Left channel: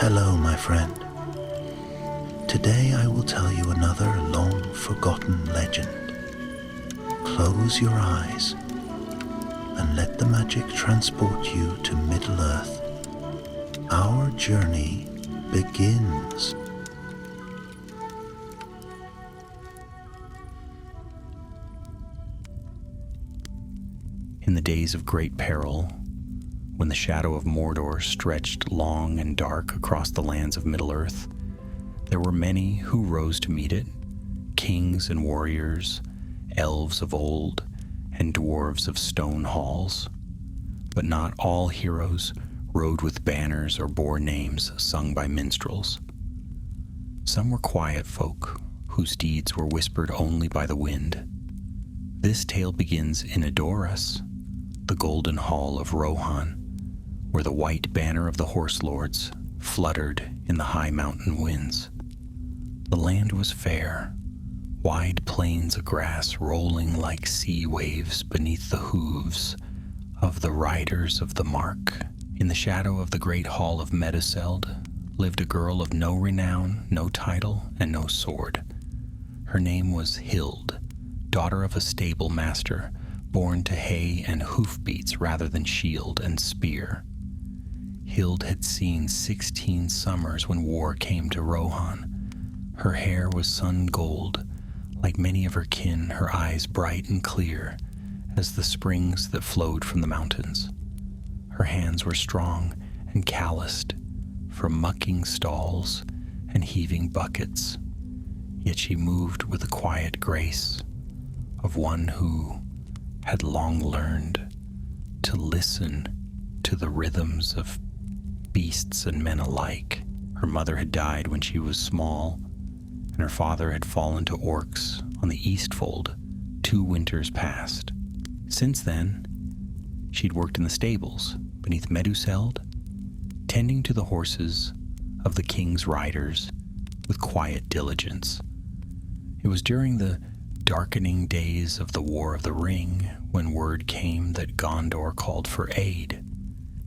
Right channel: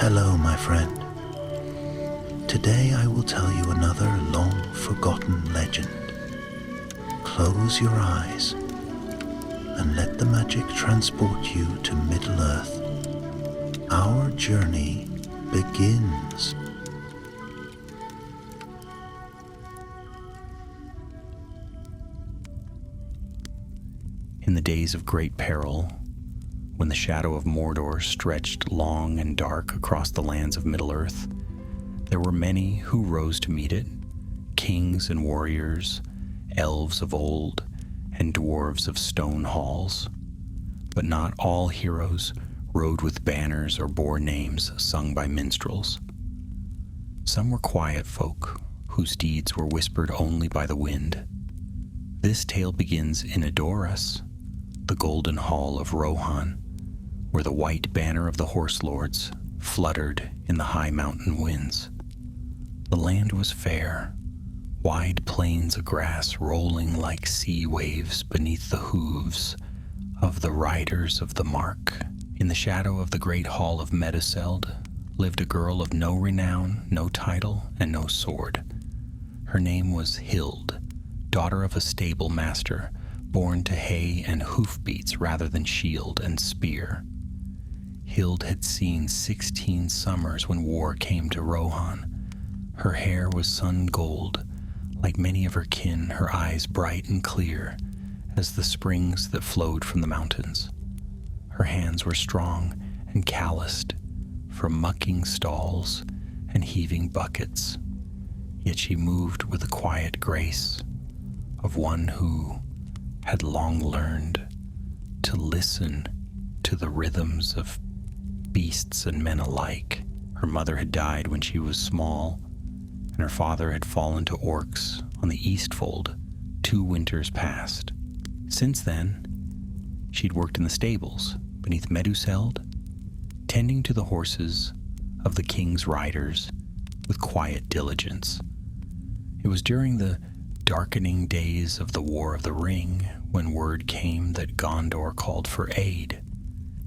Hello, my friend. Today I will tell you another long-forgotten legend. Close your eyes and let the magic transport you to Middle-earth. Our journey begins. In the days of great peril, when the shadow of Mordor stretched long and dark across the lands of Middle-earth, there were many who rose to meet it, kings and warriors, elves of old, and dwarves of stone halls. But not all heroes rode with banners or bore names sung by minstrels. Some were quiet folk, whose deeds were whispered only by the wind. This tale begins in Edoras, the golden hall of Rohan, where the white banner of the horse lords fluttered in the high mountain winds. The land was fair, wide plains of grass rolling like sea waves beneath the hooves of the riders of the mark. In the shadow of the great hall of Meduseld lived a girl of no renown, no title, and no sword. Her name was Hild, daughter of a stable master, born to hay and hoofbeats rather than shield and spear. Hild had seen 16 summers when war came to Rohan. Her hair was sun gold, like many of her kin, her eyes bright and clear as the springs that flowed from the mountains. Her hands were strong and calloused from mucking stalls and heaving buckets, yet she moved with the quiet grace of one who had long learned to listen to the rhythms of beasts and men alike. Her mother had died when she was small, and her father had fallen to orcs on the Eastfold 2 winters past. Since then, she'd worked in the stables beneath Meduseld, tending to the horses of the king's riders with quiet diligence. It was during the darkening days of the War of the Ring when word came that Gondor called for aid.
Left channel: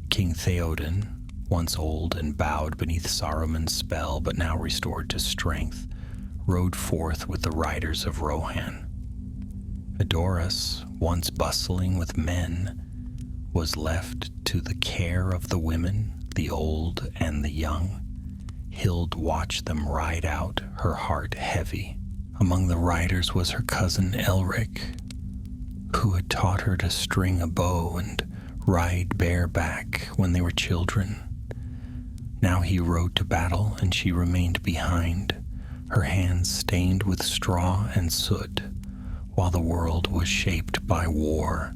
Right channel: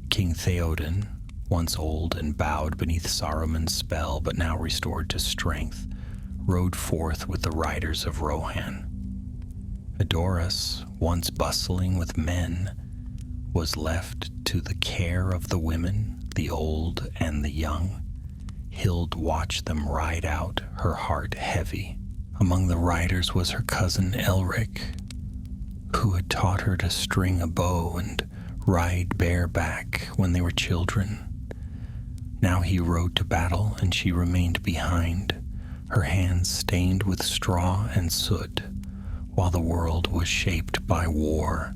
King Theoden, once old and bowed beneath Saruman's spell but now restored to strength, rode forth with the riders of Rohan. Edoras, once bustling with men, was left to the care of the women, the old and the young. Hild watched them ride out, her heart heavy. Among the riders was her cousin Elric, who had taught her to string a bow and ride bareback when they were children. Now he rode to battle, and she remained behind, her hands stained with straw and soot, while the world was shaped by war.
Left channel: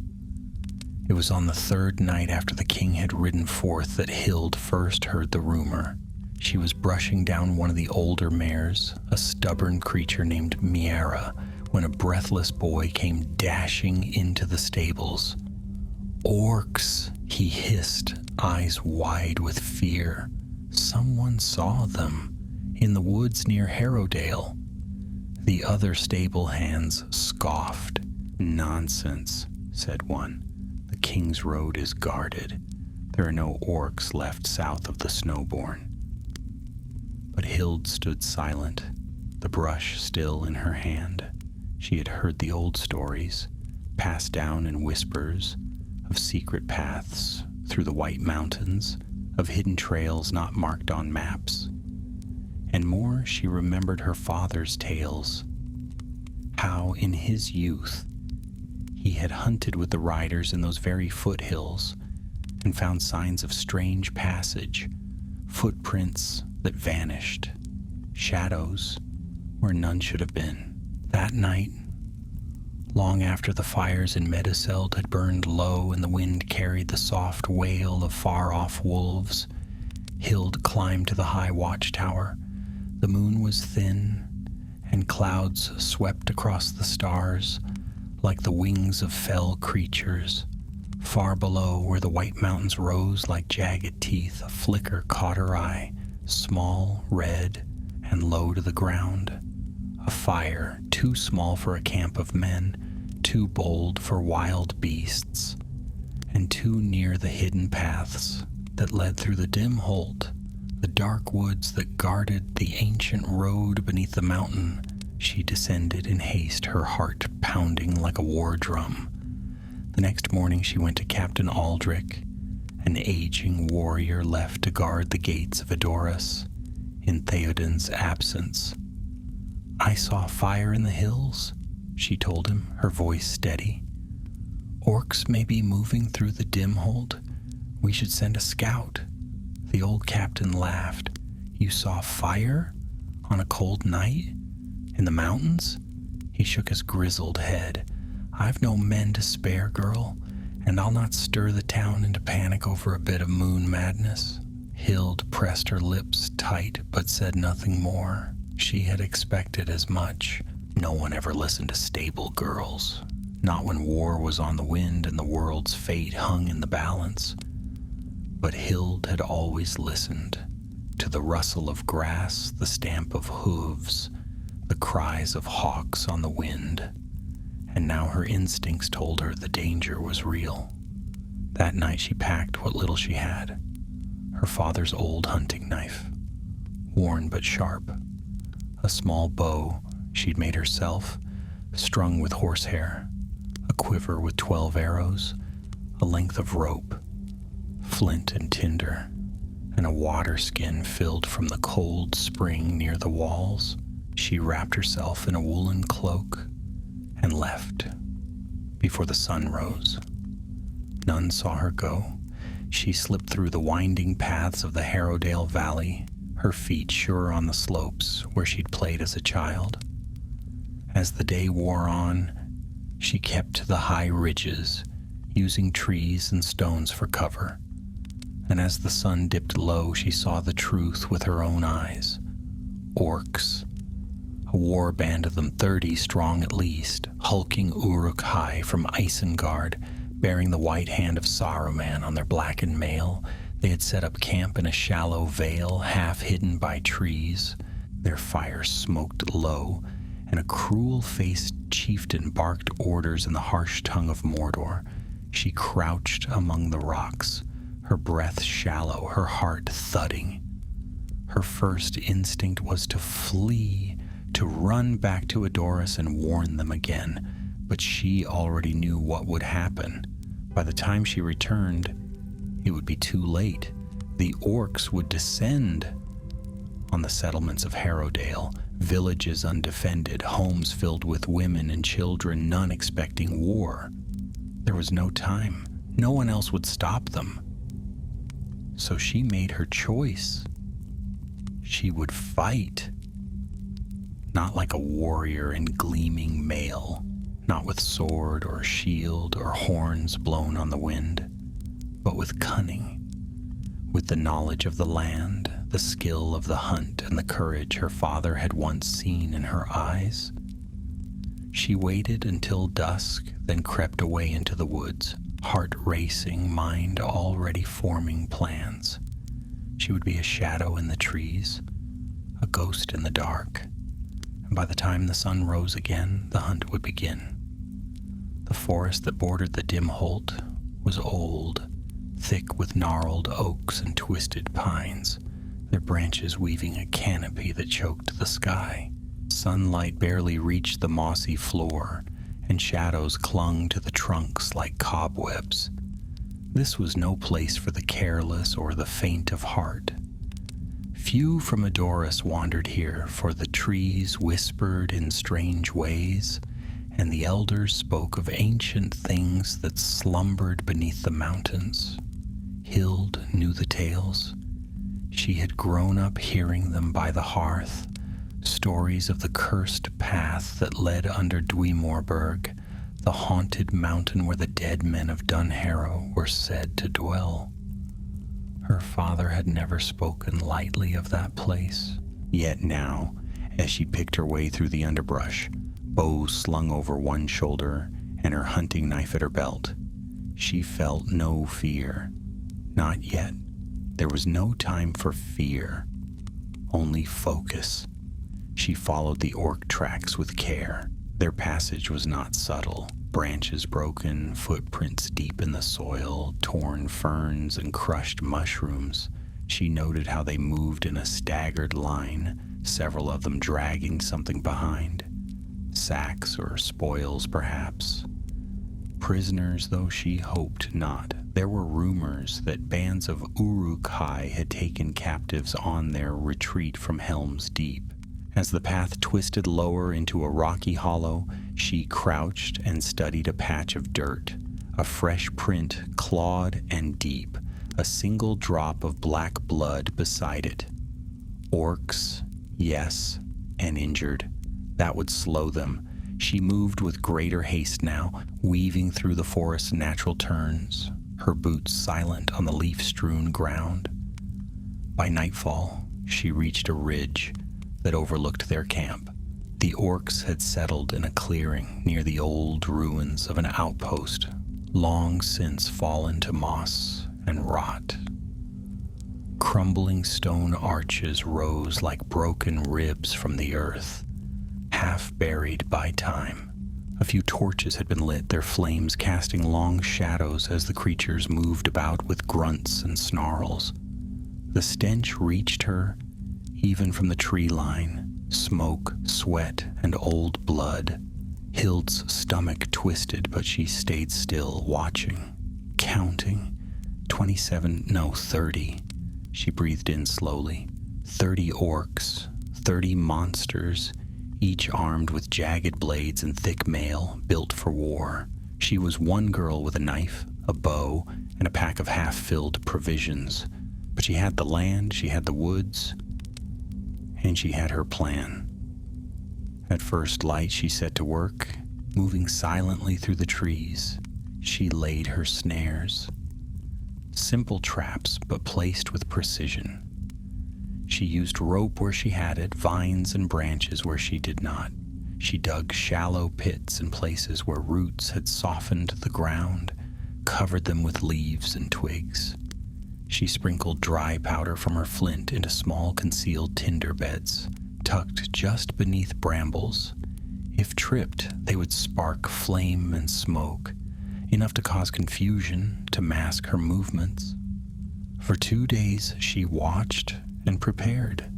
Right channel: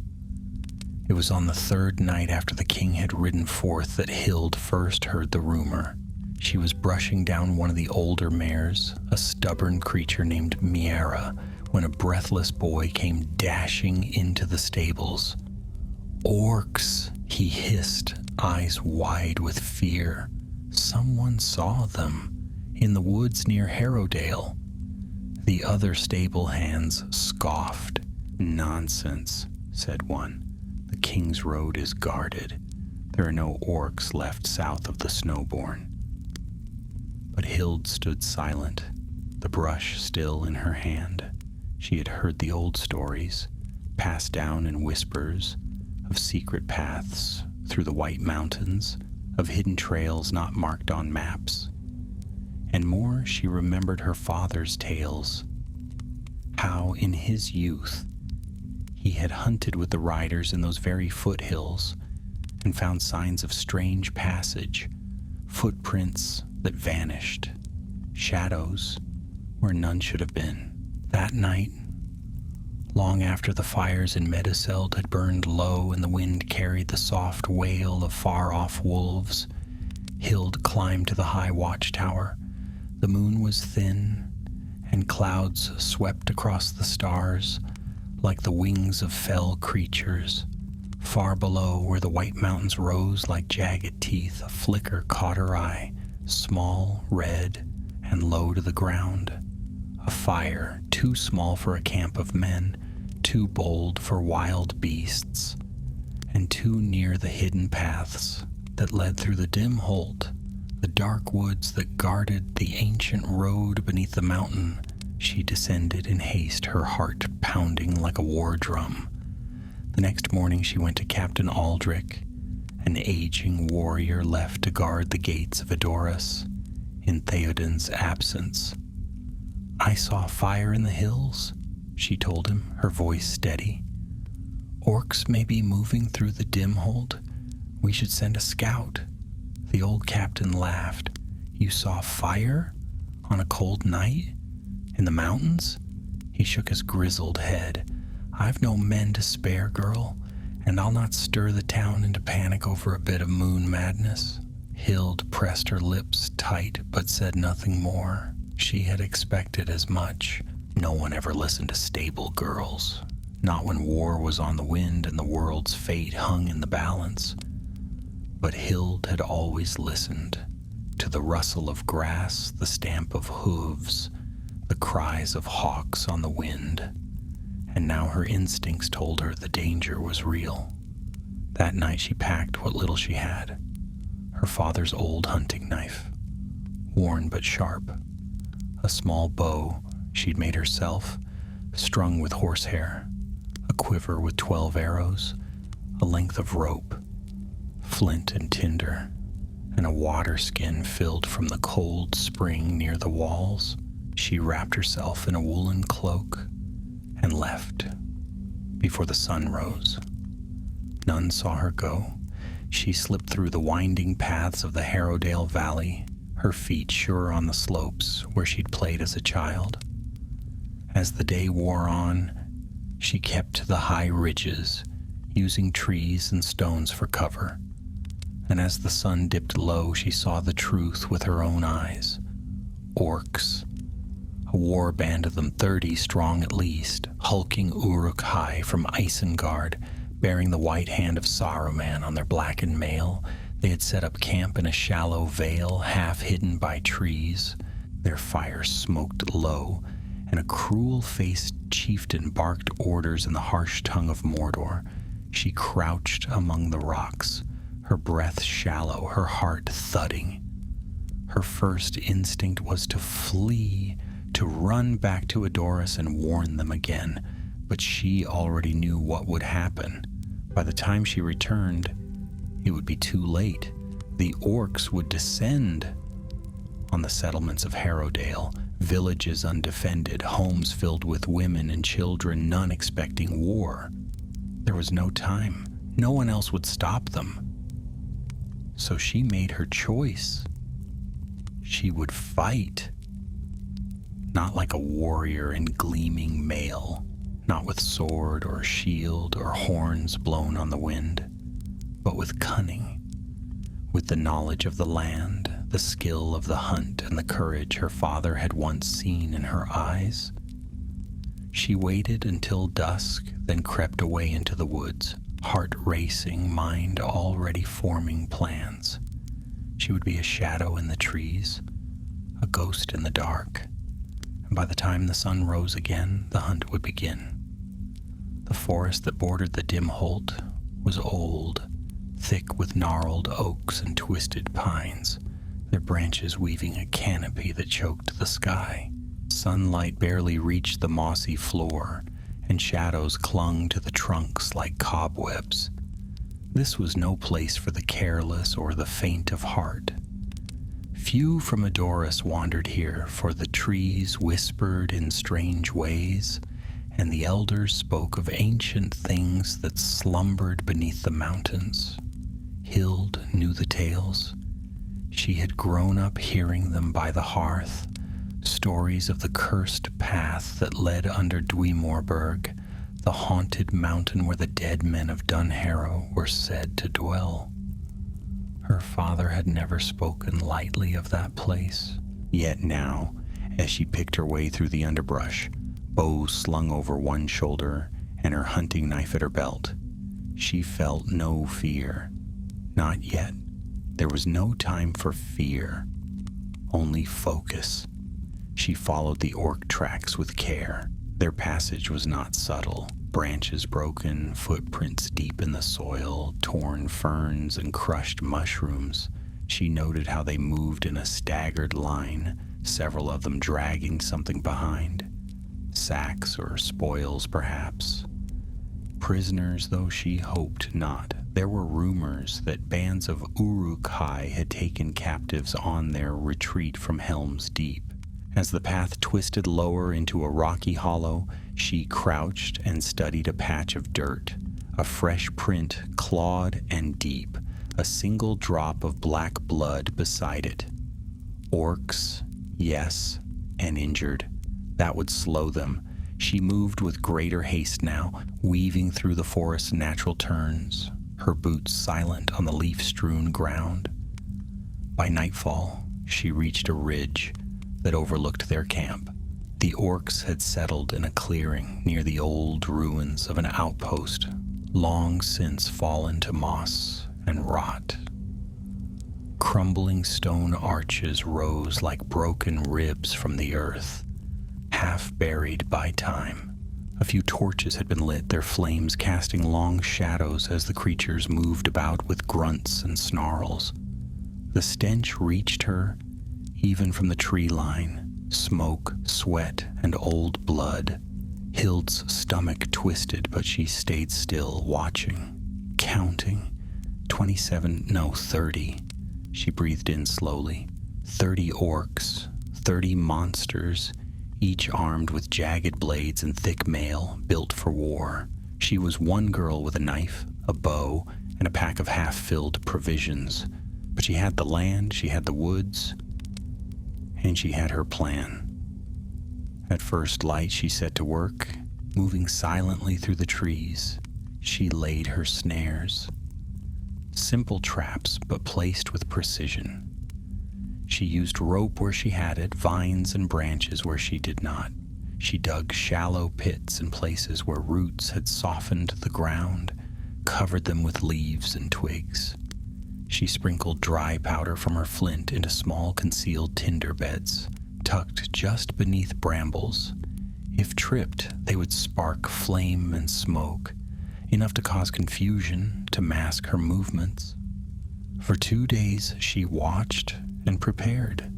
It was on the 3rd night after the king had ridden forth that Hild first heard the rumor. She was brushing down one of the older mares, a stubborn creature named Miera, when a breathless boy came dashing into the stables. "Orcs," he hissed, eyes wide with fear. Someone saw them in the woods near Harrowdale. The other stable hands scoffed. "Nonsense," said one. "The king's road is guarded. There are no orcs left south of the Snowbourn." But Hild stood silent, the brush still in her hand. She had heard the old stories, passed down in whispers, of secret paths through the White Mountains, of hidden trails not marked on maps. And more, she remembered her father's tales, how in his youth he had hunted with the riders in those very foothills and found signs of strange passage, footprints that vanished, shadows where none should have been. That night, long after the fires in Meduseld had burned low and the wind carried the soft wail of far-off wolves, Hild climbed to the high watchtower. The moon was thin, and clouds swept across the stars like the wings of fell creatures. Far below, where the white mountains rose like jagged teeth, a flicker caught her eye, small, red, and low to the ground. A fire too small for a camp of men, too bold for wild beasts, and too near the hidden paths that led through the dim holt the dark woods that guarded the ancient road beneath the mountain. She descended in haste, her heart pounding like a war drum. The next morning she went to Captain Aldrich, an aging warrior left to guard the gates of Edoras in Theoden's absence. "I saw fire in the hills," she told him, her voice steady. "Orcs may be moving through the dim hold. We should send a scout." The old captain laughed. "You saw fire on a cold night in the mountains?" He shook his grizzled head. "I've no men to spare, girl, and I'll not stir the town into panic over a bit of moon madness." Hild pressed her lips tight but said nothing more. She had expected as much. No one ever listened to stable girls, not when war was on the wind and the world's fate hung in the balance. But Hild had always listened to the rustle of grass, the stamp of hooves, the cries of hawks on the wind, and now her instincts told her the danger was real. That night she packed what little she had: her father's old hunting knife, worn but sharp, a small bow she'd made herself, strung with horsehair, a quiver with 12 arrows, a length of rope, flint and tinder, and a water skin filled from the cold spring near the walls. She wrapped herself in a woolen cloak and left before the sun rose. None saw her go. She slipped through the winding paths of the Harrowdale Valley, her feet sure on the slopes where she'd played as a child. As the day wore on, she kept to the high ridges, using trees and stones for cover. And as the sun dipped low, she saw the truth with her own eyes. Orcs, a war band of them 30 strong at least, hulking Uruk-hai from Isengard, bearing the white hand of Saruman on their blackened mail. They had set up camp in a shallow vale, half hidden by trees. Their fire smoked low, and a cruel-faced chieftain barked orders in the harsh tongue of Mordor. She crouched among the rocks, her breath shallow, her heart thudding. Her first instinct was to flee, to run back to Edoras and warn them again, but she already knew what would happen. By the time she returned, it would be too late. The orcs would descend on the settlements of Harrowdale, villages undefended, homes filled with women and children, none expecting war. There was no time. No one else would stop them. So she made her choice. She would fight. Not like a warrior in gleaming mail, not with sword or shield or horns blown on the wind, but with cunning, with the knowledge of the land, the skill of the hunt, and the courage her father had once seen in her eyes. She waited until dusk, then crept away into the woods, heart racing, mind already forming plans. She would be a shadow in the trees, a ghost in the dark, and by the time the sun rose again, the hunt would begin. The forest that bordered the dim holt was old, thick with gnarled oaks and twisted pines, their branches weaving a canopy that choked the sky. Sunlight barely reached the mossy floor, and shadows clung to the trunks like cobwebs. This was no place for the careless or the faint of heart. Few from Edoras wandered here, for the trees whispered in strange ways, and the elders spoke of ancient things that slumbered beneath the mountains. Hild knew the tales. She had grown up hearing them by the hearth, stories of the cursed path that led under Dweemorberg, the haunted mountain where the dead men of Dunharrow were said to dwell. Her father had never spoken lightly of that place. Yet now, as she picked her way through the underbrush, bow slung over one shoulder and her hunting knife at her belt, she felt no fear. Not yet. There was no time for fear, only focus. She followed the orc tracks with care. Their passage was not subtle. Branches broken, footprints deep in the soil, torn ferns and crushed mushrooms. She noted how they moved in a staggered line, several of them dragging something behind. Sacks or spoils, perhaps. Prisoners, though she hoped not. There were rumors that bands of Uruk-hai had taken captives on their retreat from Helm's Deep. As the path twisted lower into a rocky hollow, she crouched and studied a patch of dirt, a fresh print, clawed and deep, a single drop of black blood beside it. Orcs, yes, and injured. That would slow them. She moved with greater haste now, weaving through the forest's natural turns, her boots silent on the leaf-strewn ground. By nightfall, she reached a ridge that overlooked their camp. The orcs had settled in a clearing near the old ruins of an outpost, long since fallen to moss and rot. Crumbling stone arches rose like broken ribs from the earth, half buried by time. A few torches had been lit, their flames casting long shadows as the creatures moved about with grunts and snarls. The stench reached her even from the tree line, smoke, sweat, and old blood. Hild's stomach twisted, but she stayed still, watching, counting. 30. She breathed in slowly. 30 orcs, 30 monsters, each armed with jagged blades and thick mail, built for war. She was one girl with a knife, a bow, and a pack of half-filled provisions. But she had the land, she had the woods, and she had her plan. At first light, she set to work, moving silently through the trees. She laid her snares. Simple traps, but placed with precision. She used rope where she had it, vines and branches where she did not. She dug shallow pits in places where roots had softened the ground, covered them with leaves and twigs. She sprinkled dry powder from her flint into small concealed tinder beds, tucked just beneath brambles. If tripped, they would spark flame and smoke, enough to cause confusion, to mask her movements. For 2 days she watched and prepared,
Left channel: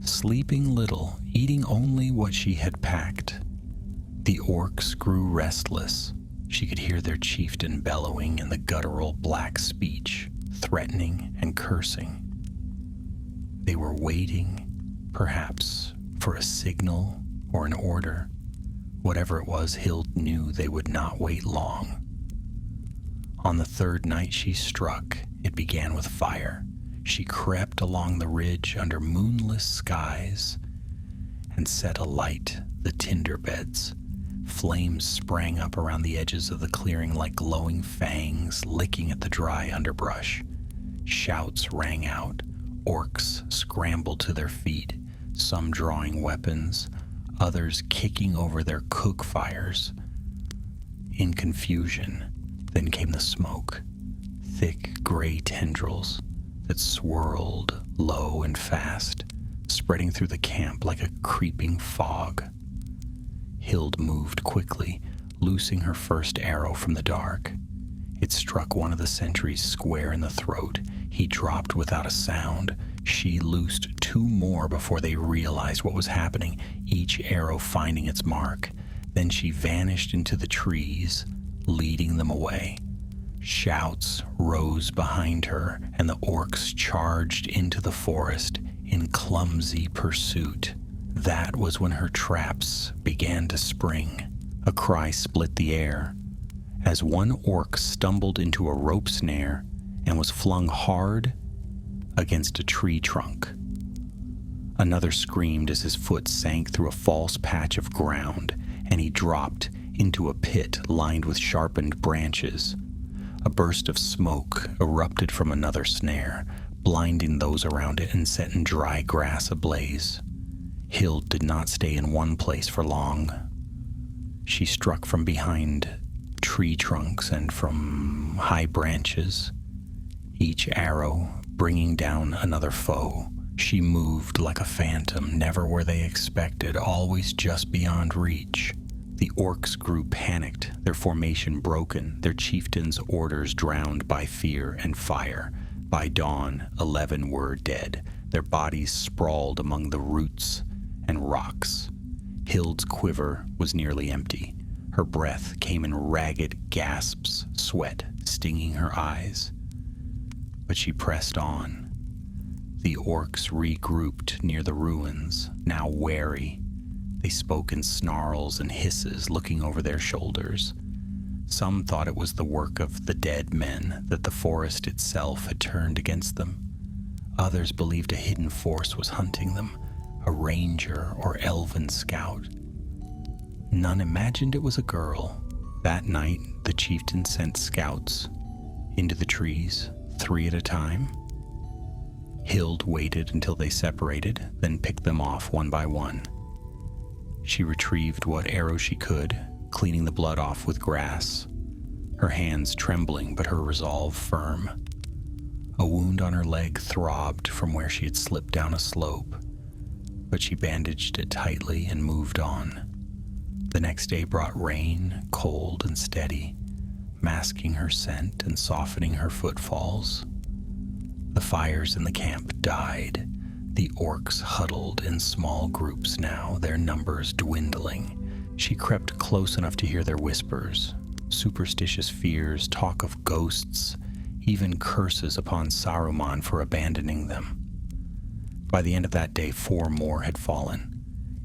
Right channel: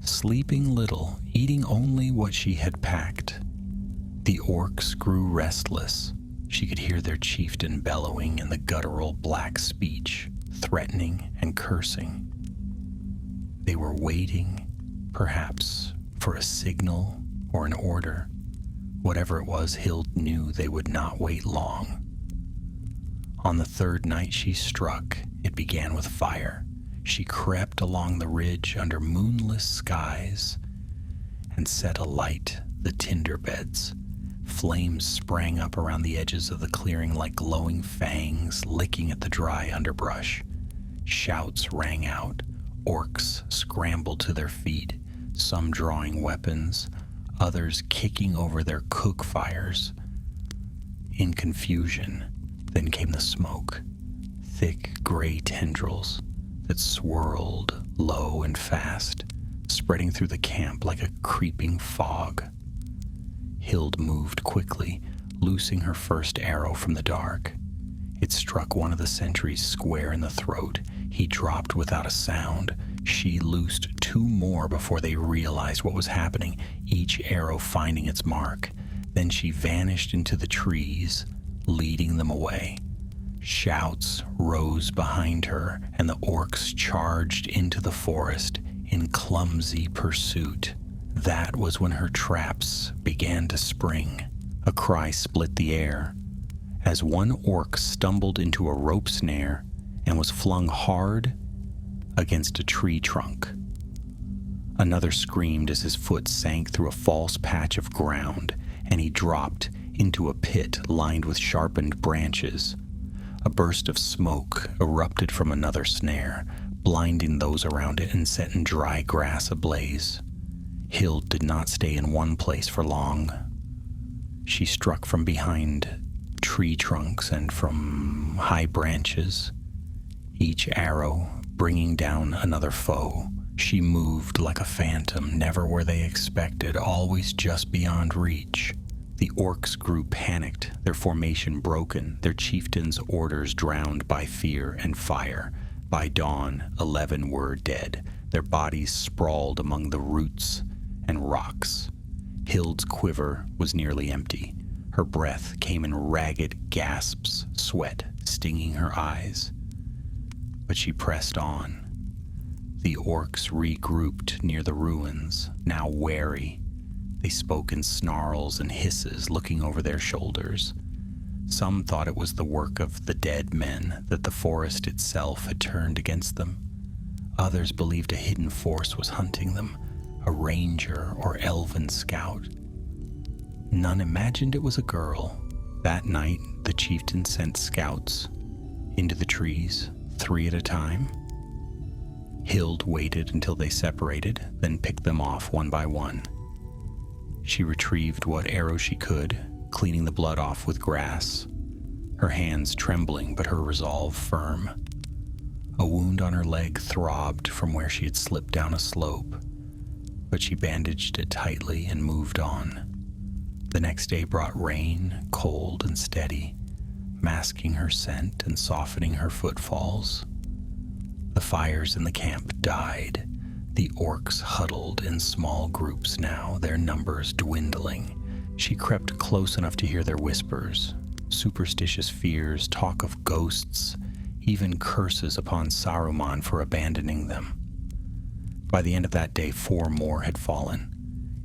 sleeping little, eating only what she had packed. The orcs grew restless. She could hear their chieftain bellowing in the guttural black speech, threatening and cursing. They were waiting, perhaps, for a signal or an order. Whatever it was, Hild knew they would not wait long. On the 3rd night she struck, it began with fire. She crept along the ridge under moonless skies and set alight the tinder beds. Flames sprang up around the edges of the clearing like glowing fangs licking at the dry underbrush. Shouts rang out. Orcs scrambled to their feet, some drawing weapons, others kicking over their cook fires. In confusion, then came the smoke, thick gray tendrils that swirled low and fast, spreading through the camp like a creeping fog. Hild moved quickly, loosing her first arrow from the dark. It struck one of the sentries square in the throat. He dropped without a sound. She loosed 2 more before they realized what was happening, each arrow finding its mark. Then she vanished into the trees, leading them away. Shouts rose behind her, and the orcs charged into the forest in clumsy pursuit. That was when her traps began to spring. A cry split the air as one orc stumbled into a rope snare and was flung hard against a tree trunk. Another screamed as his foot sank through a false patch of ground, and he dropped into a pit lined with sharpened branches. A burst of smoke erupted from another snare, blinding those around it and setting dry grass ablaze. Hild did not stay in one place for long. She struck from behind tree trunks and from high branches, each arrow bringing down another foe. She moved like a phantom, never where they expected, always just beyond reach. The orcs grew panicked, their formation broken, their chieftain's orders drowned by fear and fire. By dawn, 11 were dead, their bodies sprawled among the roots and rocks. Hild's quiver was nearly empty. Her breath came in ragged gasps, sweat stinging her eyes. But she pressed on. The orcs regrouped near the ruins, now wary. They spoke in snarls and hisses, looking over their shoulders. Some thought it was the work of the dead men, that the forest itself had turned against them. Others believed a hidden force was hunting them, a ranger or elven scout. None imagined it was a girl. That night, the chieftain sent scouts into the trees, 3 at a time. Hild waited until they separated, then picked them off one by one. She retrieved what arrows she could, cleaning the blood off with grass, her hands trembling but her resolve firm. A wound on her leg throbbed from where she had slipped down a slope, but she bandaged it tightly and moved on. The next day brought rain, cold and steady, masking her scent and softening her footfalls. The fires in the camp died. The orcs huddled in small groups now, their numbers dwindling. She crept close enough to hear their whispers, superstitious fears, talk of ghosts, even curses upon Saruman for abandoning them. By the end of that day, 4 more had fallen.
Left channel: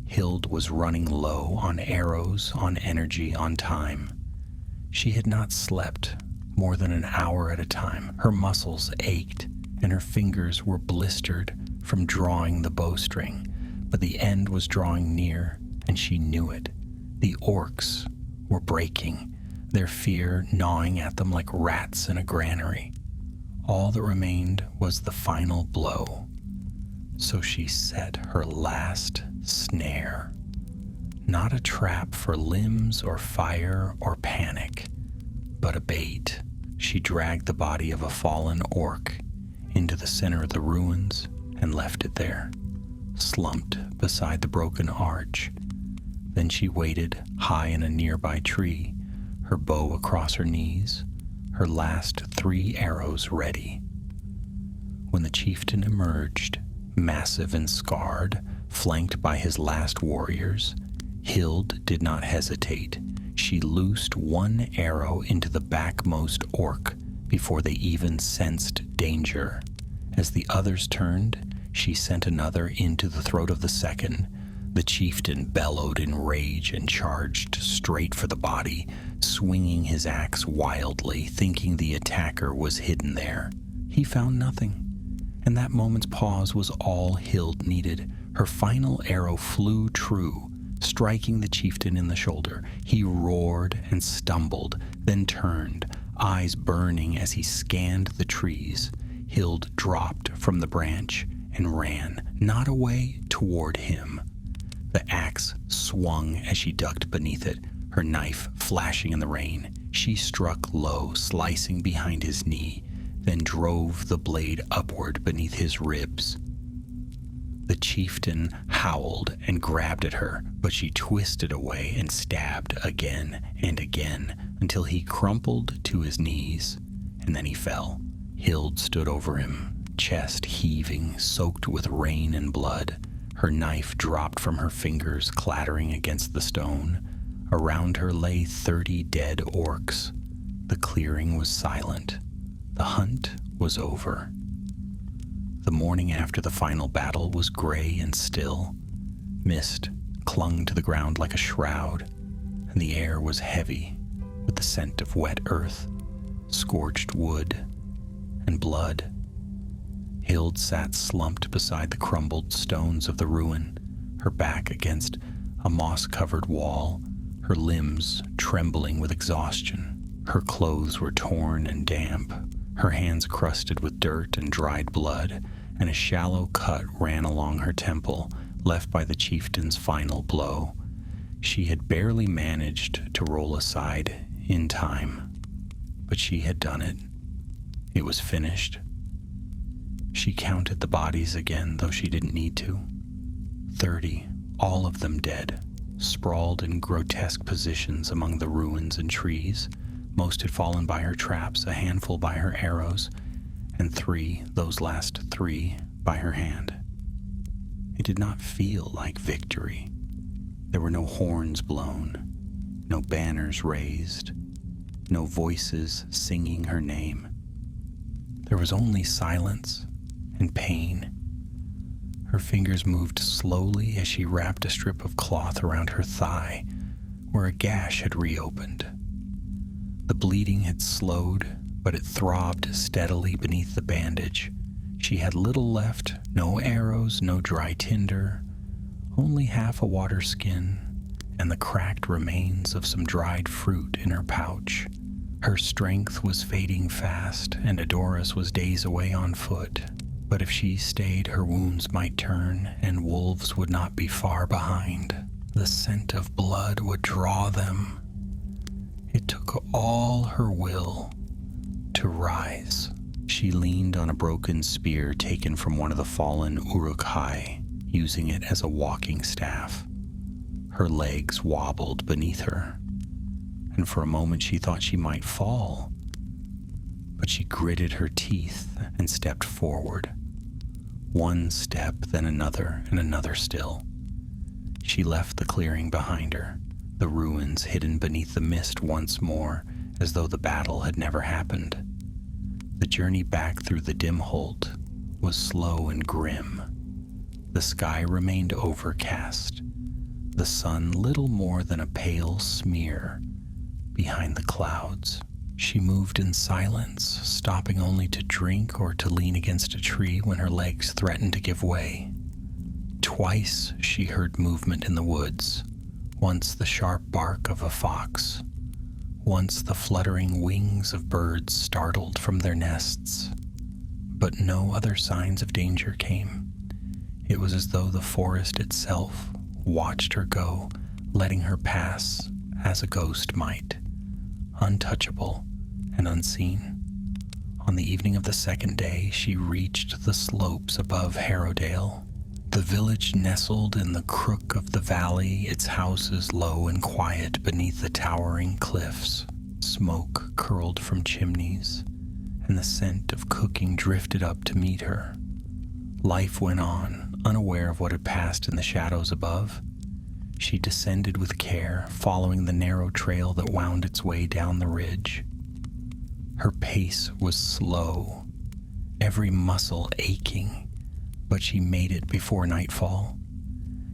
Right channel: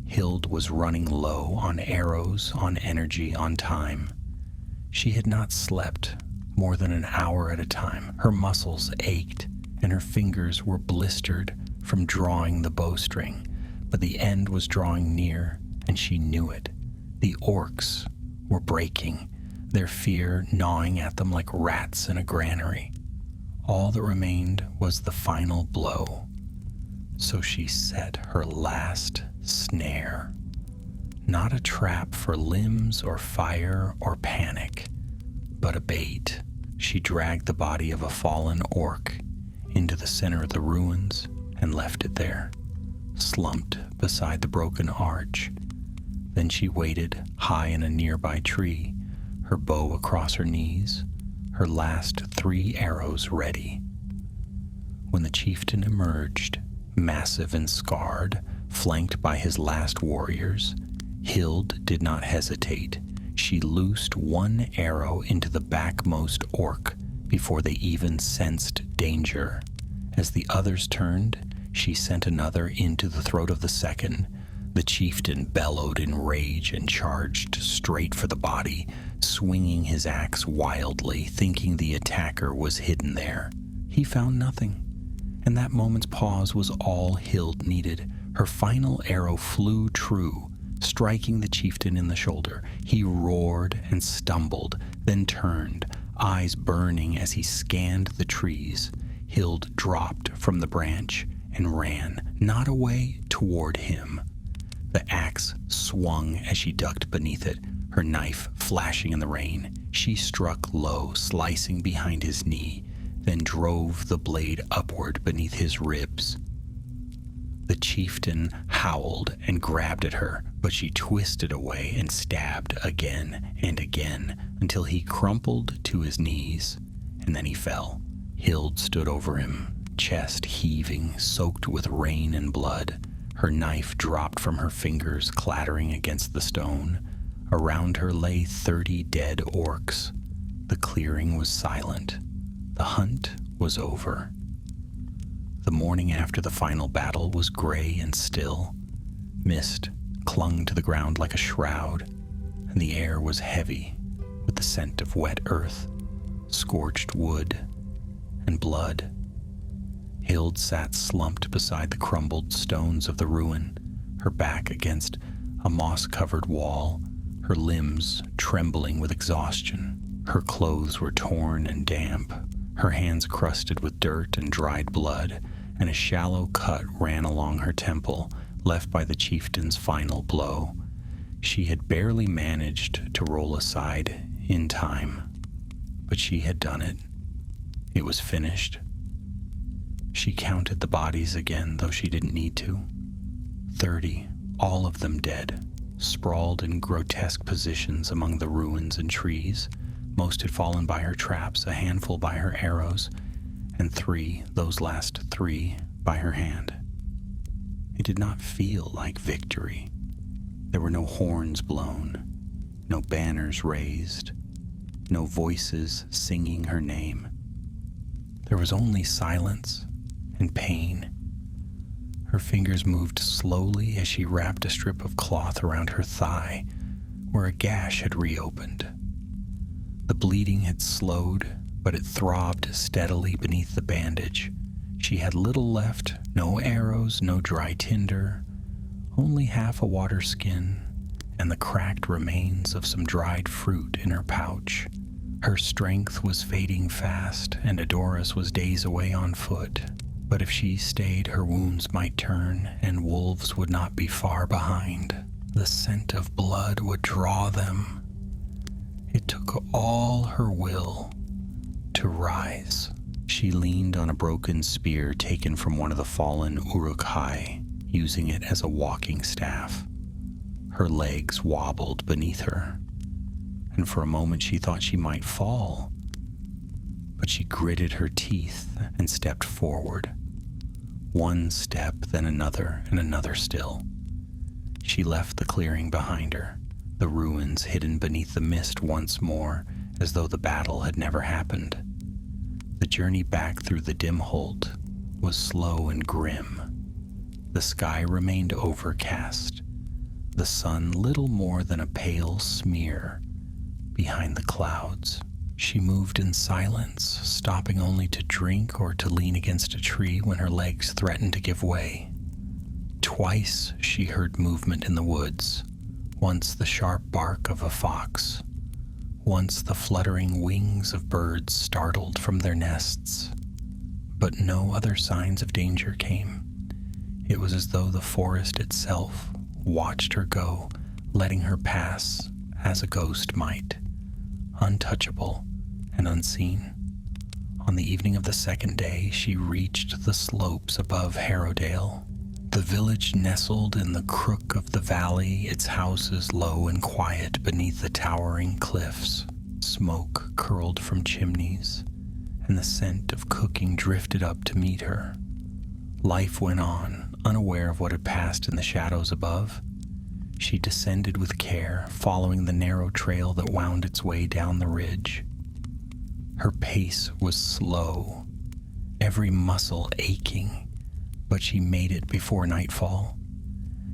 Hild was running low on arrows, on energy, on time. She had not slept more than an hour at a time. Her muscles ached, and her fingers were blistered from drawing the bowstring. But the end was drawing near, and she knew it. The orcs were breaking, their fear gnawing at them like rats in a granary. All that remained was the final blow. So she set her last snare. Not a trap for limbs or fire or panic, but a bait. She dragged the body of a fallen orc into the center of the ruins and left it there, slumped beside the broken arch. Then she waited high in a nearby tree, her bow across her knees, her last 3 arrows ready. When the chieftain emerged, massive and scarred, flanked by his last warriors, Hild did not hesitate. She loosed 1 arrow into the backmost orc before they even sensed danger. As the others turned, she sent another into the throat of the second. The chieftain bellowed in rage and charged straight for the body, swinging his axe wildly, thinking the attacker was hidden there. He found nothing, and that moment's pause was all Hild needed. Her final arrow flew true, striking the chieftain in the shoulder. He roared and stumbled, then turned, eyes burning as he scanned the trees. Hild dropped from the branch and ran, not away, toward him. The axe swung as she ducked beneath it, her knife flashing in the rain. She struck low, slicing behind his knee, then drove the blade upward beneath his ribs. The chieftain howled and grabbed at her, but she twisted away and stabbed again and again until he crumpled to his knees, and then he fell. Hild stood over him, chest heaving, soaked with rain and blood. Her knife dropped from her fingers, clattering against the stone. Around her lay 30 dead orcs. The clearing was silent. The hunt was over. The morning after the final battle was gray and still. Mist clung to the ground like a shroud, and the air was heavy with the scent of wet earth, scorched wood, and blood. Hild sat slumped beside the crumbled stones of the ruin, her back against a moss-covered wall, her limbs trembling with exhaustion. Her clothes were torn and damp, her hands crusted with dirt and dried blood, and a shallow cut ran along her temple, left by the chieftain's final blow. She had barely managed to roll aside in time, but she had done it. It was finished. She counted the bodies again, though she didn't need to. 30, all of them dead, sprawled in grotesque positions among the ruins and trees. Most had fallen by her traps, a handful by her arrows, and 3, those last 3, by her hand. It did not feel like victory. There were no horns blown, no banners raised, no voices singing her name. There was only silence and pain. Her fingers moved slowly as she wrapped a strip of cloth around her thigh where a gash had reopened. The bleeding had slowed, but it throbbed steadily beneath the bandage. She had little left, no arrows, no dry tinder, only half a water skin and the cracked remains of some dried fruit in her pouch. Her strength was fading fast, and Edoras was days away on foot. But if she stayed, her wounds might turn, and wolves would not be far behind. The scent of blood would draw them. It took all her will to rise. She leaned on a broken spear taken from one of the fallen Uruk-hai, using it as a walking staff. Her legs wobbled beneath her, and for a moment she thought she might fall. But she gritted her teeth and stepped forward. One step, then another, and another still. She left the clearing behind her, the ruins hidden beneath the mist once more, as though the battle had never happened. The journey back through the dim Holt was slow and grim. The sky remained overcast, the sun little more than a pale smear behind the clouds. She moved in silence, stopping only to drink or to lean against a tree when her legs threatened to give way. Twice she heard movement in the woods, once the sharp bark of a fox, once the fluttering wings of birds startled from their nests. But no other signs of danger came. It was as though the forest itself watched her go, letting her pass as a ghost might, untouchable and unseen. On the evening of the second day, she reached the slopes above Harrowdale. The village nestled in the crook of the valley, its houses low and quiet beneath the towering cliffs. Smoke curled from chimneys, and the scent of cooking drifted up to meet her. Life went on, unaware of what had passed in the shadows above. She descended with care, following the narrow trail that wound its way down the ridge. Her pace was slow, every muscle aching, but she made it before nightfall.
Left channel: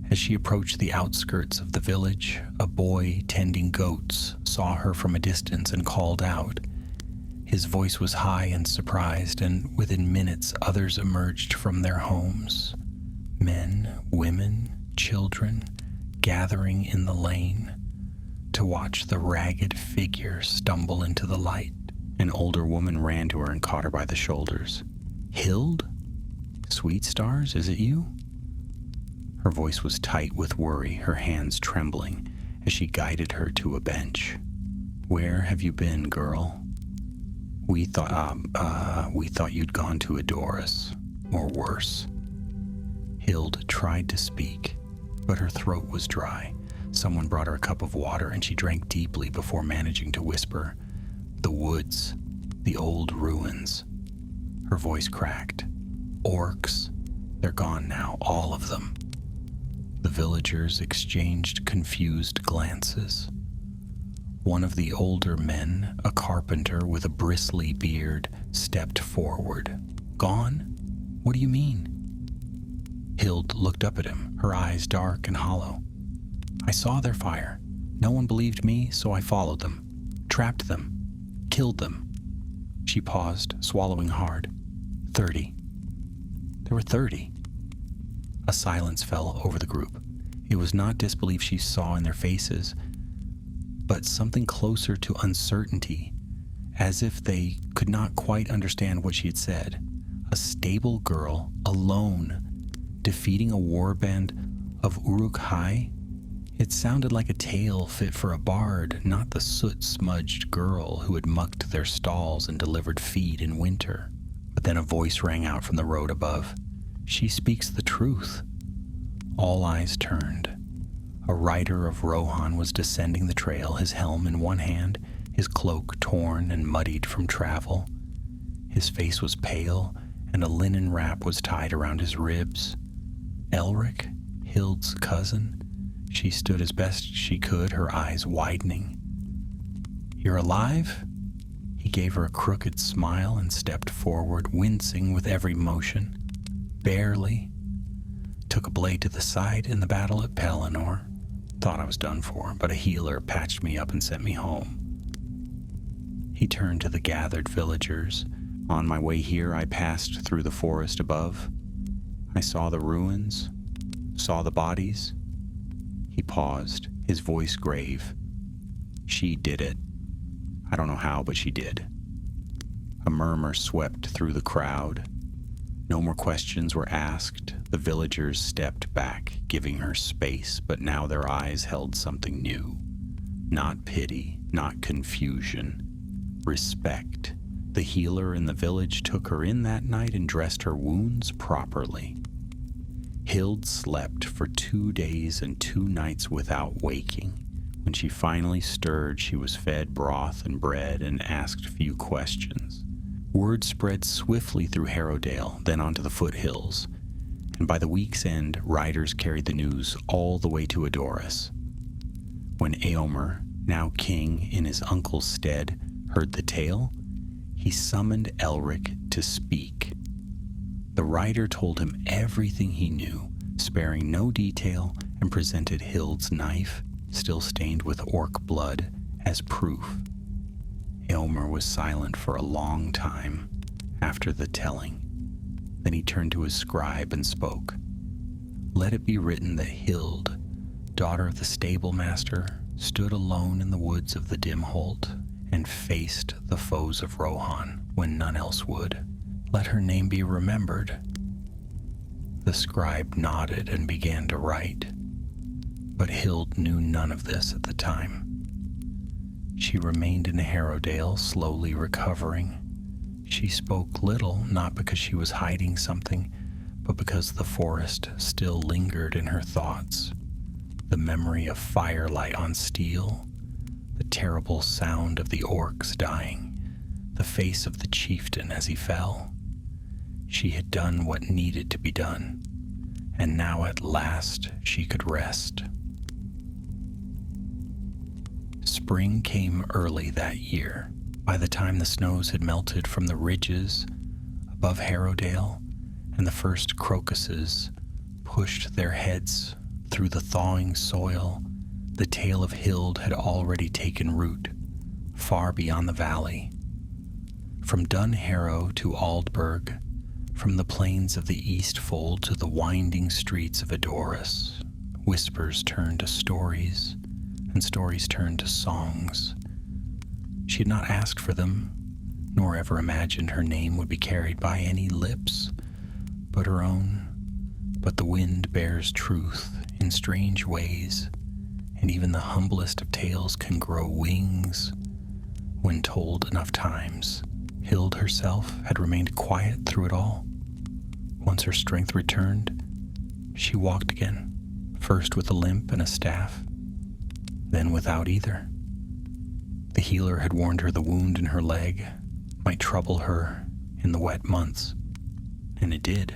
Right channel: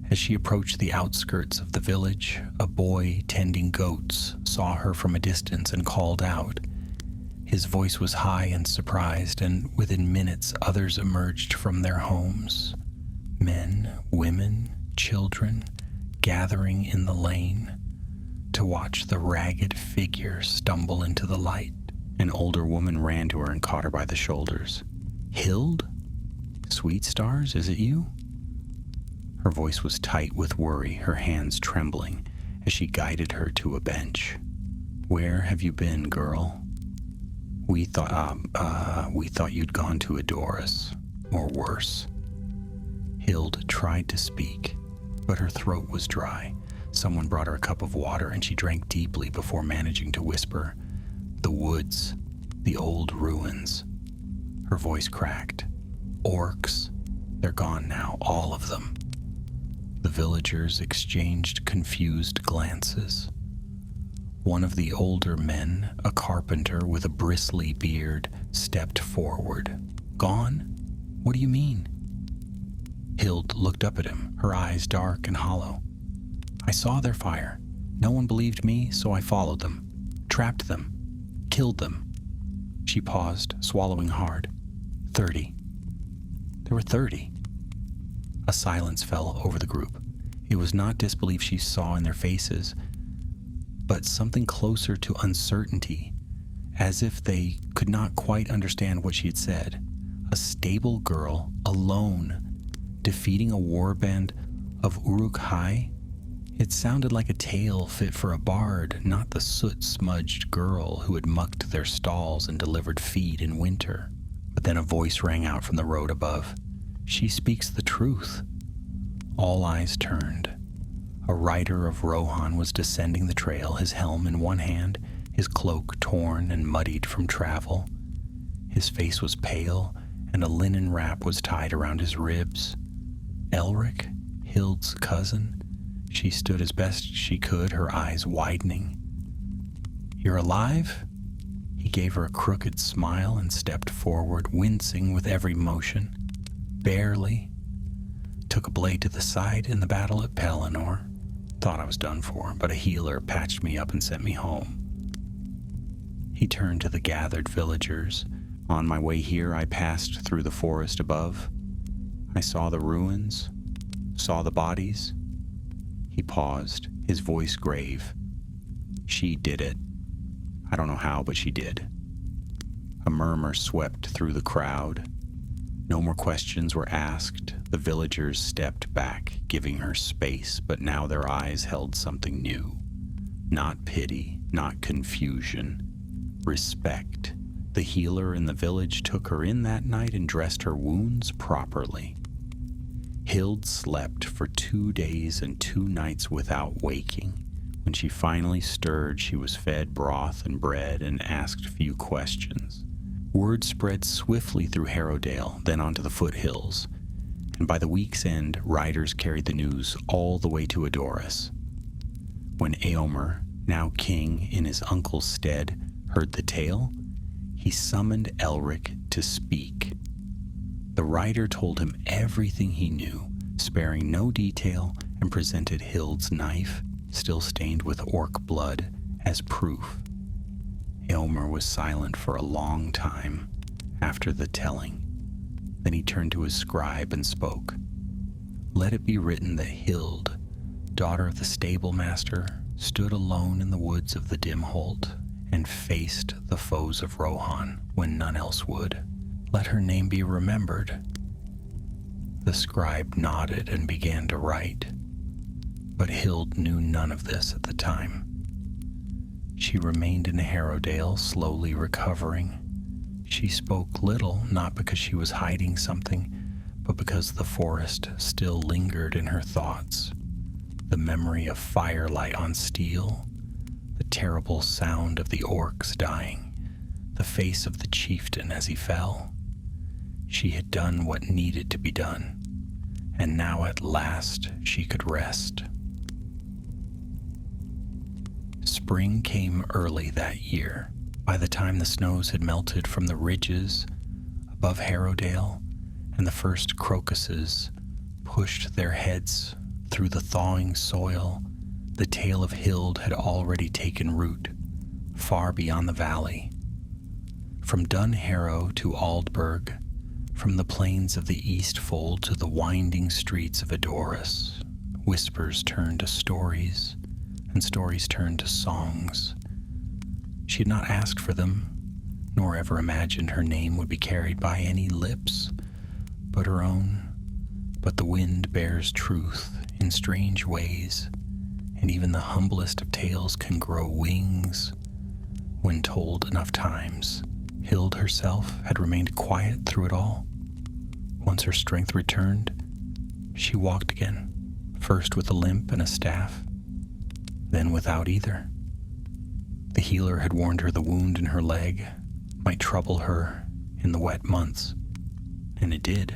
As she approached the outskirts of the village, a boy tending goats saw her from a distance and called out. His voice was high and surprised, and within minutes others emerged from their homes. Men, women, children, gathering in the lane to watch the ragged figure stumble into the light. An older woman ran to her and caught her by the shoulders. "Hild? Sweet Stars, is it you?" Her voice was tight with worry, her hands trembling as she guided her to a bench. "Where have you been, girl? We thought you'd gone to Edoras, or worse." Hild tried to speak, but her throat was dry. Someone brought her a cup of water, and she drank deeply before managing to whisper, "The woods, the old ruins." Her voice cracked. "Orcs, they're gone now, all of them." The villagers exchanged confused glances. One of the older men, a carpenter with a bristly beard, stepped forward. "Gone? What do you mean?" Hild looked up at him, her eyes dark and hollow. "I saw their fire. No one believed me, so I followed them, trapped them, killed them." She paused, swallowing hard. 30. There were 30. A silence fell over the group. It was not disbelief she saw in their faces, but something closer to uncertainty, as if they could not quite understand what she had said. A stable girl, alone, defeating a warband of Uruk-hai? It sounded like a tale fit for a bard, not the soot-smudged girl who had mucked their stalls and delivered feed in winter. But then a voice rang out from the road above. "She speaks the truth." All eyes turned. A rider of Rohan was descending the trail, his helm in one hand, his cloak torn and muddied from travel. His face was pale, and a linen wrap was tied around his ribs. Elric, Hild's cousin, she stood as best she could, her eyes widening. "You're alive?" He gave her a crooked smile and stepped forward, wincing with every motion. "Barely. Took a blade to the side in the battle at Pelennor. Thought I was done for, but a healer patched me up and sent me home." He turned to the gathered villagers. "On my way here, I passed through the forest above. I saw the ruins, saw the bodies." He paused, his voice grave. "She did it. I don't know how, but she did." A murmur swept through the crowd. No more questions were asked. The villagers stepped back, giving her space, but now their eyes held something new. Not pity, not confusion. Respect. The healer in the village took her in that night and dressed her wounds properly. Hild slept for 2 days and 2 nights without waking. When she finally stirred, she was fed broth and bread and asked few questions. Word spread swiftly through Harrowdale, then onto the foothills, and by the week's end, riders carried the news all the way to Edoras. When Eomer, now king in his uncle's stead, heard the tale, he summoned Elric to speak. The rider told him everything he knew, sparing no detail, and presented Hild's knife, still stained with orc blood, as proof. Eomer was silent for a long time after the telling. Then he turned to his scribe and spoke. "Let it be written that Hild, daughter of the stable master, stood alone in the woods of the Dimholt and faced the foes of Rohan when none else would. Let her name be remembered." The scribe nodded and began to write, but Hild knew none of this at the time. She remained in Harrowdale, slowly recovering. She spoke little, not because she was hiding something, but because the forest still lingered in her thoughts. The memory of firelight on steel, the terrible sound of the orcs dying, the face of the chieftain as he fell. She had done what needed to be done, and now at last she could rest. Spring came early that year. By the time the snows had melted from the ridges above Harrowdale, and the first crocuses pushed their heads through the thawing soil, the tale of Hild had already taken root, far beyond the valley. From Dunharrow to Aldburg, from the plains of the Eastfold to the winding streets of Edoras, whispers turned to stories, and stories turned to songs. She had not asked for them, nor ever imagined her name would be carried by any lips but her own. But the wind bears truth in strange ways, and even the humblest of tales can grow wings when told enough times. Hild herself had remained quiet through it all. Once her strength returned, she walked again, first with a limp and a staff, then without either. The healer had warned her the wound in her leg might trouble her in the wet months, and it did.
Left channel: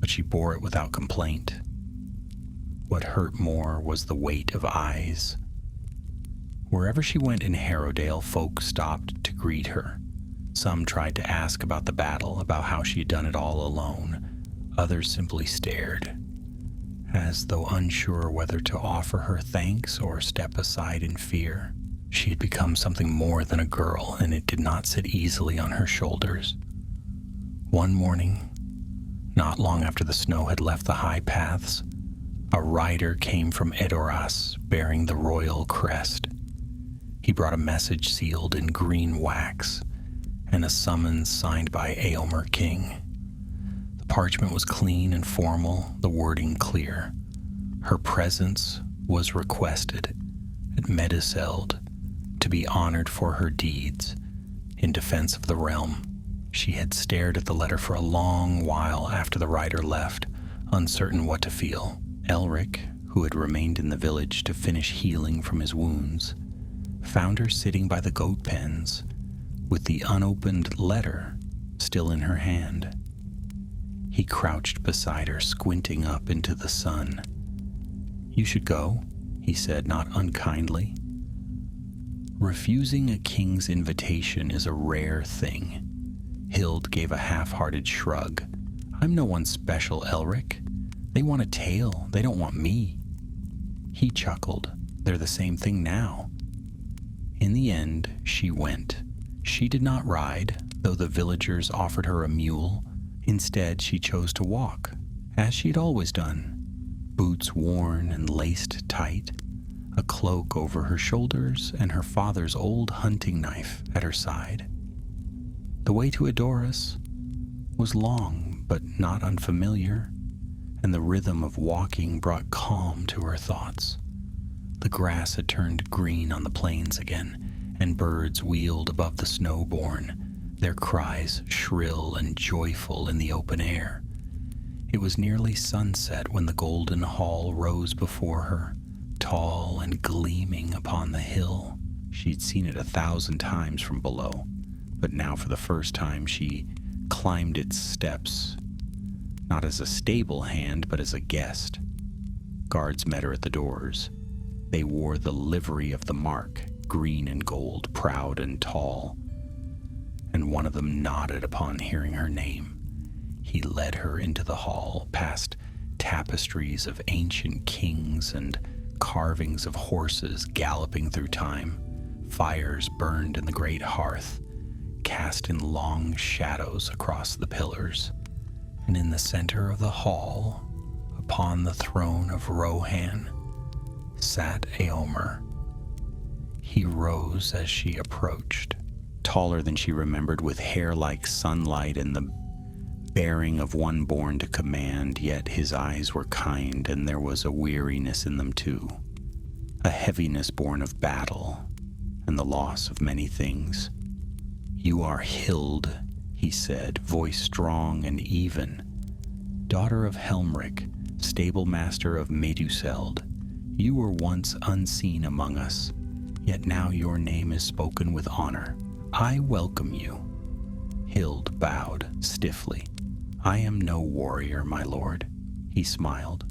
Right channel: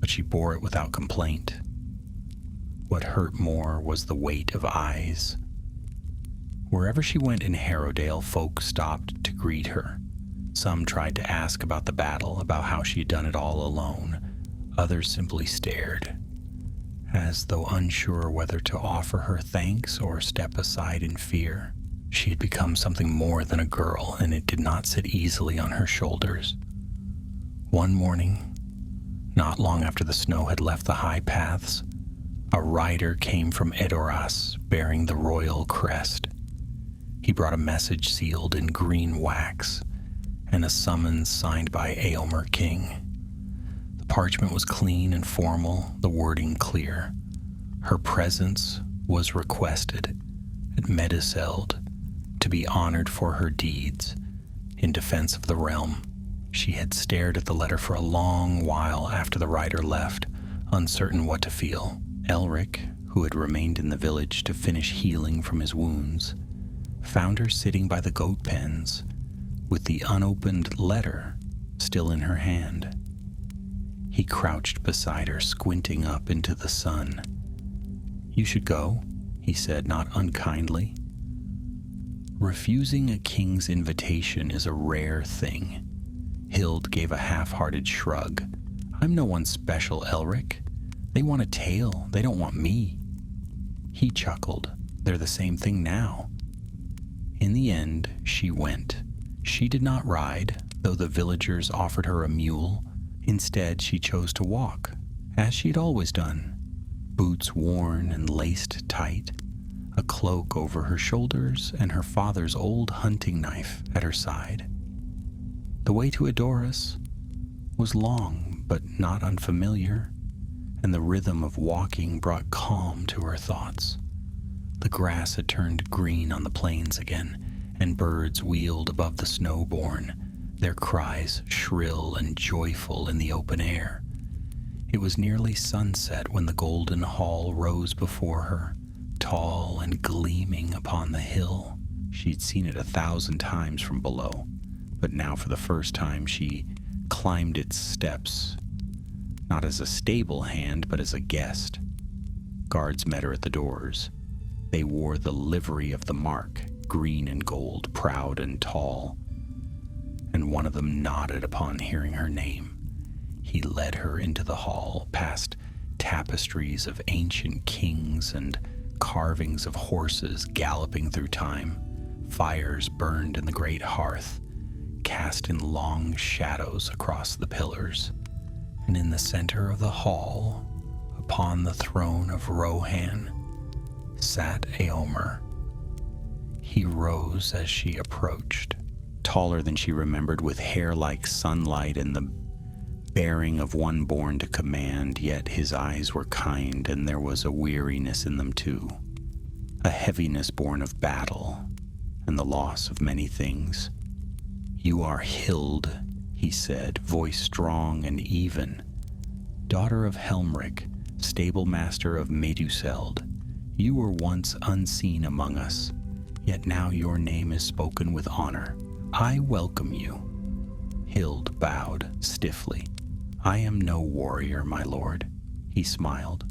But she bore it without complaint. What hurt more was the weight of eyes. Wherever she went in Harrowdale, folk stopped to greet her. Some tried to ask about the battle, about how she had done it all alone. Others simply stared, as though unsure whether to offer her thanks or step aside in fear. She had become something more than a girl, and it did not sit easily on her shoulders. One morning, not long after the snow had left the high paths, a rider came from Edoras bearing the royal crest. He brought a message sealed in green wax and a summons signed by Eomer King. The parchment was clean and formal, the wording clear. Her presence was requested at Meduseld to be honored for her deeds in defense of the realm. She had stared at the letter for a long while after the rider left, uncertain what to feel. Elric, who had remained in the village to finish healing from his wounds, found her sitting by the goat pens, with the unopened letter still in her hand. He crouched beside her, squinting up into the sun. "You should go," he said, not unkindly. Refusing a king's invitation is a rare thing. Hild gave a half-hearted shrug. "I'm no one special, Elric. They want a tale. They don't want me." He chuckled. "They're the same thing now." In the end, she went. She did not ride, though the villagers offered her a mule. Instead, she chose to walk, as she'd always done. Boots worn and laced tight, a cloak over her shoulders, and her father's old hunting knife at her side. The way to Edoras was long, but not unfamiliar, and the rhythm of walking brought calm to her thoughts. The grass had turned green on the plains again, and birds wheeled above the snowbourne, their cries shrill and joyful in the open air. It was nearly sunset when the golden hall rose before her, tall and gleaming upon the hill. She'd seen it 1,000 times from below, but now for the first time she climbed its steps, not as a stable hand, but as a guest. Guards met her at the doors. They wore the livery of the mark, green and gold, proud and tall, and one of them nodded upon hearing her name. He led her into the hall, past tapestries of ancient kings and carvings of horses galloping through time. Fires burned in the great hearth, cast in long shadows across the pillars. And in the center of the hall, upon the throne of Rohan, sat Eomer. He rose as she approached, taller than she remembered, with hair like sunlight and the bearing of one born to command, yet his eyes were kind, and there was a weariness in them too, a heaviness born of battle and the loss of many things. "You are Hild," he said, voice strong and even, "daughter of Helmric, stable master of Meduseld. You were once unseen among us, yet now your name is spoken with honor. I welcome you." Hild bowed stiffly. "I am no warrior, my lord," he smiled.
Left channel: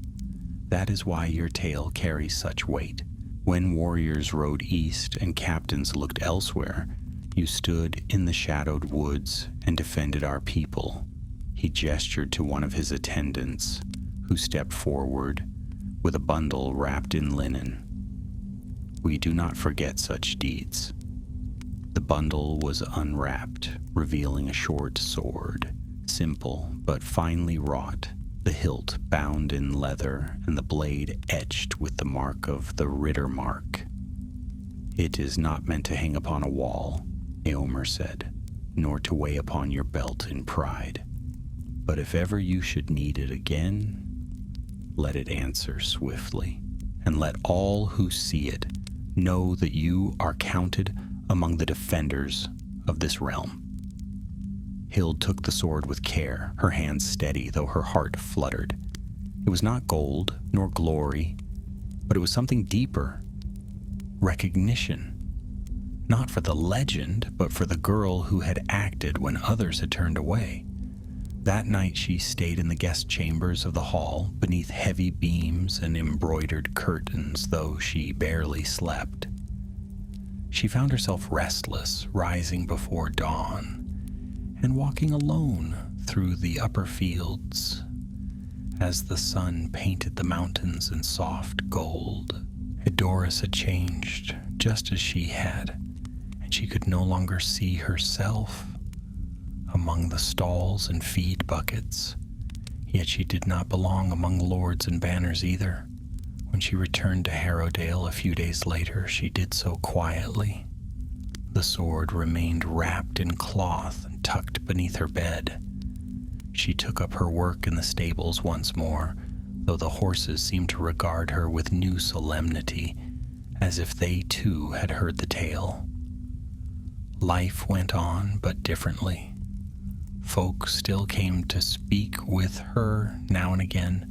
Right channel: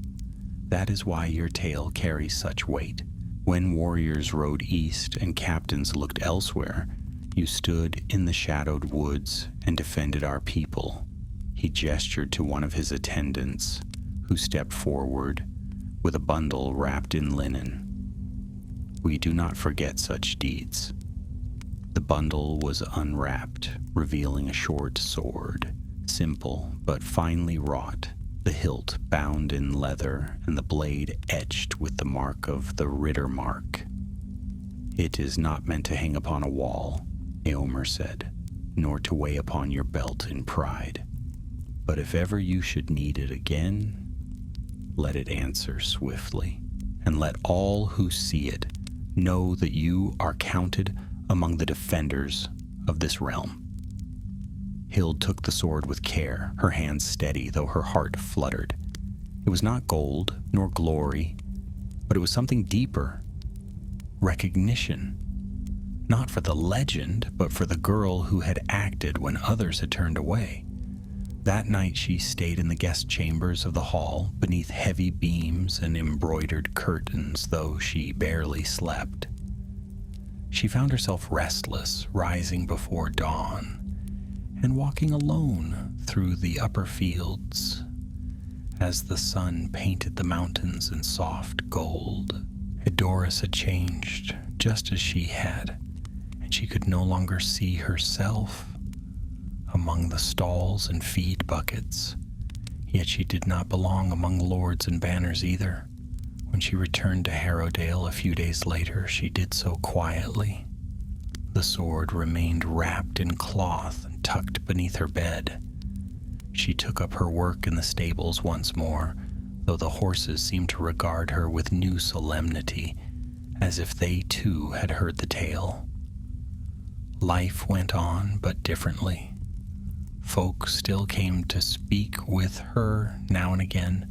"That is why your tale carries such weight. When warriors rode east and captains looked elsewhere, you stood in the shadowed woods and defended our people." He gestured to one of his attendants, who stepped forward with a bundle wrapped in linen. "We do not forget such deeds." The bundle was unwrapped, revealing a short sword, simple but finely wrought, the hilt bound in leather and the blade etched with the mark of the Ritter mark. "It is not meant to hang upon a wall," Eomer said, "nor to weigh upon your belt in pride. But if ever you should need it again, let it answer swiftly, and let all who see it know that you are counted among the defenders of this realm." Hild took the sword with care, her hands steady, though her heart fluttered. It was not gold, nor glory, but it was something deeper. Recognition. Not for the legend, but for the girl who had acted when others had turned away. That night she stayed in the guest chambers of the hall, beneath heavy beams and embroidered curtains, though she barely slept. She found herself restless, rising before dawn, and walking alone through the upper fields as the sun painted the mountains in soft gold. Edoras had changed, just as she had, and she could no longer see herself among the stalls and feed buckets. Yet she did not belong among lords and banners either. When she returned to Harrowdale a few days later, she did so quietly. The sword remained wrapped in cloth and tucked beneath her bed. She took up her work in the stables once more, though the horses seemed to regard her with new solemnity, as if they too had heard the tale. Life went on, but differently. Folk still came to speak with her now and again,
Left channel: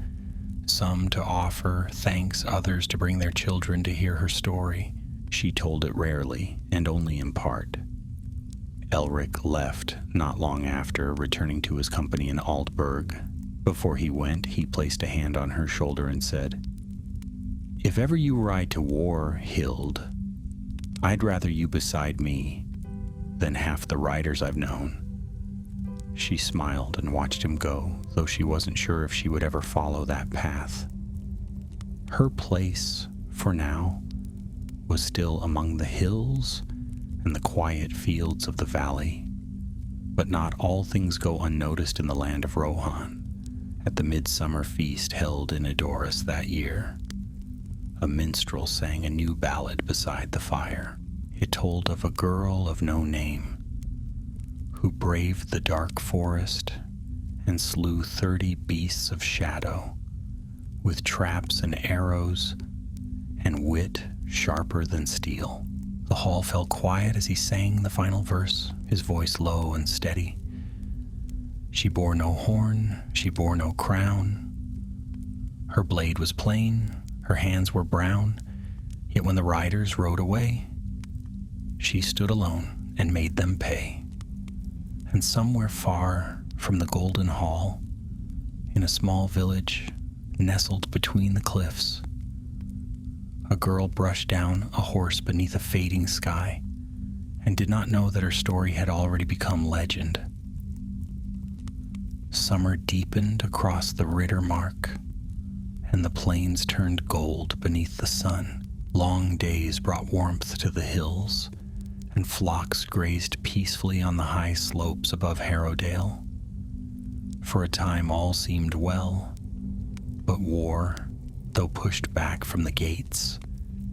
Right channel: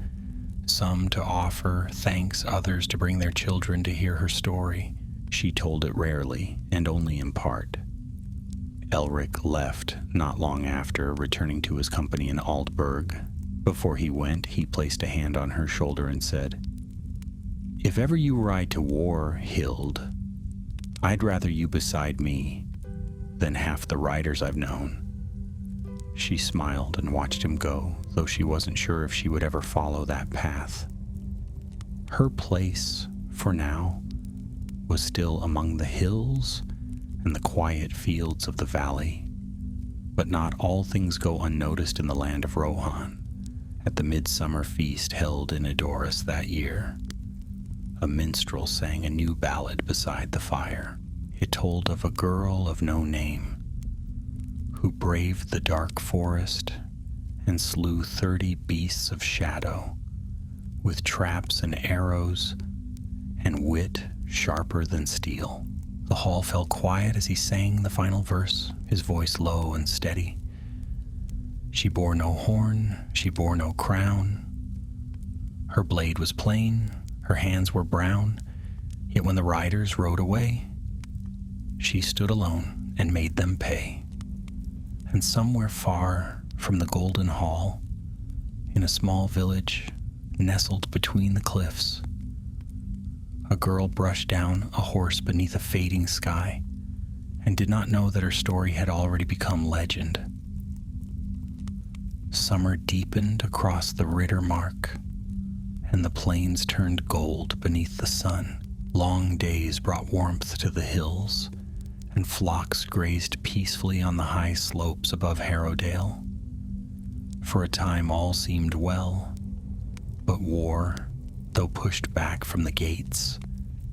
some to offer thanks, others to bring their children to hear her story. She told it rarely, and only in part. Elric left not long after, returning to his company in Aldburg. Before he went, he placed a hand on her shoulder and said, "If ever you ride to war, Hild, I'd rather you beside me than half the riders I've known." She smiled and watched him go, though she wasn't sure if she would ever follow that path. Her place, for now, was still among the hills and the quiet fields of the valley. But not all things go unnoticed in the land of Rohan. At the midsummer feast held in Edoras that year, a minstrel sang a new ballad beside the fire. It told of a girl of no name who braved the dark forest and slew 30 beasts of shadow with traps and arrows and wit sharper than steel. The hall fell quiet as he sang the final verse, his voice low and steady. She bore no horn, she bore no crown. Her blade was plain, her hands were brown, yet when the riders rode away, she stood alone and made them pay. And somewhere far from the golden hall, in a small village nestled between the cliffs, a girl brushed down a horse beneath a fading sky and did not know that her story had already become legend. Summer deepened across the Rittermark, and the plains turned gold beneath the sun. Long days brought warmth to the hills, and flocks grazed peacefully on the high slopes above Harrowdale. For a time all seemed well, but war, though pushed back from the gates,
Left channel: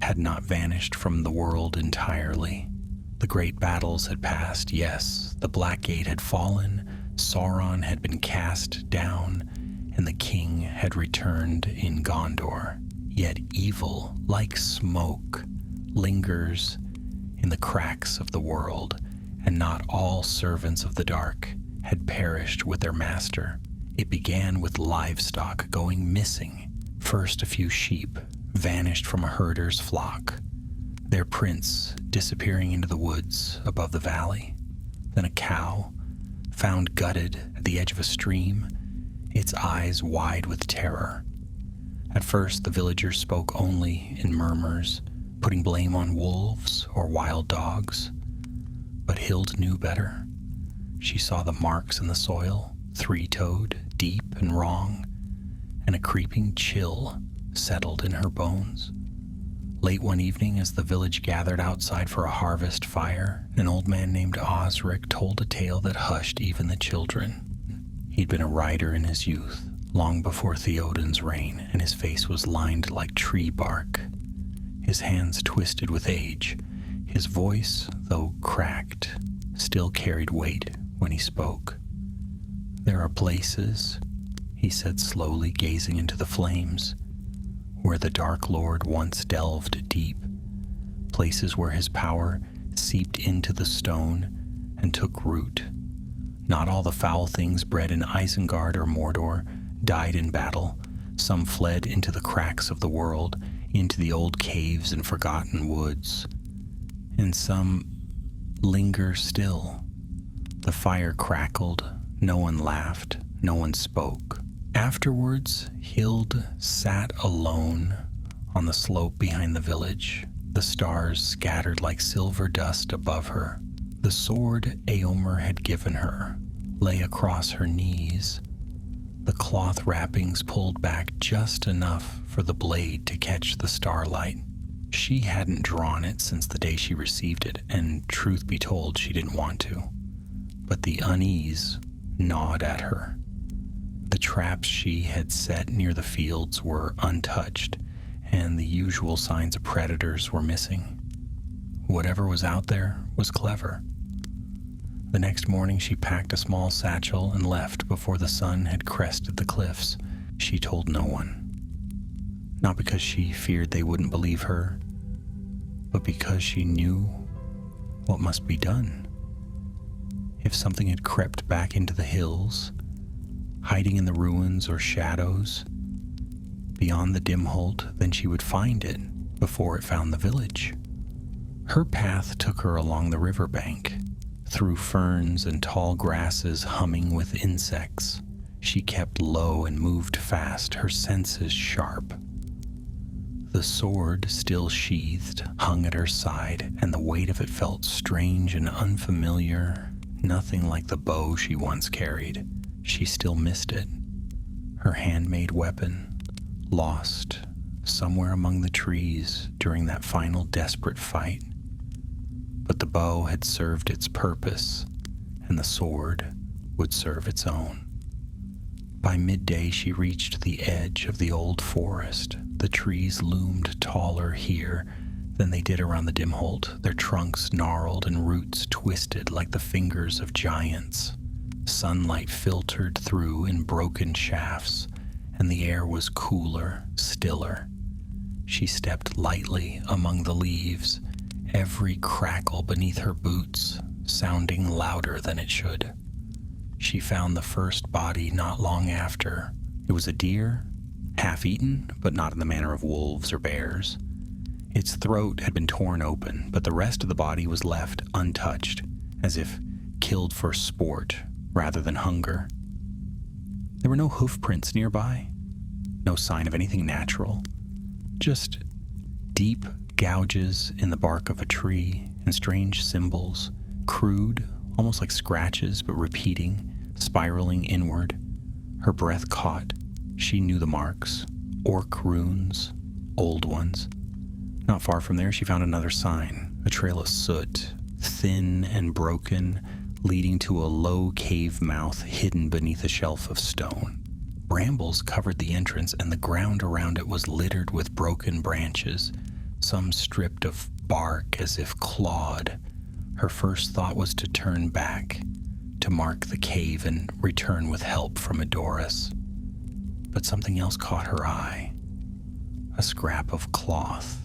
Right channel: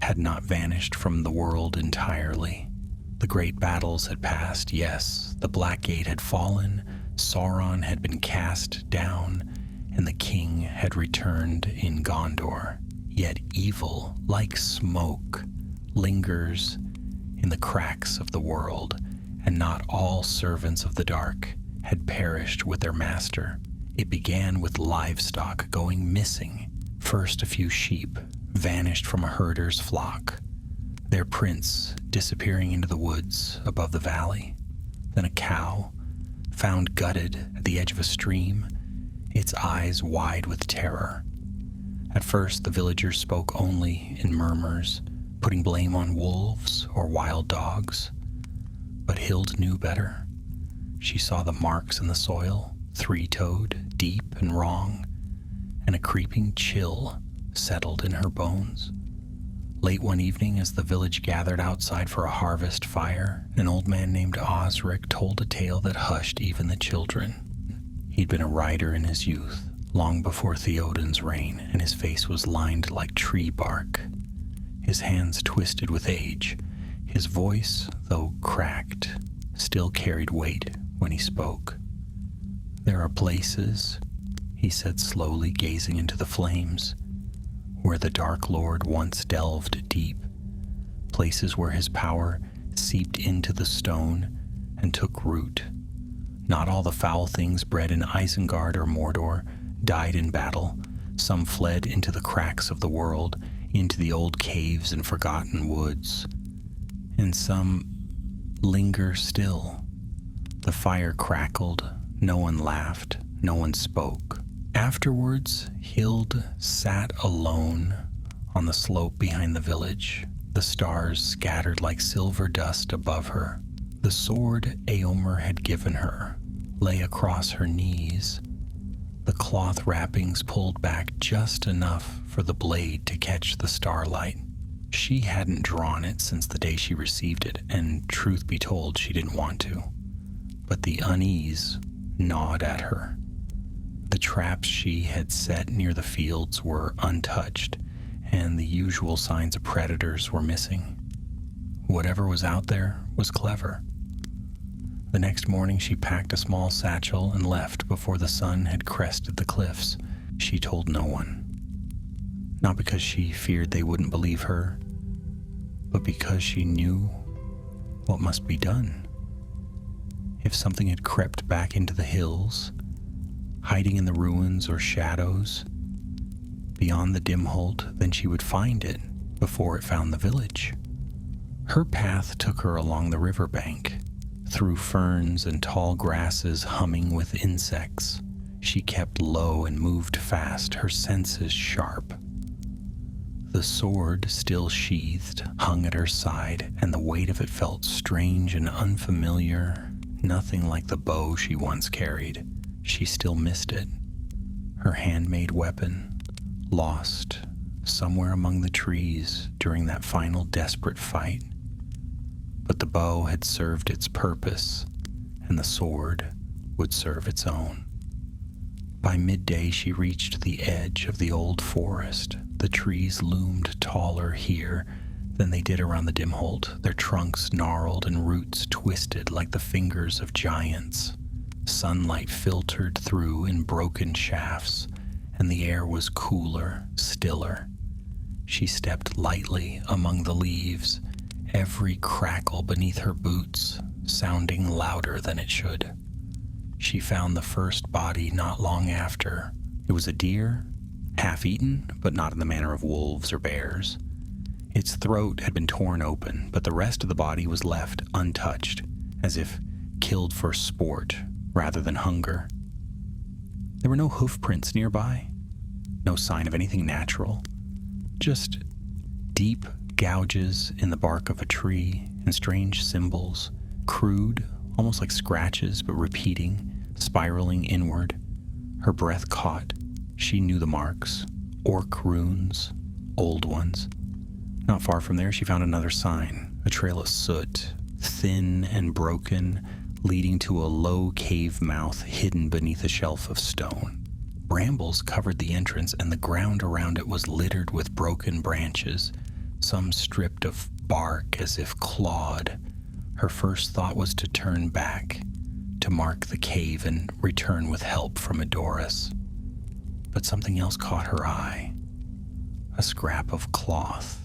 had not vanished from the world entirely. The great battles had passed, yes, the Black Gate had fallen, Sauron had been cast down, and the king had returned in Gondor. Yet evil, like smoke, lingers in the cracks of the world, and not all servants of the dark had perished with their master. It began with livestock going missing. First, a few sheep vanished from a herder's flock, their prince disappearing into the woods above the valley. Then a cow, found gutted at the edge of a stream, its eyes wide with terror. At first, the villagers spoke only in murmurs, putting blame on wolves or wild dogs. But Hild knew better. She saw the marks in the soil, three-toed, deep and wrong, and a creeping chill settled in her bones. Late one evening, as the village gathered outside for a harvest fire, an old man named Osric told a tale that hushed even the children. He'd been a rider in his youth, long before Theoden's reign, and his face was lined like tree bark, his hands twisted with age. His voice, though cracked, still carried weight when he spoke. "There are places," he said slowly, gazing into the flames, "where the Dark Lord once delved deep, places where his power seeped into the stone and took root. Not all the foul things bred in Isengard or Mordor died in battle. Some fled into the cracks of the world, into the old caves and forgotten woods. And some linger still." The fire crackled, no one laughed, no one spoke. Afterwards, Hild sat alone on the slope behind the village, the stars scattered like silver dust above her. The sword Eomer had given her lay across her knees, the cloth wrappings pulled back just enough for the blade to catch the starlight. She hadn't drawn it since the day she received it, and truth be told, she didn't want to. But the unease gnawed at her. The traps she had set near the fields were untouched, and the usual signs of predators were missing. Whatever was out there was clever. The next morning she packed a small satchel and left before the sun had crested the cliffs. She told no one. Not because she feared they wouldn't believe her, but because she knew what must be done. If something had crept back into the hills, hiding in the ruins or shadows beyond the Dimholt, then she would find it before it found the village. Her path took her along the riverbank, Through ferns and tall grasses humming with insects, she kept low and moved fast, her senses sharp. The sword, still sheathed, hung at her side, and the weight of it felt strange and unfamiliar, nothing like the bow she once carried. She still missed it. Her handmade weapon, lost somewhere among the trees during that final desperate fight. But the bow had served its purpose, and the sword would serve its own. By midday, she reached the edge of the old forest. The trees loomed taller here than they did around the Dimholt, their trunks gnarled and roots twisted like the fingers of giants. Sunlight filtered through in broken shafts, and the air was cooler, stiller. She stepped lightly among the leaves, every crackle beneath her boots sounding louder than it should. She found the first body not long after. It was a deer, half-eaten, but not in the manner of wolves or bears. Its throat had been torn open, but the rest of the body was left untouched, as if killed for sport rather than hunger. There were no hoofprints nearby, no sign of anything natural, just deep gouges in the bark of a tree and strange symbols, crude, almost like scratches, but repeating, spiraling inward. Her breath caught. She knew the marks, orc runes, old ones. Not far from there, she found another sign, a trail of soot, thin and broken, leading to a low cave mouth hidden beneath a shelf of stone. Brambles covered the entrance, and the ground around it was littered with broken branches, some stripped of bark as if clawed. Her first thought was to turn back, to mark the cave and return with help from Edoras. But something else caught her eye. A scrap of cloth,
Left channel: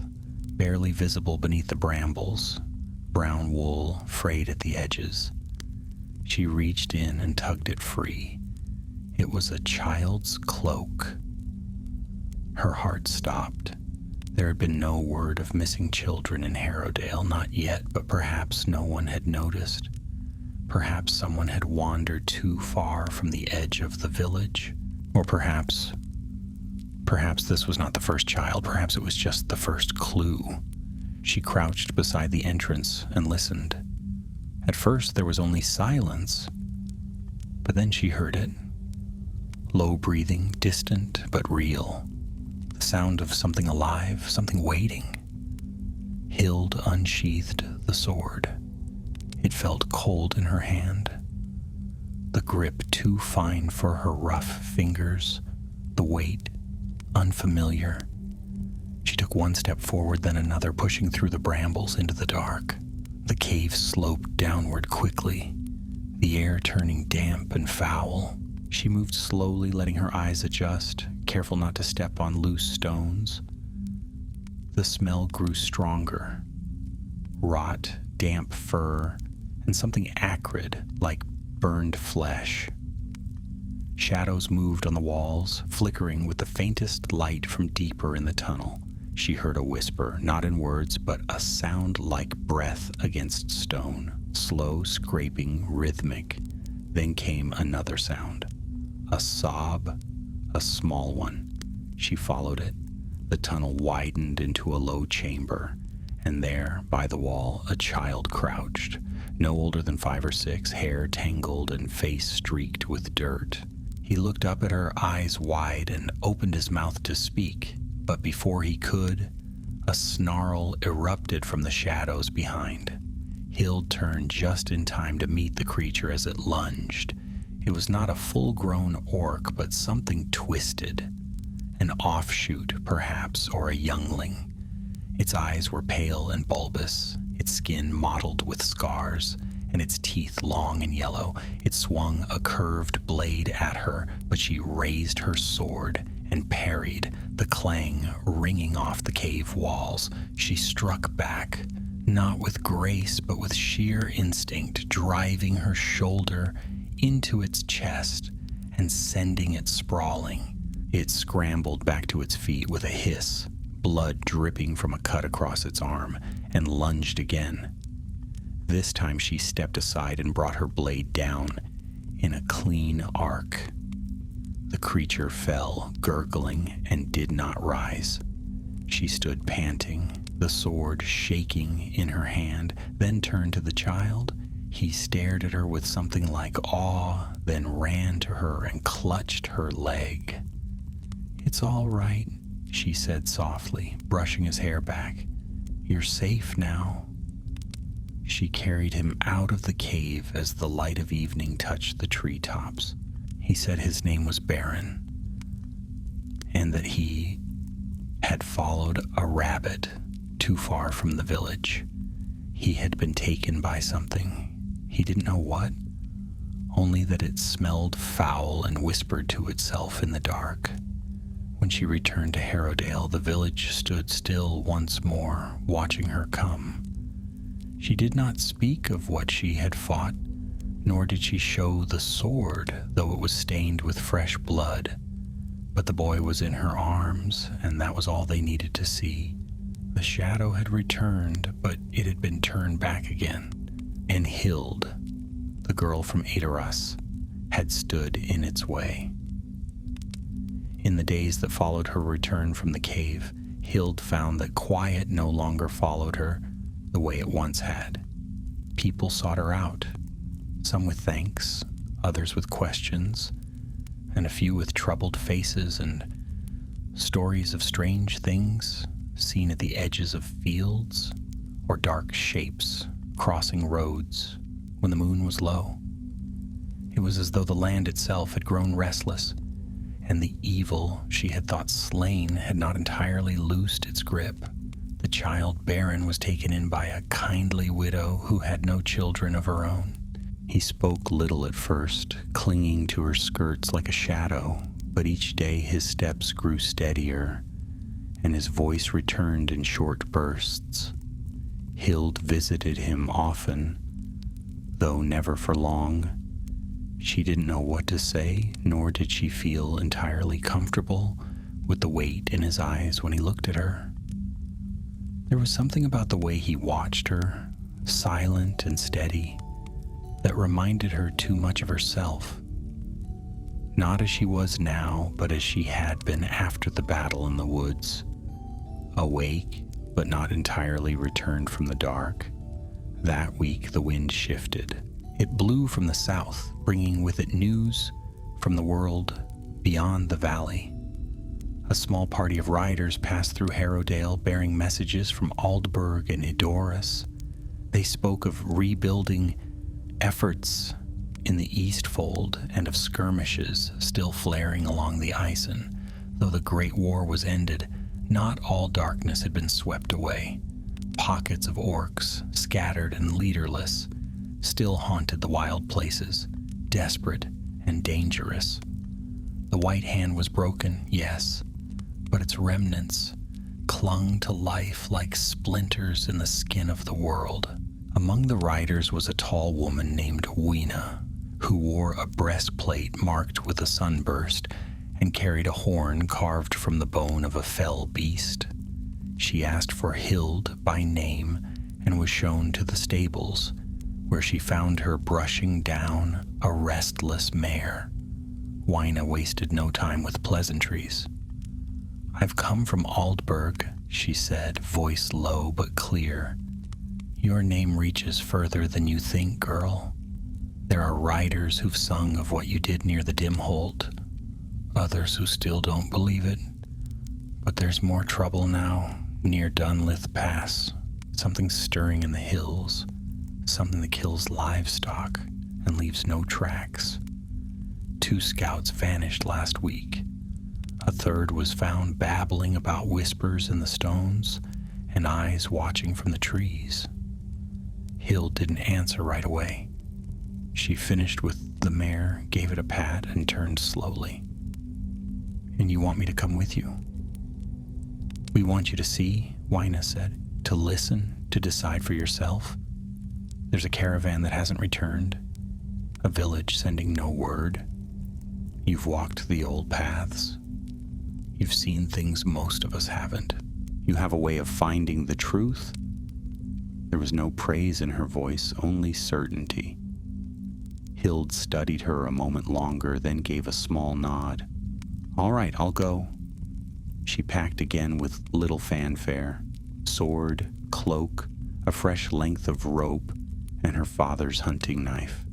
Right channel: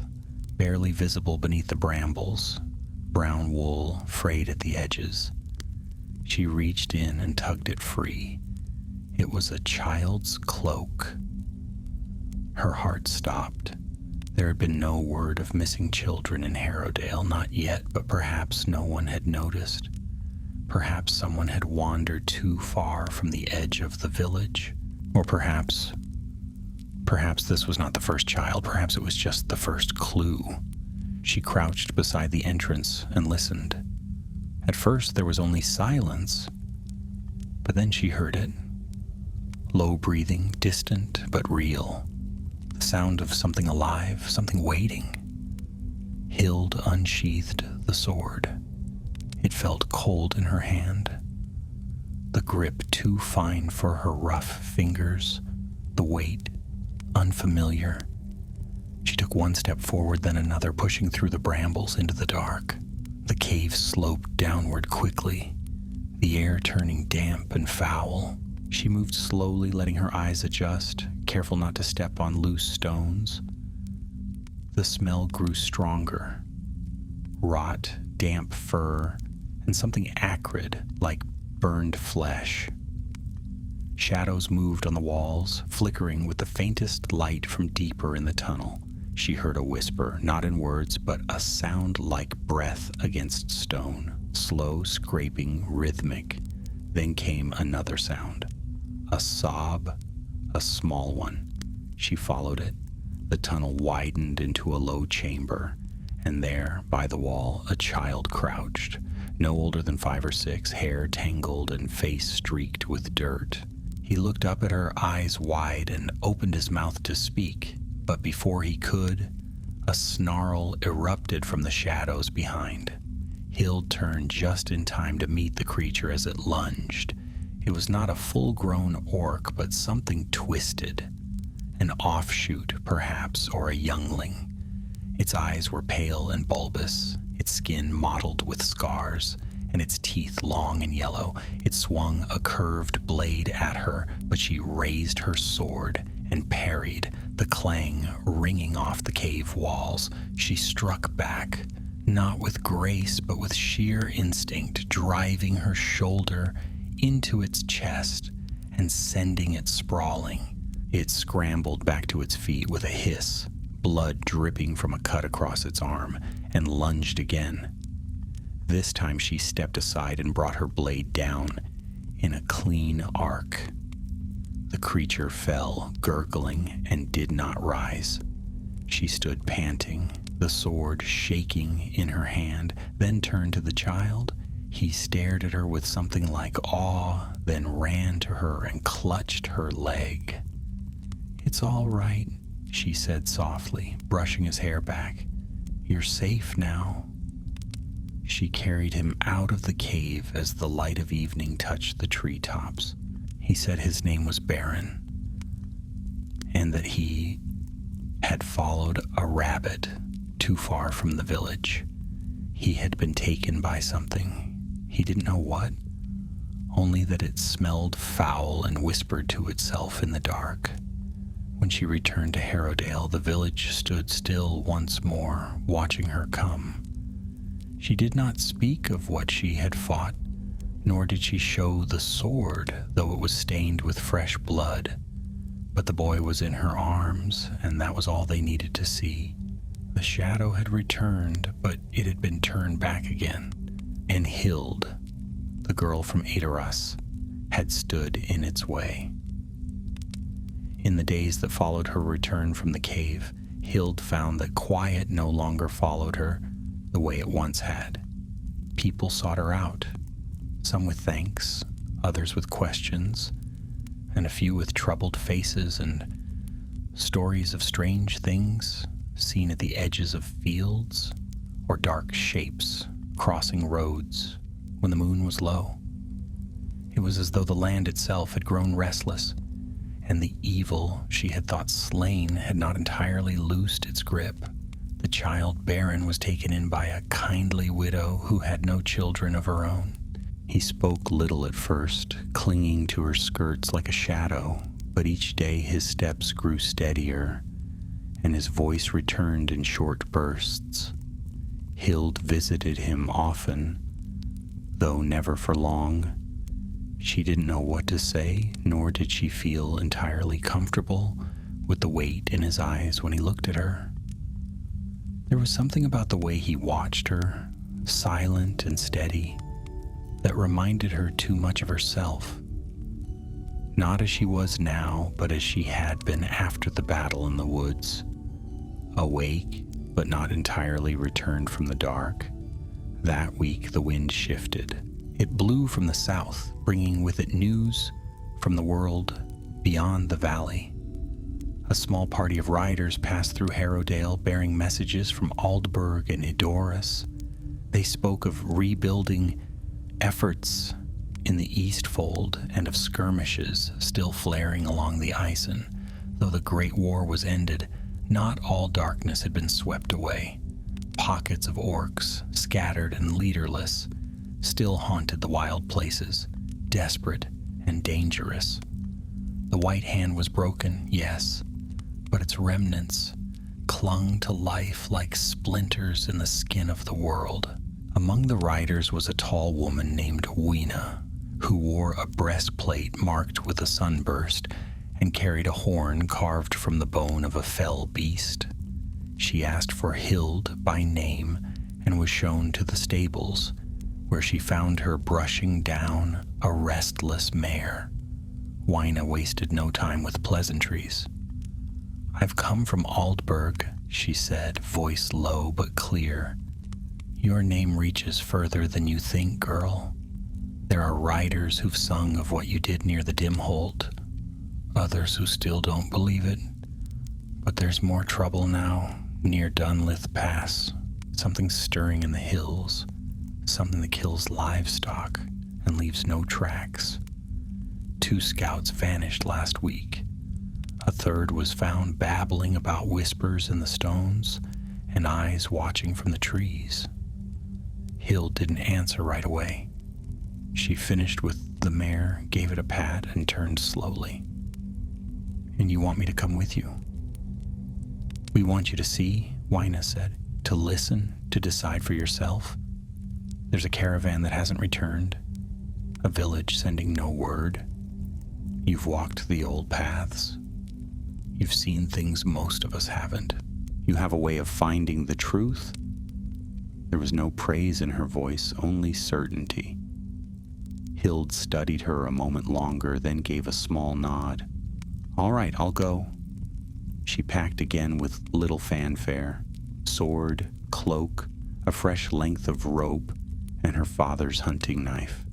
barely visible beneath the brambles, brown wool frayed at the edges. She reached in and tugged it free. It was a child's cloak. Her heart stopped. There had been no word of missing children in Harrowdale, not yet, but perhaps no one had noticed. Perhaps someone had wandered too far from the edge of the village. Or perhaps this was not the first child. Perhaps it was just the first clue. She crouched beside the entrance and listened. At first there was only silence, but then she heard it. Low breathing, distant but real. The sound of something alive, something waiting. Hild unsheathed the sword. It felt cold in her hand. The grip too fine for her rough fingers. The weight unfamiliar. She took one step forward, then another, pushing through the brambles into the dark. The cave sloped downward quickly, the air turning damp and foul. She moved slowly, letting her eyes adjust, careful not to step on loose stones. The smell grew stronger. Rot, damp fur, and something acrid, like burned flesh. Shadows moved on the walls, flickering with the faintest light from deeper in the tunnel. She heard a whisper, not in words, but a sound like breath against stone, slow, scraping, rhythmic. Then came another sound. A sob, a small one. She followed it. The tunnel widened into a low chamber, and there, by the wall, a child crouched, no older than 5 or 6, hair tangled and face streaked with dirt. He looked up at her, eyes wide, and opened his mouth to speak, but before he could, a snarl erupted from the shadows behind. Hild turned just in time to meet the creature as it lunged. It was not a full-grown orc, but something twisted. An offshoot, perhaps, or a youngling. Its eyes were pale and bulbous, its skin mottled with scars, and its teeth long and yellow. It swung a curved blade at her, but she raised her sword and parried, the clang ringing off the cave walls. She struck back, not with grace, but with sheer instinct, driving her shoulder into its chest and sending it sprawling. It scrambled back to its feet with a hiss, blood dripping from a cut across its arm, and lunged again. This time she stepped aside and brought her blade down in a clean arc. The creature fell, gurgling, and did not rise. She stood panting, the sword shaking in her hand, then turned to the child. He stared at her with something like awe, then ran to her and clutched her leg. "It's all right," she said softly, brushing his hair back. "You're safe now." She carried him out of the cave as the light of evening touched the treetops. He said his name was Baron, and that he had followed a rabbit too far from the village. He had been taken by something. He didn't know what, only that it smelled foul and whispered to itself in the dark. When she returned to Harrowdale, the village stood still once more, watching her come. She did not speak of what she had fought, nor did she show the sword, though it was stained with fresh blood. But the boy was in her arms, and that was all they needed to see. The shadow had returned, but it had been turned back again, and Hild, the girl from Edoras, had stood in its way. In the days that followed her return from the cave, Hild found that quiet no longer followed her the way it once had. People sought her out, some with thanks, others with questions, and a few with troubled faces and stories of strange things seen at the edges of fields or dark shapes crossing roads when the moon was low. It was as though the land itself had grown restless, and the evil she had thought slain had not entirely loosed its grip. The child Baron was taken in by a kindly widow who had no children of her own. He spoke little at first, clinging to her skirts like a shadow, but each day his steps grew steadier, and his voice returned in short bursts. Hild visited him often, though never for long. She didn't know what to say, nor did she feel entirely comfortable with the weight in his eyes when he looked at her. There was something about the way he watched her, silent and steady, that reminded her too much of herself. Not as she was now, but as she had been after the battle in the woods. Awake, but not entirely returned from the dark. That week the wind shifted. It blew from the south, bringing with it news from the world beyond the valley. A small party of riders passed through Harrowdale bearing messages from Aldburg and Edoras. They spoke of rebuilding efforts in the Eastfold and of skirmishes still flaring along the Isen. Though the Great War was ended, not all darkness had been swept away. Pockets of orcs, scattered and leaderless, still haunted the wild places, desperate and dangerous. The White Hand was broken, yes, but its remnants clung to life like splinters in the skin of the world. Among the riders was a tall woman named Weena, who wore a breastplate marked with a sunburst and carried a horn carved from the bone of a fell beast. She asked for Hild by name and was shown to the stables, where she found her brushing down a restless mare. Weena wasted no time with pleasantries. "I've come from Aldburg," she said, voice low but clear. "Your name reaches further than you think, girl. There are riders who've sung of what you did near the Dimholt, others who still don't believe it. But there's more trouble now, near Dunlith Pass. Something stirring in the hills, something that kills livestock and leaves no tracks. 2 scouts vanished last week. A third was found babbling about whispers in the stones and eyes watching from the trees." Hild didn't answer right away. She finished with the mare, gave it a pat, and turned slowly. "And you want me to come with you?" "We want you to see," Weena said, "to listen, to decide for yourself. There's a caravan that hasn't returned, a village sending no word. You've walked the old paths. You've seen things most of us haven't. You have a way of finding the truth There was no praise in her voice, only certainty. Hild studied her a moment longer, then gave a small nod. "All right, I'll go." She packed again with little fanfare: sword, cloak, a fresh length of rope, and her father's hunting knife,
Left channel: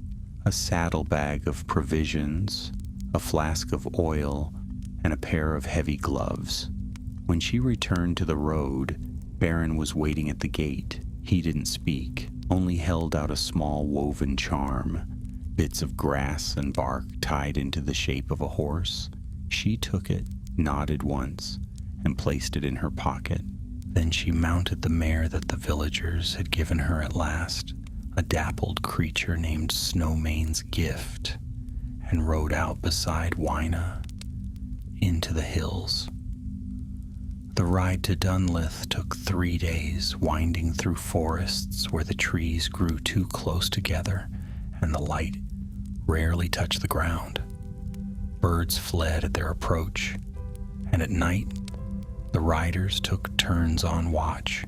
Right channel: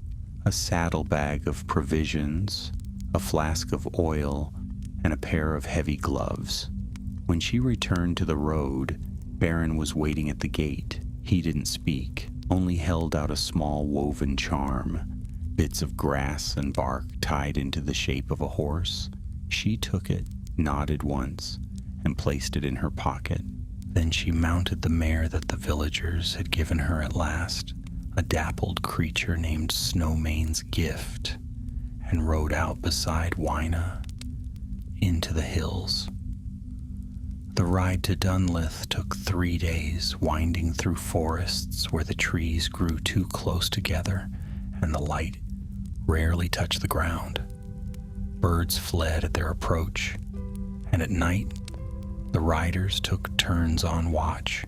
a saddlebag of provisions, a flask of oil, and a pair of heavy gloves. When she returned to the road, Baron was waiting at the gate. He didn't speak, only held out a small woven charm, bits of grass and bark tied into the shape of a horse. She took it, nodded once, and placed it in her pocket. Then she mounted the mare that the villagers had given her at last, a dappled creature named Snowmane's Gift, and rode out beside Wyna into the hills. The ride to Dunlith took 3 days, winding through forests where the trees grew too close together and the light rarely touched the ground. Birds fled at their approach, and at night, the riders took turns on watch,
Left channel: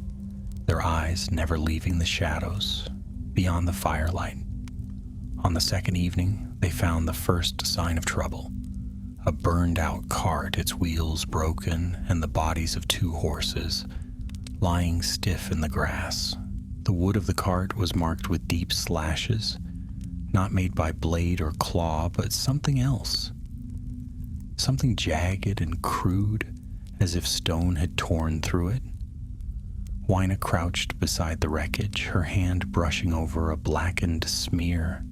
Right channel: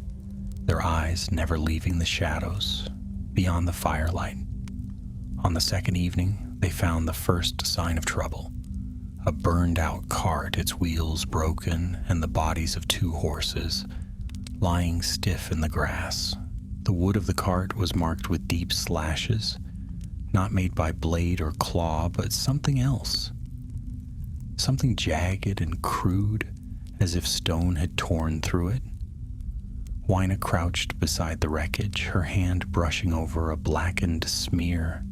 their eyes never leaving the shadows beyond the firelight. On the second evening, they found the first sign of trouble: a burned-out cart, its wheels broken, and the bodies of 2 horses lying stiff in the grass. The wood of the cart was marked with deep slashes, not made by blade or claw, but something else. Something jagged and crude, as if stone had torn through it. Wyna crouched beside the wreckage, her hand brushing over a blackened smear.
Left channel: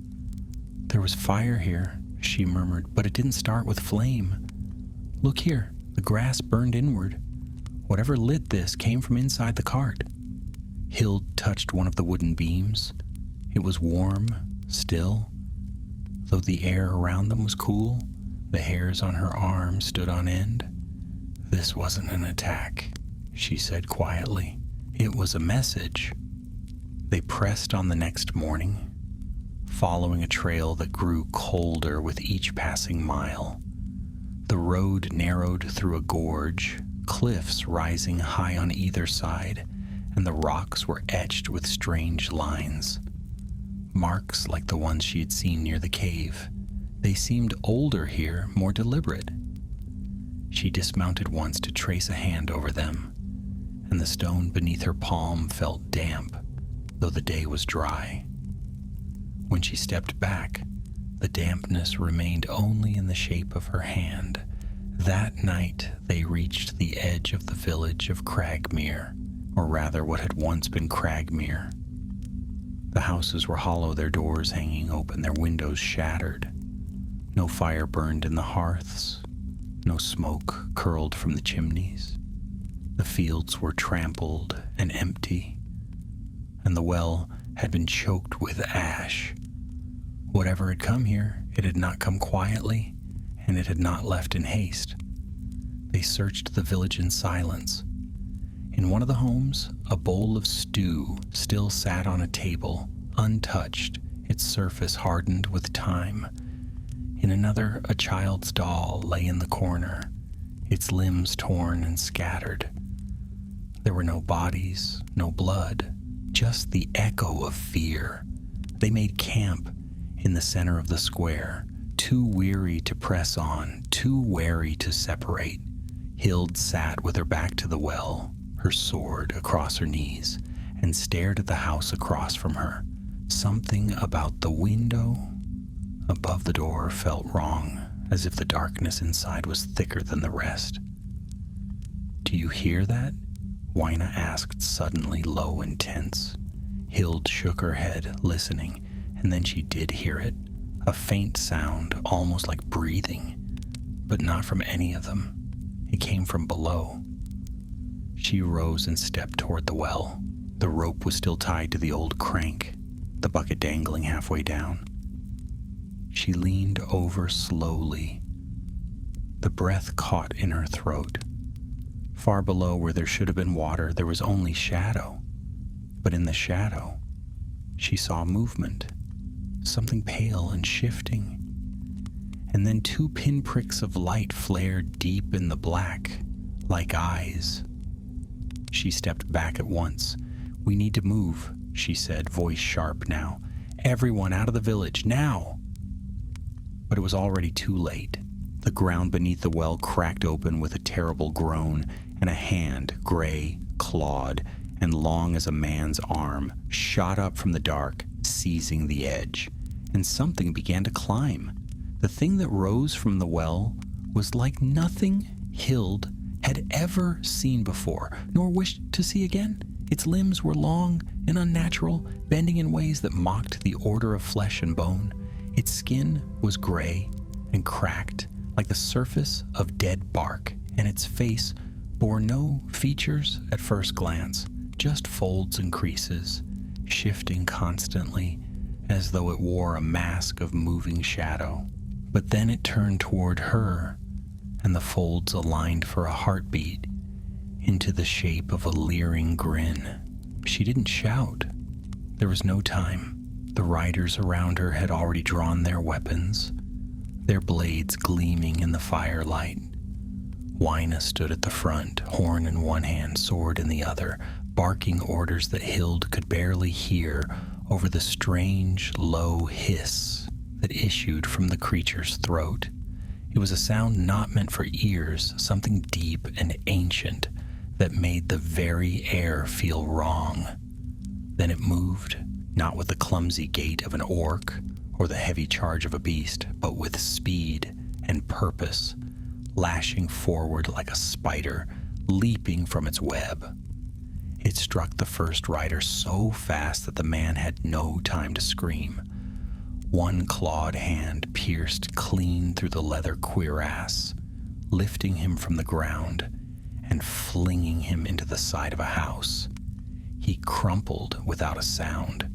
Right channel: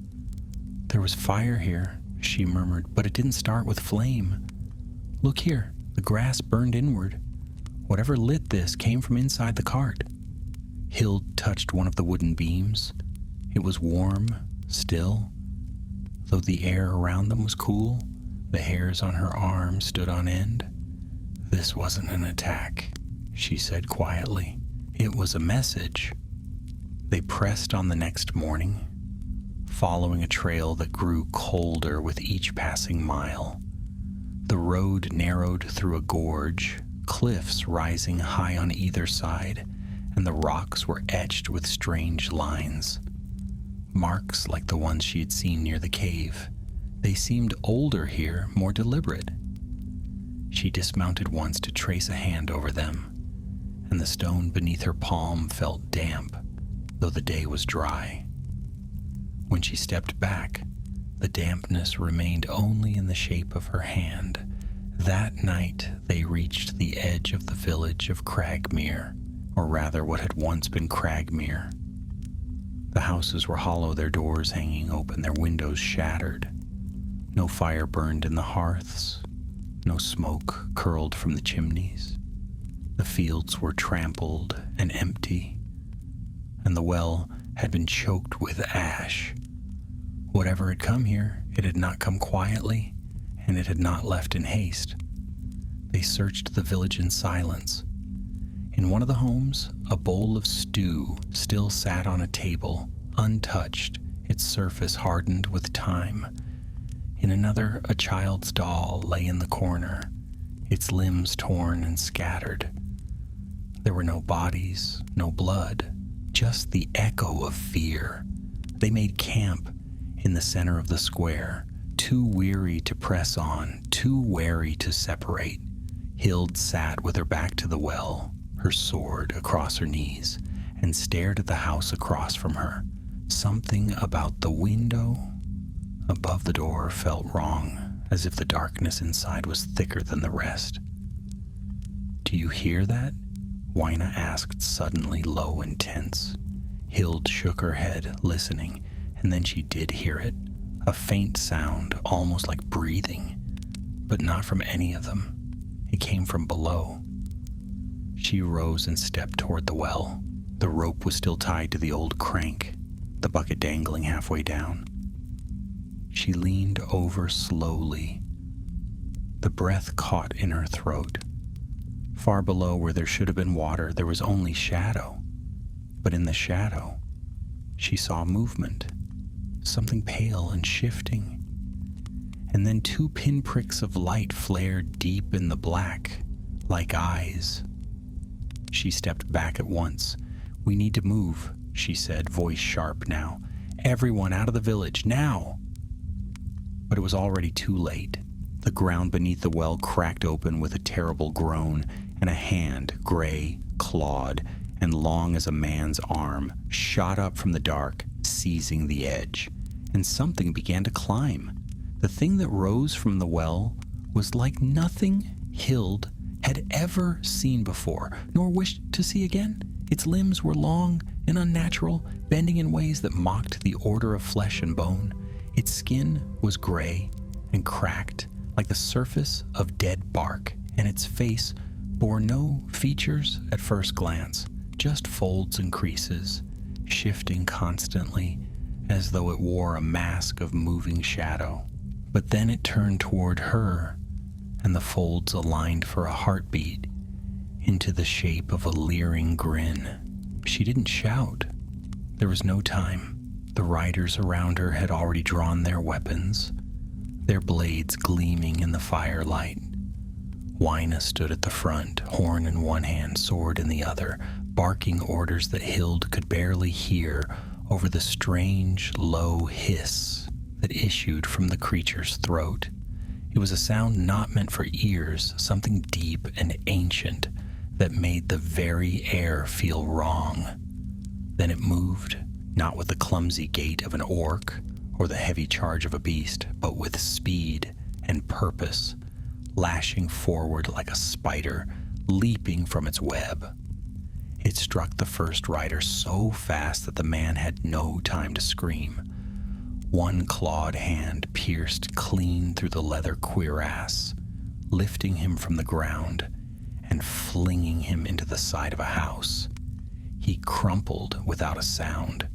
"There was fire here," she murmured, "but it didn't start with flame. Look here, the grass burned inward. Whatever lit this came from inside the cart." Hild touched one of the wooden beams. It was warm, still, though the air around them was cool. The hairs on her arm stood on end. "This wasn't an attack," she said quietly. "It was a message." They pressed on the next morning, following a trail that grew colder with each passing mile. The road narrowed through a gorge, cliffs rising high on either side, and the rocks were etched with strange lines. Marks like the ones she had seen near the cave. They seemed older here, more deliberate. She dismounted once to trace a hand over them, and the stone beneath her palm felt damp, though the day was dry. When she stepped back, the dampness remained only in the shape of her hand. That night, they reached the edge of the village of Cragmere, or rather what had once been Cragmere. The houses were hollow, their doors hanging open, their windows shattered. No fire burned in the hearths, no smoke curled from the chimneys. The fields were trampled and empty, and the well had been choked with ash. Whatever had come here, it had not come quietly, and it had not left in haste. They searched the village in silence. In one of the homes, a bowl of stew still sat on a table, untouched, its surface hardened with time. In another, a child's doll lay in the corner, its limbs torn and scattered. There were no bodies, no blood, just the echo of fear. They made camp in the center of the square, too weary to press on, too wary to separate. Hild sat with her back to the well, her sword across her knees, and stared at the house across from her. Something about the window above the door felt wrong, as if the darkness inside was thicker than the rest. "Do you hear that?" Wyna asked, suddenly low and tense. Hild shook her head, listening, and then she did hear it, a faint sound, almost like breathing, but not from any of them. It came from below. She rose and stepped toward the well. The rope was still tied to the old crank, the bucket dangling halfway down. She leaned over slowly. The breath caught in her throat. Far below, where there should have been water, there was only shadow. But in the shadow, she saw movement, something pale and shifting. And then 2 pinpricks of light flared deep in the black, like eyes. She stepped back at once. "We need to move," she said, voice sharp now. "Everyone out of the village, now!" But it was already too late. The ground beneath the well cracked open with a terrible groan, and a hand, gray, clawed, and long as a man's arm, shot up from the dark, seizing the edge. And something began to climb. The thing that rose from the well was like nothing Hild had ever seen before, nor wished to see again. Its limbs were long and unnatural, bending in ways that mocked the order of flesh and bone. Its skin was gray and cracked, like the surface of dead bark, and its face bore no features at first glance, just folds and creases, shifting constantly as though it wore a mask of moving shadow. But then it turned toward her, and the folds aligned for a heartbeat into the shape of a leering grin. She didn't shout. There was no time. The riders around her had already drawn their weapons, their blades gleaming in the firelight. Wyna stood at the front, horn in one hand, sword in the other, barking orders that Hild could barely hear over the strange, low hiss that issued from the creature's throat. It was a sound not meant for ears, something deep and ancient that made the very air feel wrong. Then it moved, not with the clumsy gait of an orc or the heavy charge of a beast, but with speed and purpose, lashing forward like a spider, leaping from its web. It struck the first rider so fast that the man had no time to scream. One clawed hand pierced clean through the leather cuirass, lifting him from the ground and flinging him into the side of a house. He crumpled without a sound.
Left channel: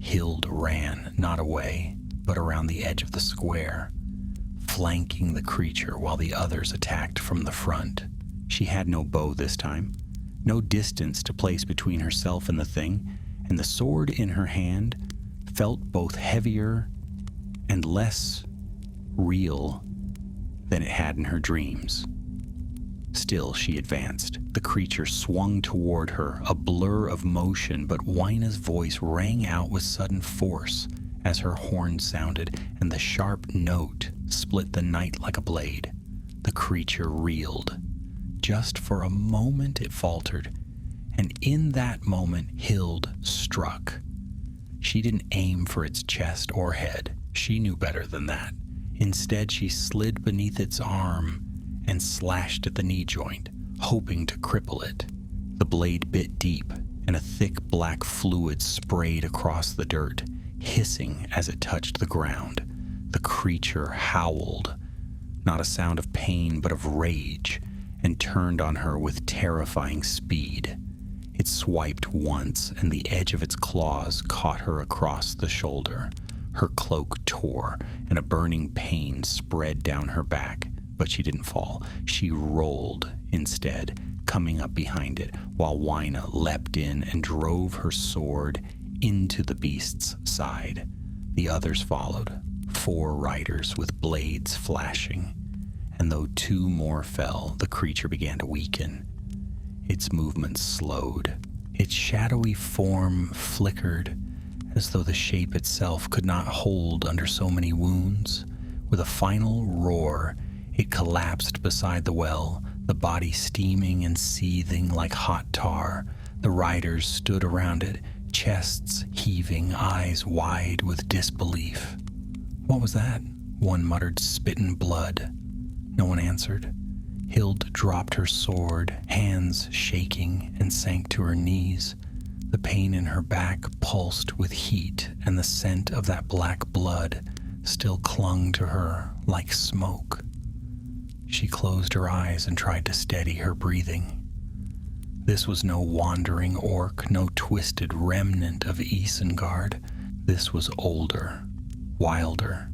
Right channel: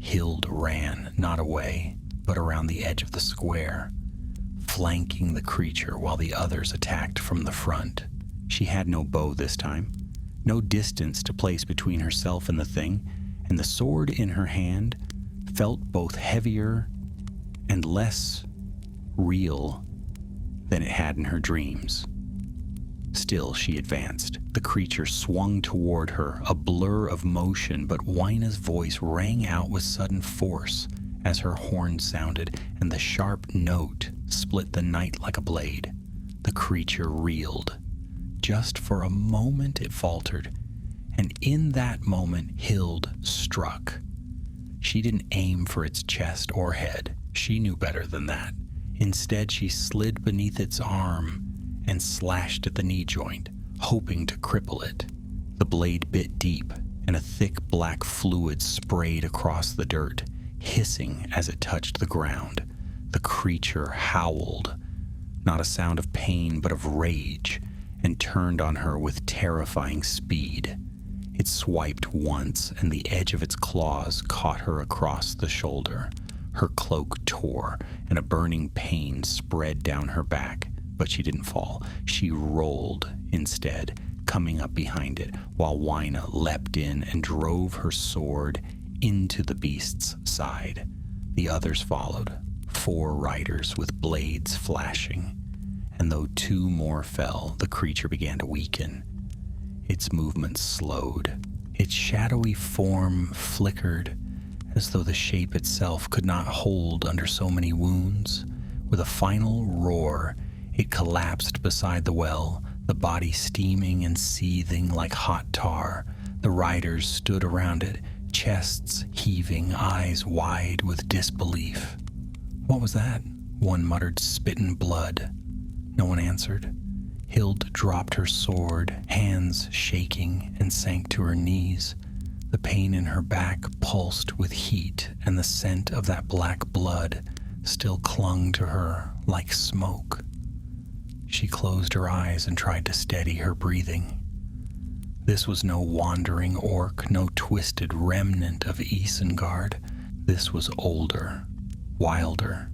Hild ran, not away, but around the edge of the square, flanking the creature while the others attacked from the front. She had no bow this time, no distance to place between herself and the thing, and the sword in her hand felt both heavier and less real than it had in her dreams. Still, she advanced. The creature swung toward her, a blur of motion, but Wyna's voice rang out with sudden force as her horn sounded, and the sharp note split the night like a blade. The creature reeled. Just for a moment it faltered, and in that moment Hild struck. She didn't aim for its chest or head. She knew better than that. Instead, she slid beneath its arm and slashed at the knee joint, hoping to cripple it. The blade bit deep, and a thick black fluid sprayed across the dirt, hissing as it touched the ground. The creature howled, not a sound of pain but of rage, and turned on her with terrifying speed. It swiped once, and the edge of its claws caught her across the shoulder. Her cloak tore, and a burning pain spread down her back, but she didn't fall. She rolled instead, coming up behind it, while Wyna leapt in and drove her sword into the beast's side. The others followed, 4 riders with blades flashing, and though 2 more fell, the creature began to weaken. Its movements slowed. Its shadowy form flickered, as though the shape itself could not hold under so many wounds. With a final roar, it collapsed beside the well, the body steaming and seething like hot tar. The riders stood around it, chests heaving, eyes wide with disbelief. "What was that?" one muttered, "spittin' blood." No one answered. Hild dropped her sword, hands shaking, and sank to her knees. The pain in her back pulsed with heat, and the scent of that black blood still clung to her like smoke. She closed her eyes and tried to steady her breathing. This was no wandering orc, no twisted remnant of Isengard. This was older, wilder,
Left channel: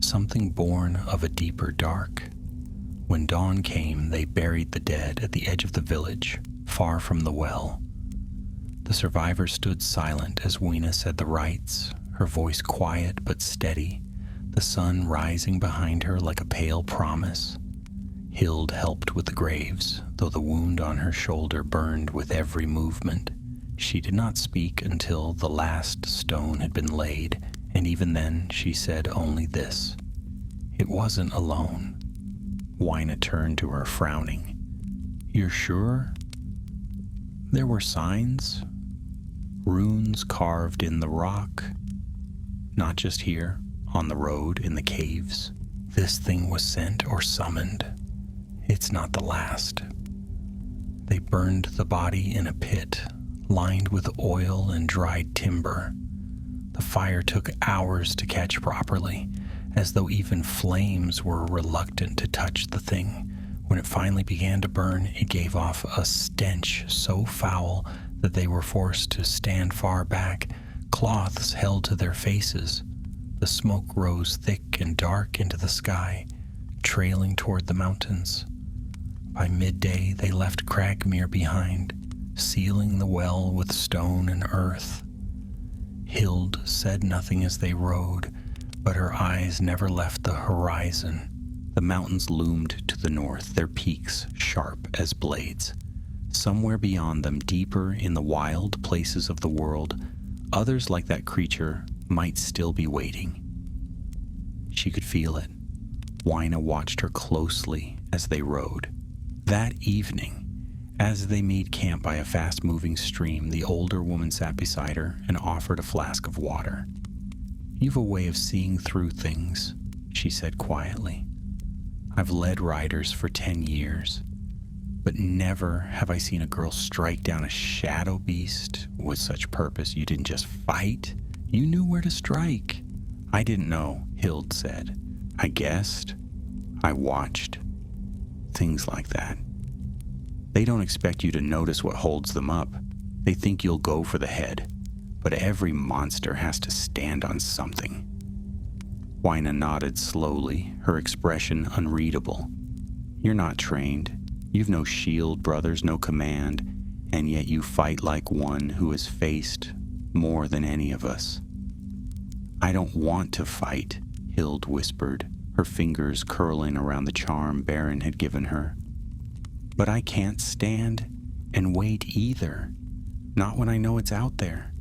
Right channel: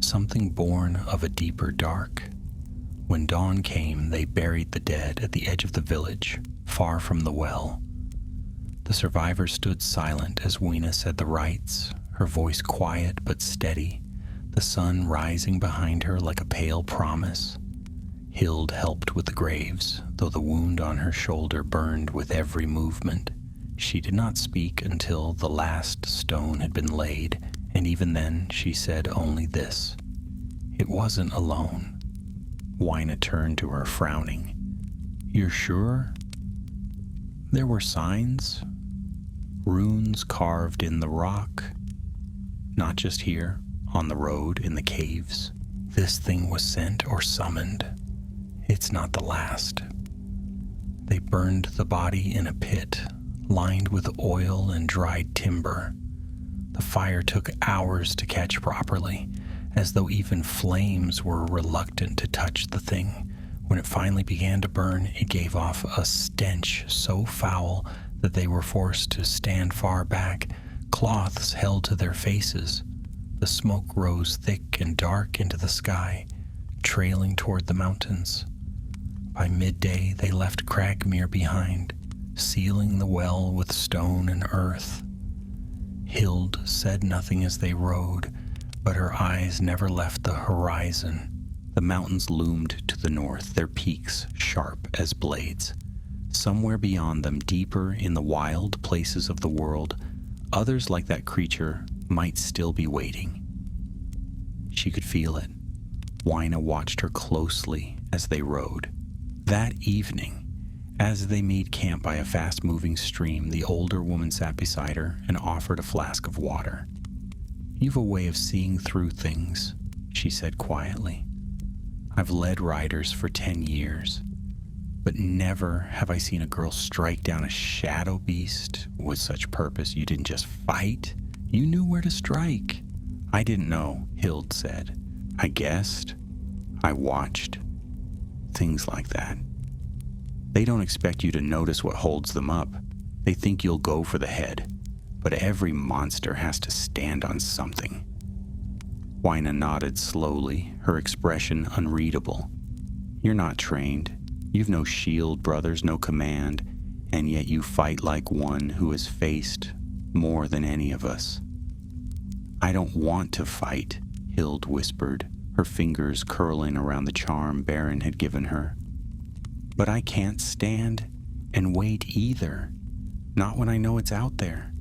something born of a deeper dark. When dawn came, they buried the dead at the edge of the village, far from the well. The survivors stood silent as Wyna said the rites, her voice quiet but steady, the sun rising behind her like a pale promise. Hild helped with the graves, though the wound on her shoulder burned with every movement. She did not speak until the last stone had been laid, and even then she said only this: "It wasn't alone." Wyna turned to her, frowning. "You're sure?" "There were signs, runes carved in the rock. Not just here, on the road, in the caves. This thing was sent or summoned. It's not the last." They burned the body in a pit, lined with oil and dried timber. The fire took hours to catch properly, as though even flames were reluctant to touch the thing. When it finally began to burn, it gave off a stench so foul that they were forced to stand far back, cloths held to their faces. The smoke rose thick and dark into the sky, trailing toward the mountains. By midday, they left Cragmere behind, sealing the well with stone and earth. Hild said nothing as they rode, but her eyes never left the horizon. The mountains loomed to the north, their peaks sharp as blades. Somewhere beyond them, deeper in the wild places of the world, others like that creature might still be waiting. She could feel it. Wyna watched her closely as they rode. That evening, as they made camp by a fast-moving stream, the older woman sat beside her and offered a flask of water. "You've a way of seeing through things," she said quietly. "I've led riders for 10 years, but never have I seen a girl strike down a shadow beast with such purpose. You didn't just fight, you knew where to strike." "I didn't know," Hild said. "I guessed. I watched. Things like that. They don't expect you to notice what holds them up. They think you'll go for the head, but every monster has to stand on something." Wyna nodded slowly, her expression unreadable. "You're not trained. You've no shield, brothers, no command, and yet you fight like one who has faced more than any of us." "I don't want to fight," Hild whispered, her fingers curling around the charm Baron had given her. "But I can't stand and wait either. Not when I know it's out there."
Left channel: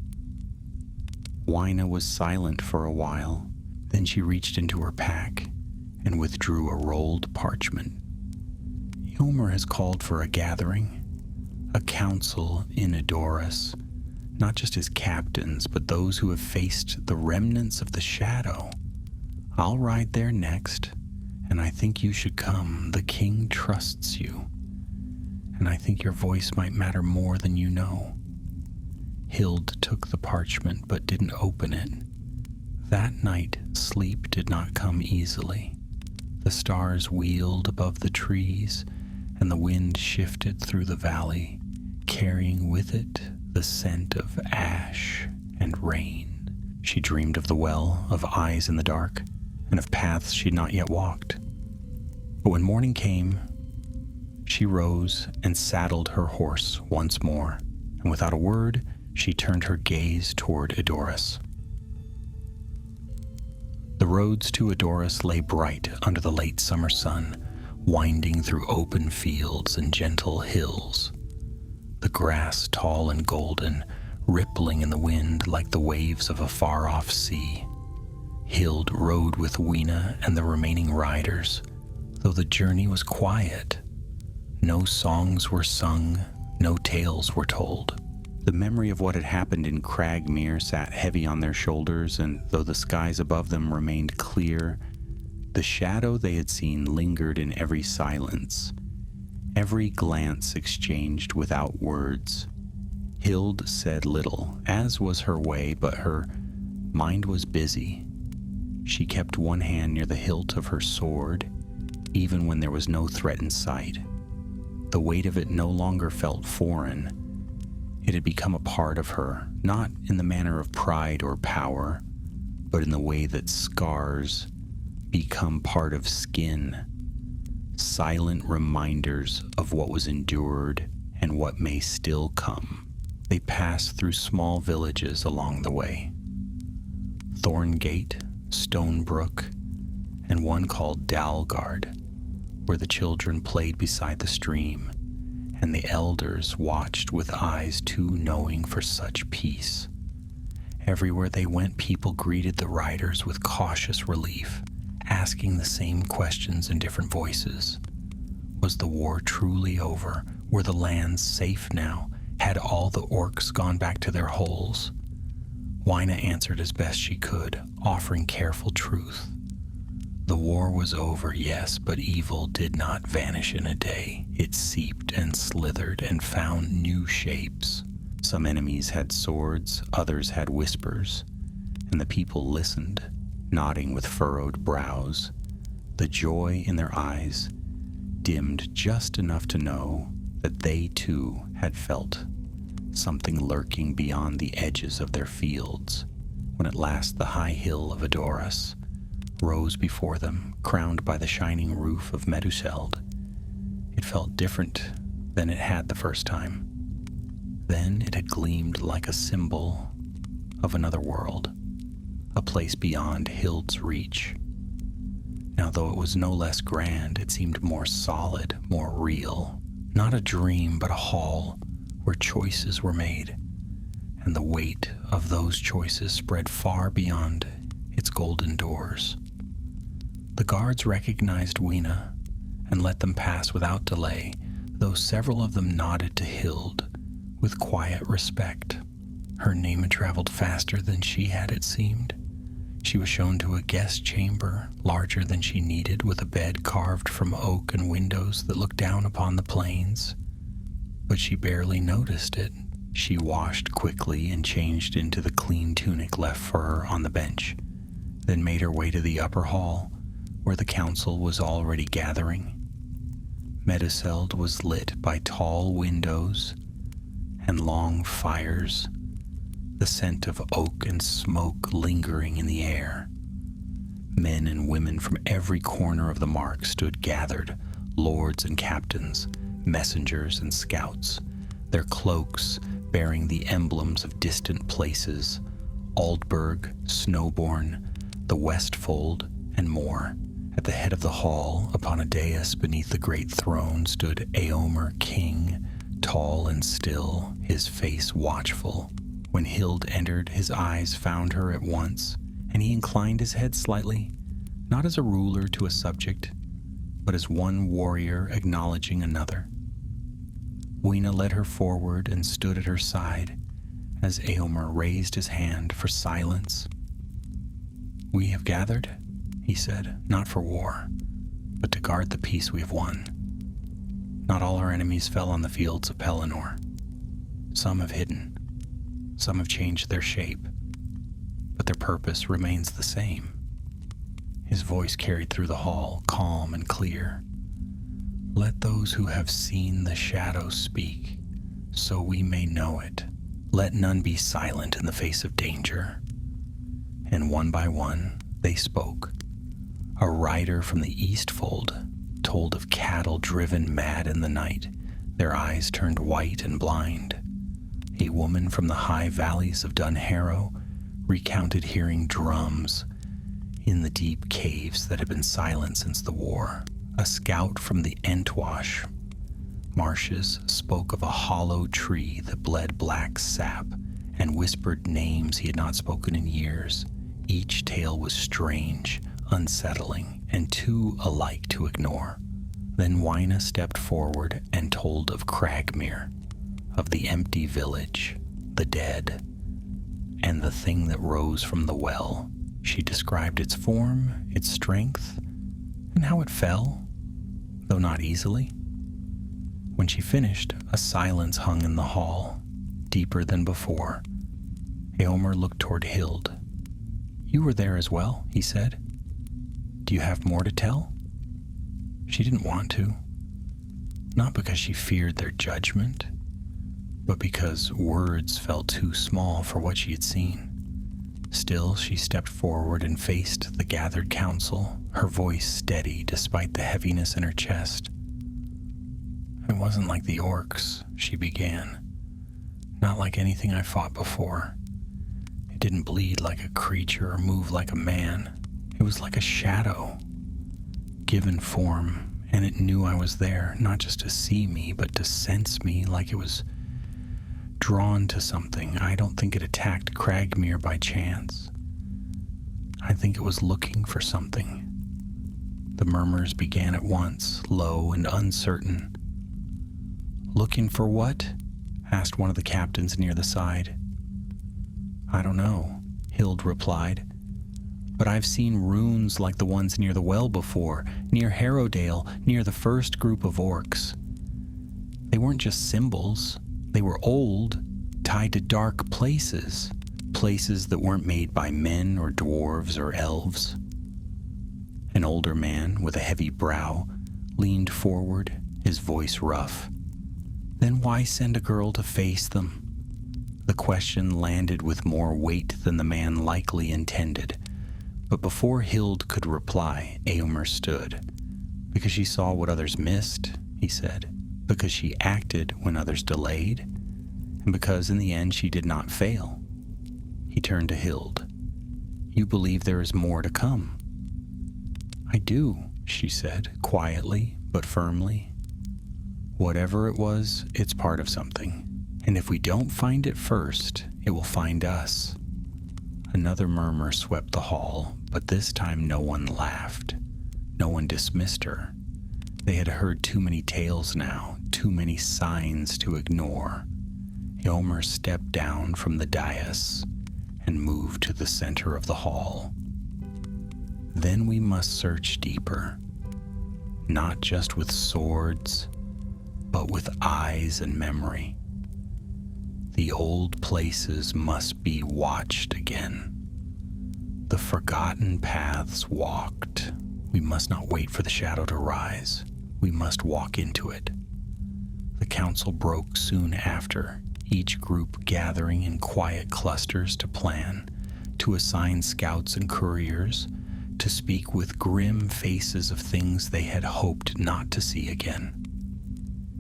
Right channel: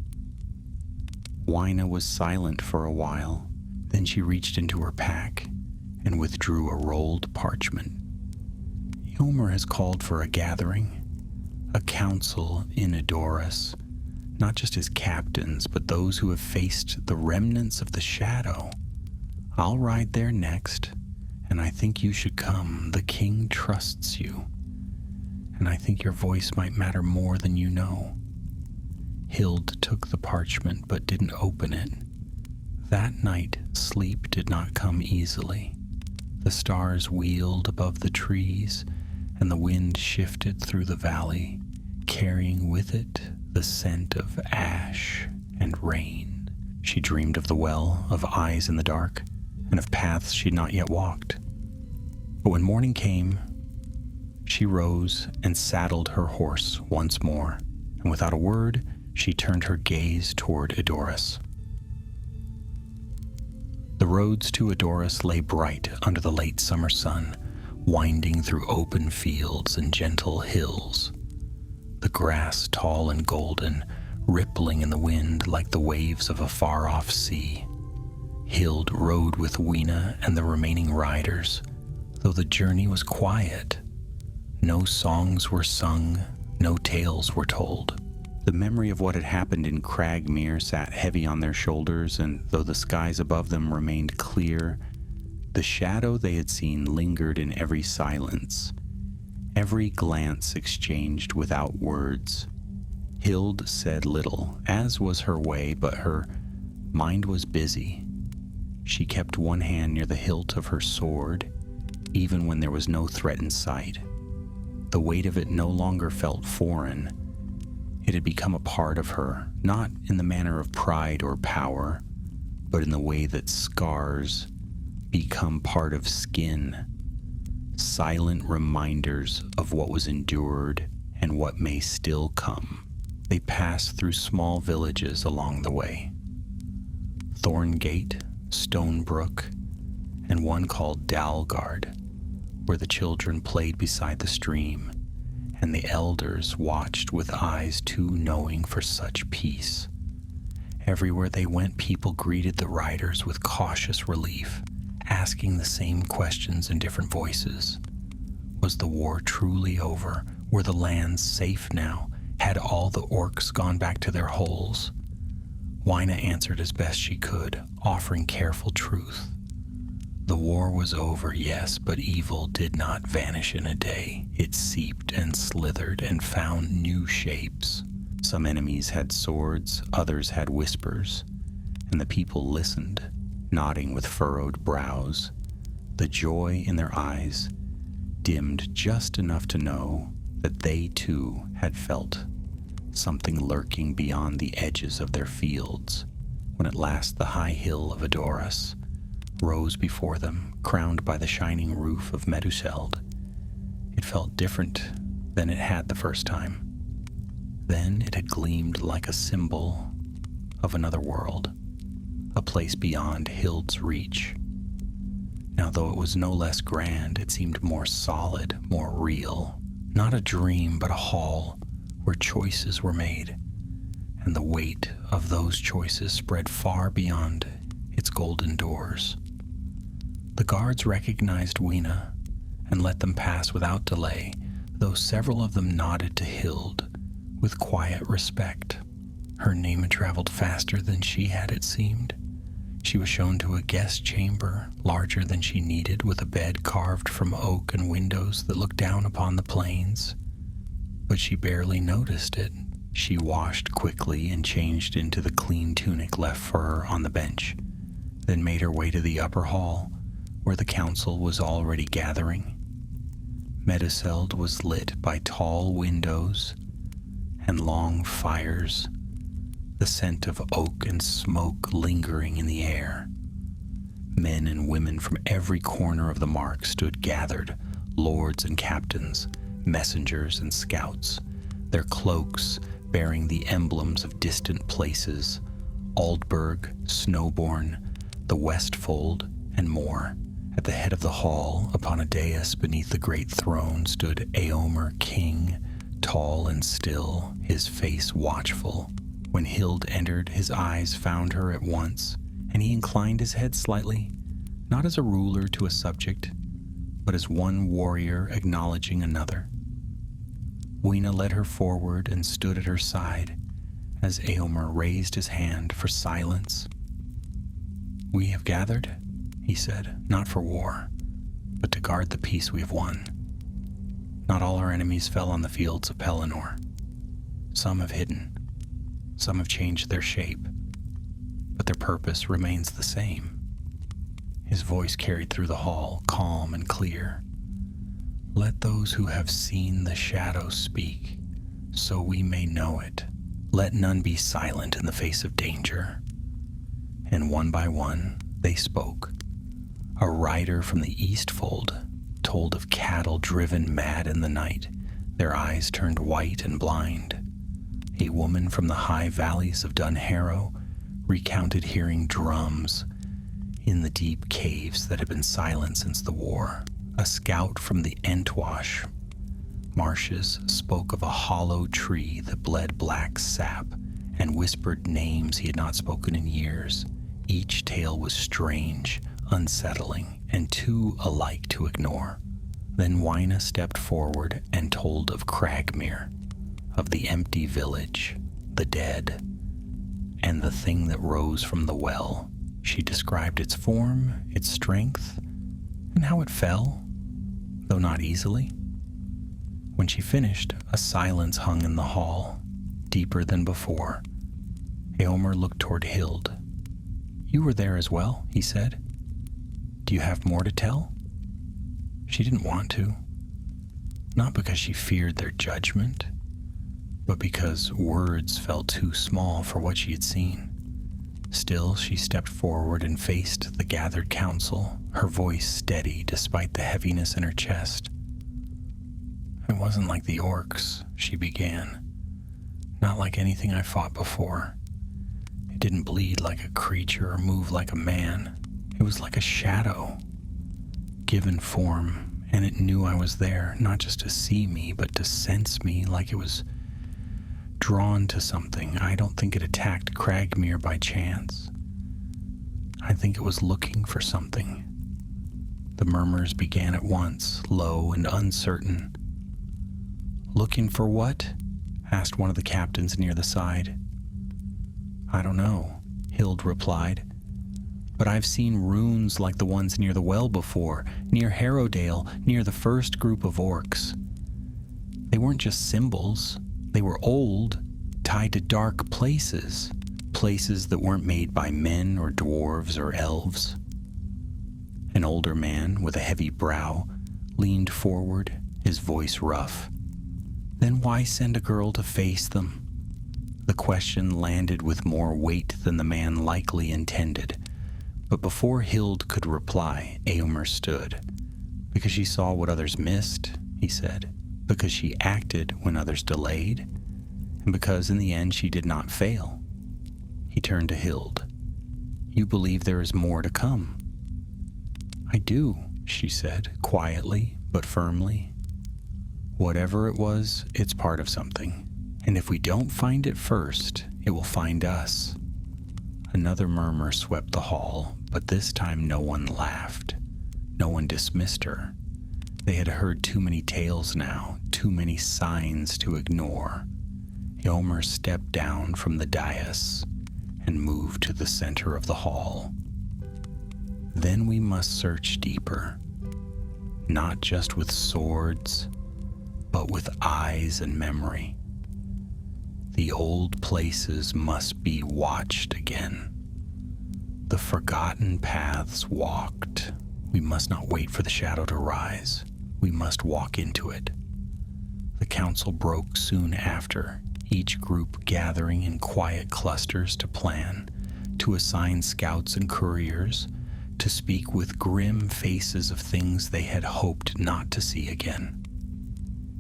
Wyna was silent for a while. Then she reached into her pack and withdrew a rolled parchment. "Yomer has called for a gathering, a council in Edoras, not just his captains, but those who have faced the remnants of the shadow. I'll ride there next, and I think you should come. The king trusts you, and I think your voice might matter more than you know." Hild took the parchment but didn't open it. That night, sleep did not come easily. The stars wheeled above the trees, and the wind shifted through the valley, carrying with it the scent of ash and rain. She dreamed of the well, of eyes in the dark, and of paths she'd not yet walked. But when morning came, she rose and saddled her horse once more, and without a word, she turned her gaze toward Edoras. The roads to Edoras lay bright under the late summer sun, winding through open fields and gentle hills. The grass, tall and golden, rippling in the wind like the waves of a far-off sea. Hild rode with Wyna and the remaining riders, though the journey was quiet. No songs were sung, no tales were told. The memory of what had happened in Cragmere sat heavy on their shoulders, and though the skies above them remained clear, the shadow they had seen lingered in every silence, every glance exchanged without words. Hild said little, as was her way, but her mind was busy. She kept one hand near the hilt of her sword, even when there was no threat in sight. The weight of it no longer felt foreign. It had become a part of her, not in the manner of pride or power, but in the way that scars become part of skin, silent reminders of what was endured and what may still come. They passed through small villages along the way. Thorngate, Stonebrook, and one called Dalgard, where the children played beside the stream, and the elders watched with eyes too knowing for such peace. Everywhere they went, people greeted the riders with cautious relief, asking the same questions in different voices. Was the war truly over? Were the lands safe now? Had all the orcs gone back to their holes? Wyna answered as best she could, offering careful truth. The war was over, yes, but evil did not vanish in a day. It seeped and slithered and found new shapes. Some enemies had swords, others had whispers, and the people listened, nodding with furrowed brows. The joy in their eyes dimmed just enough to know that they too had felt something lurking beyond the edges of their fields, when at last the high hill of Edoras rose before them, crowned by the shining roof of Meduseld. It felt different than it had the first time. Then it had gleamed like a symbol of another world, a place beyond Hild's reach. Now, though it was no less grand, it seemed more solid, more real. Not a dream, but a hall where choices were made, and the weight of those choices spread far beyond its golden doors. The guards recognized Wyna and let them pass without delay, though several of them nodded to Hild with quiet respect. Her name had traveled faster than she had, it seemed. She was shown to a guest chamber, larger than she needed, with a bed carved from oak and windows that looked down upon the plains. But she barely noticed it. She washed quickly and changed into the clean tunic left for her on the bench, then made her way to the upper hall, where the council was already gathering. Meduseld was lit by tall windows and long fires, the scent of oak and smoke lingering in the air. Men and women from every corner of the mark stood gathered, lords and captains, messengers and scouts, their cloaks bearing the emblems of distant places, Aldburg, Snowborn, the Westfold, and more. At the head of the hall, upon a dais beneath the great throne, stood Eomer King, tall and still, his face watchful. When Hild entered, his eyes found her at once, and he inclined his head slightly, not as a ruler to a subject, but as one warrior acknowledging another. Wyna led her forward and stood at her side as Eomer raised his hand for silence. "We have gathered," he said, "not for war, but to guard the peace we have won. Not all our enemies fell on the fields of Pelennor. Some have hidden. Some have changed their shape, but their purpose remains the same." His voice carried through the hall, calm and clear. "Let those who have seen the shadow speak, so we may know it. Let none be silent in the face of danger." And one by one, they spoke. A rider from the Eastfold told of cattle driven mad in the night, their eyes turned white and blind. A woman from the high valleys of Dunharrow recounted hearing drums in the deep caves that had been silent since the war. A scout from the Entwash marshes spoke of a hollow tree that bled black sap and whispered names he had not spoken in years. Each tale was strange, unsettling, and too alike to ignore. Then Wyna stepped forward and told of Cragmere, of the empty village, the dead, and the thing that rose from the well. She described its form, its strength, and how it fell, though not easily. When she finished, a silence hung in the hall, deeper than before. Eomer looked toward Hild. "You were there as well," he said. "Do you have more to tell?" She didn't want to, not because she feared their judgment, but because words felt too small for what she had seen. Still, she stepped forward and faced the gathered council, her voice steady despite the heaviness in her chest. "It wasn't like the orcs," she began. "Not like anything I fought before. It didn't bleed like a creature or move like a man. It was like a shadow, given form and it knew I was there, not just to see me, but to sense me, like it was drawn to something. I don't think it attacked Cragmere by chance. I think it was looking for something. The murmurs began at once, low and uncertain. "Looking for what?" asked one of the captains near the side. "I don't know," Hild replied. "But I've seen runes like the ones near the well before, near Harrowdale, near the first group of orcs. They weren't just symbols. They were old, tied to dark places, places that weren't made by men or dwarves or elves." An older man with a heavy brow leaned forward, his voice rough. "Then why send a girl to face them?" The question landed with more weight than the man likely intended. But before Hild could reply, Eomer stood. "Because she saw what others missed," he said. "Because she acted when others delayed. And because in the end she did not fail." He turned to Hild. "You believe there is more to come?" "I do," she said, quietly but firmly. "Whatever it was, it's part of something. And if we don't find it first, it will find us." Another murmur swept the hall, but this time no one laughed. No one dismissed her. They had heard too many tales now, too many signs to ignore. Eomer stepped down from the dais and moved to the center of the hall. "Then we must search deeper, not just with swords, but with eyes and memory. The old places must be watched again. The forgotten paths walked. We must not wait for the shadow to rise. We must walk into it." The council broke soon after, each group gathering in quiet clusters to plan, to assign scouts and couriers, to speak with grim faces of things they had hoped not to see again.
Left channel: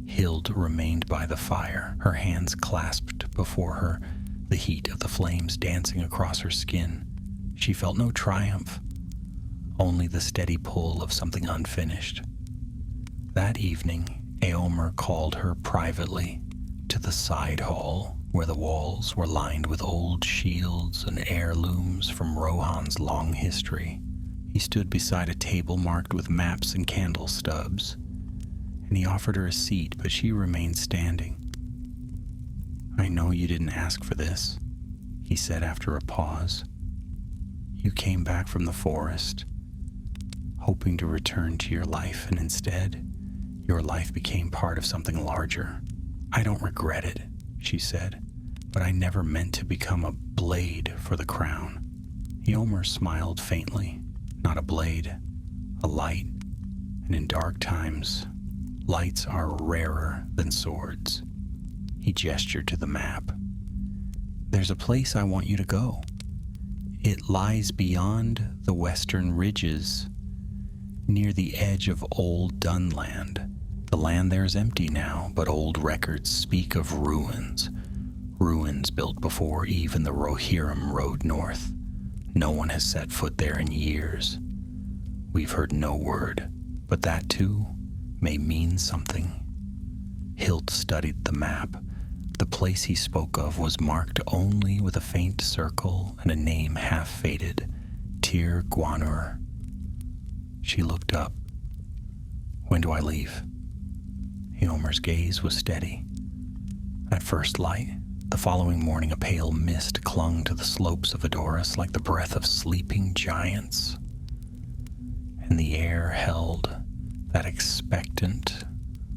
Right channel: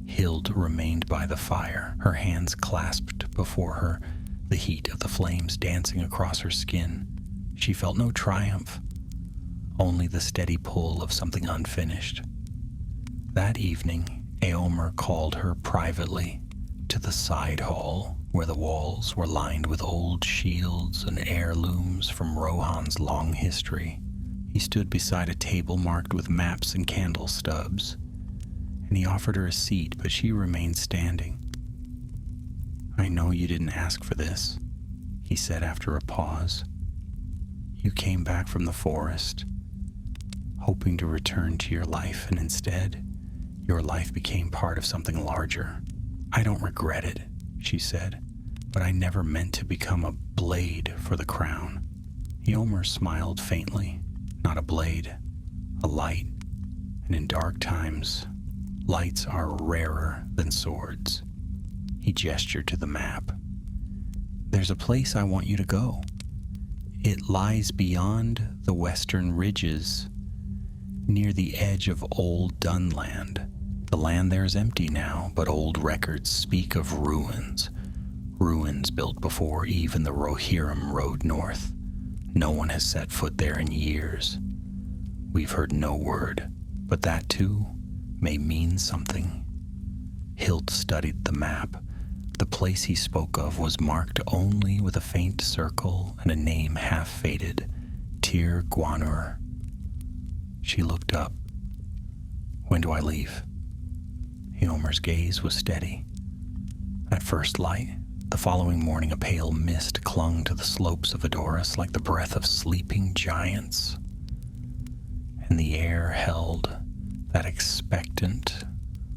Hild remained by the fire, her hands clasped before her, the heat of the flames dancing across her skin. She felt no triumph, only the steady pull of something unfinished. That evening, Eomer called her privately to the side hall, where the walls were lined with old shields and heirlooms from Rohan's long history. He stood beside a table marked with maps and candle stubs, and he offered her a seat, but she remained standing. "I know you didn't ask for this," he said after a pause. "You came back from the forest, hoping to return to your life, and instead, your life became part of something larger. I don't regret it," she said, "but I never meant to become a blade for the crown." Eomer smiled faintly. "Not a blade, a light, and in dark times, lights are rarer than swords." He gestured to the map. "There's a place I want you to go. It lies beyond the western ridges, near the edge of Old Dunland. The land there is empty now, but old records speak of ruins. Ruins built before even the Rohirrim rode north. No one has set foot there in years. We've heard no word, but that too may mean something." Hild studied the map. The place he spoke of was marked only with a faint circle and a name half-faded, Tir Gwanur. She looked up. "When do I leave?" Eomer's gaze was steady. At first light, the following morning a pale mist clung to the slopes of Edoras like the breath of sleeping giants, and the air held that expectant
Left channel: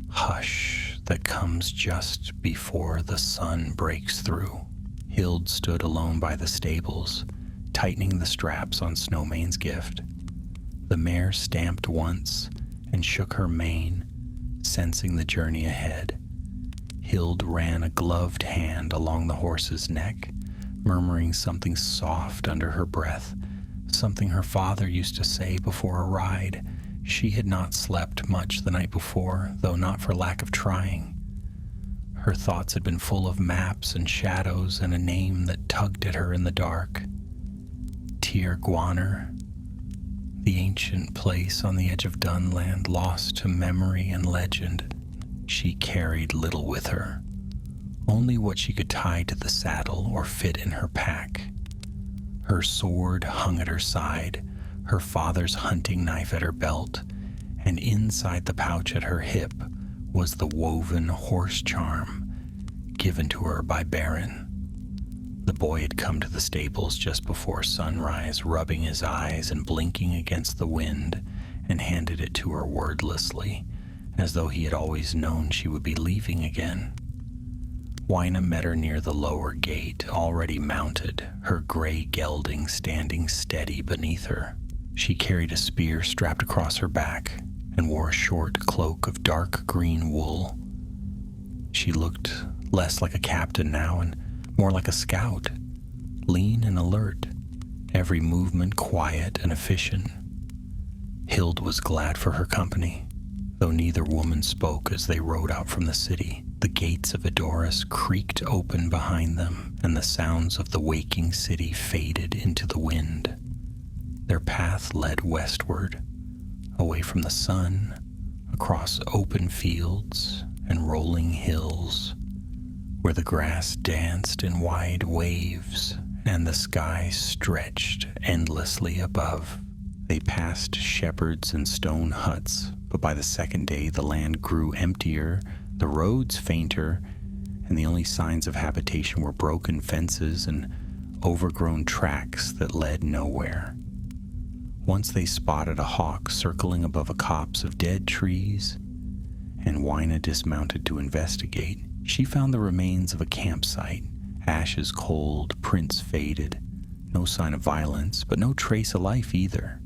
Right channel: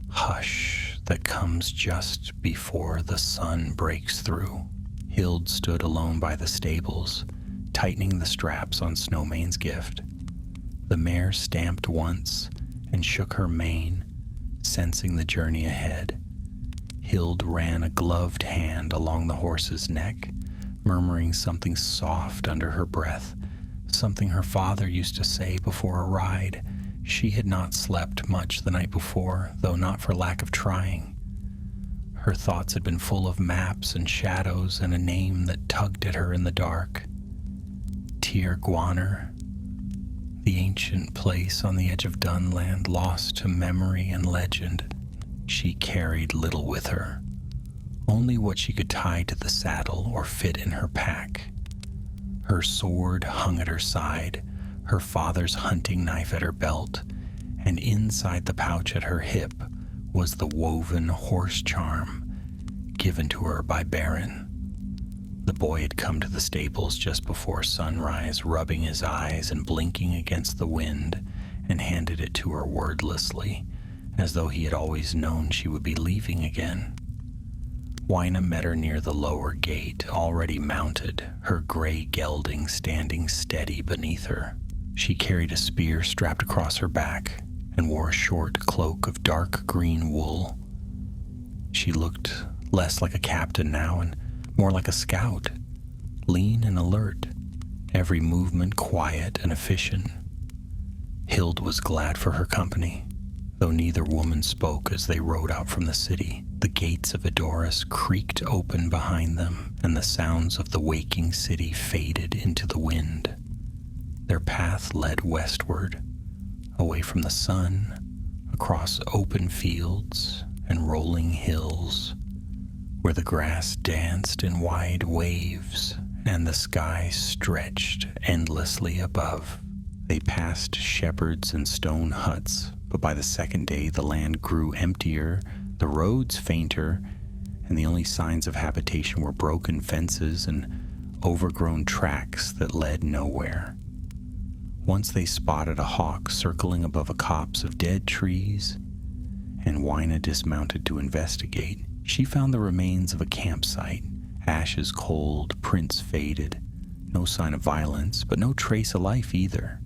hush that comes just before the sun breaks through. Hild stood alone by the stables, tightening the straps on Snowmane's gift. The mare stamped once and shook her mane, sensing the journey ahead. Hild ran a gloved hand along the horse's neck, murmuring something soft under her breath, something her father used to say before a ride. She had not slept much the night before, though not for lack of trying. Her thoughts had been full of maps and shadows and a name that tugged at her in the dark. Tir Gwanur. The ancient place on the edge of Dunland, lost to memory and legend. She carried little with her, only what she could tie to the saddle or fit in her pack. Her sword hung at her side, her father's hunting knife at her belt, and inside the pouch at her hip was the woven horse charm given to her by Baron. The boy had come to the stables just before sunrise, rubbing his eyes and blinking against the wind, and handed it to her wordlessly, as though he had always known she would be leaving again. Wyna met her near the lower gate, already mounted, her gray gelding standing steady beneath her. She carried a spear strapped across her back and wore a short cloak of dark green wool. She looked less like a captain now and more like a scout, lean and alert, every movement quiet and efficient. Hild was glad for her company, though neither woman spoke as they rode out from the city. The gates of Edoras creaked open behind them, and the sounds of the waking city faded into the wind. Their path led westward, away from the sun, across open fields and rolling hills, where the grass danced in wide waves and the sky stretched endlessly above. They passed shepherds and stone huts, but by the second day the land grew emptier, the roads fainter, and the only signs of habitation were broken fences and overgrown tracks that led nowhere. Once they spotted a hawk circling above a copse of dead trees, and Wyna dismounted to investigate. She found the remains of a campsite, ashes cold, prints faded, no sign of violence, but no trace of life either.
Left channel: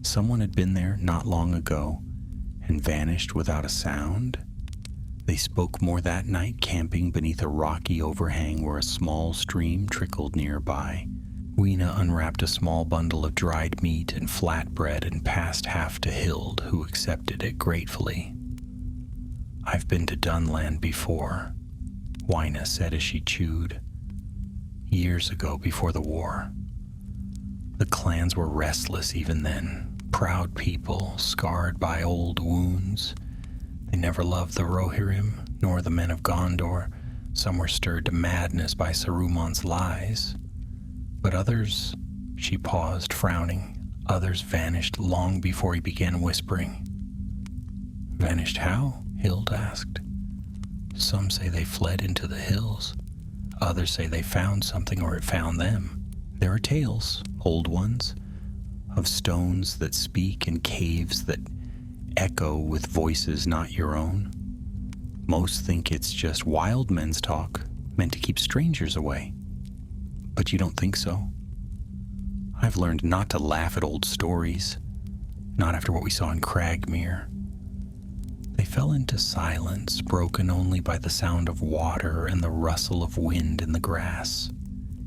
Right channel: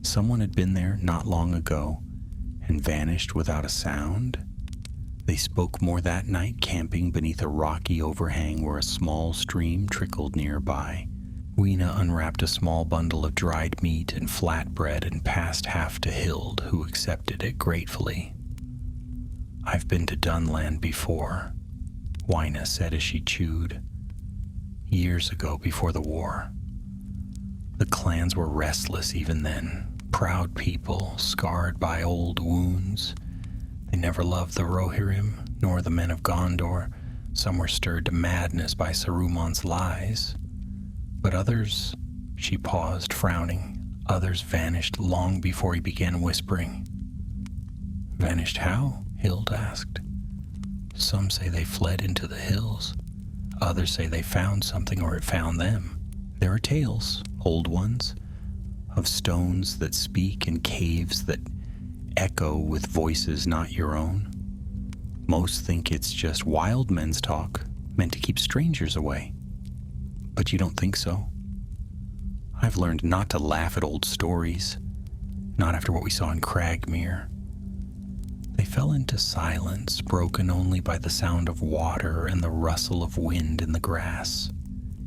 Someone had been there not long ago and vanished without a sound. They spoke more that night, camping beneath a rocky overhang where a small stream trickled nearby. Wyna unwrapped a small bundle of dried meat and flatbread and passed half to Hild, who accepted it gratefully. "I've been to Dunland before," Wyna said as she chewed. "Years ago, before the war. The clans were restless even then, proud people, scarred by old wounds. They never loved the Rohirrim, nor the men of Gondor. Some were stirred to madness by Saruman's lies. But others," she paused, frowning, "others vanished long before he began whispering." "Vanished how?" Hild asked. "Some say they fled into the hills. Others say they found something or it found them. There are tales, old ones, of stones that speak and caves that echo with voices not your own. Most think it's just wild men's talk, meant to keep strangers away. But you don't think so? I've learned not to laugh at old stories, not after what we saw in Cragmere." They fell into silence, broken only by the sound of water and the rustle of wind in the grass.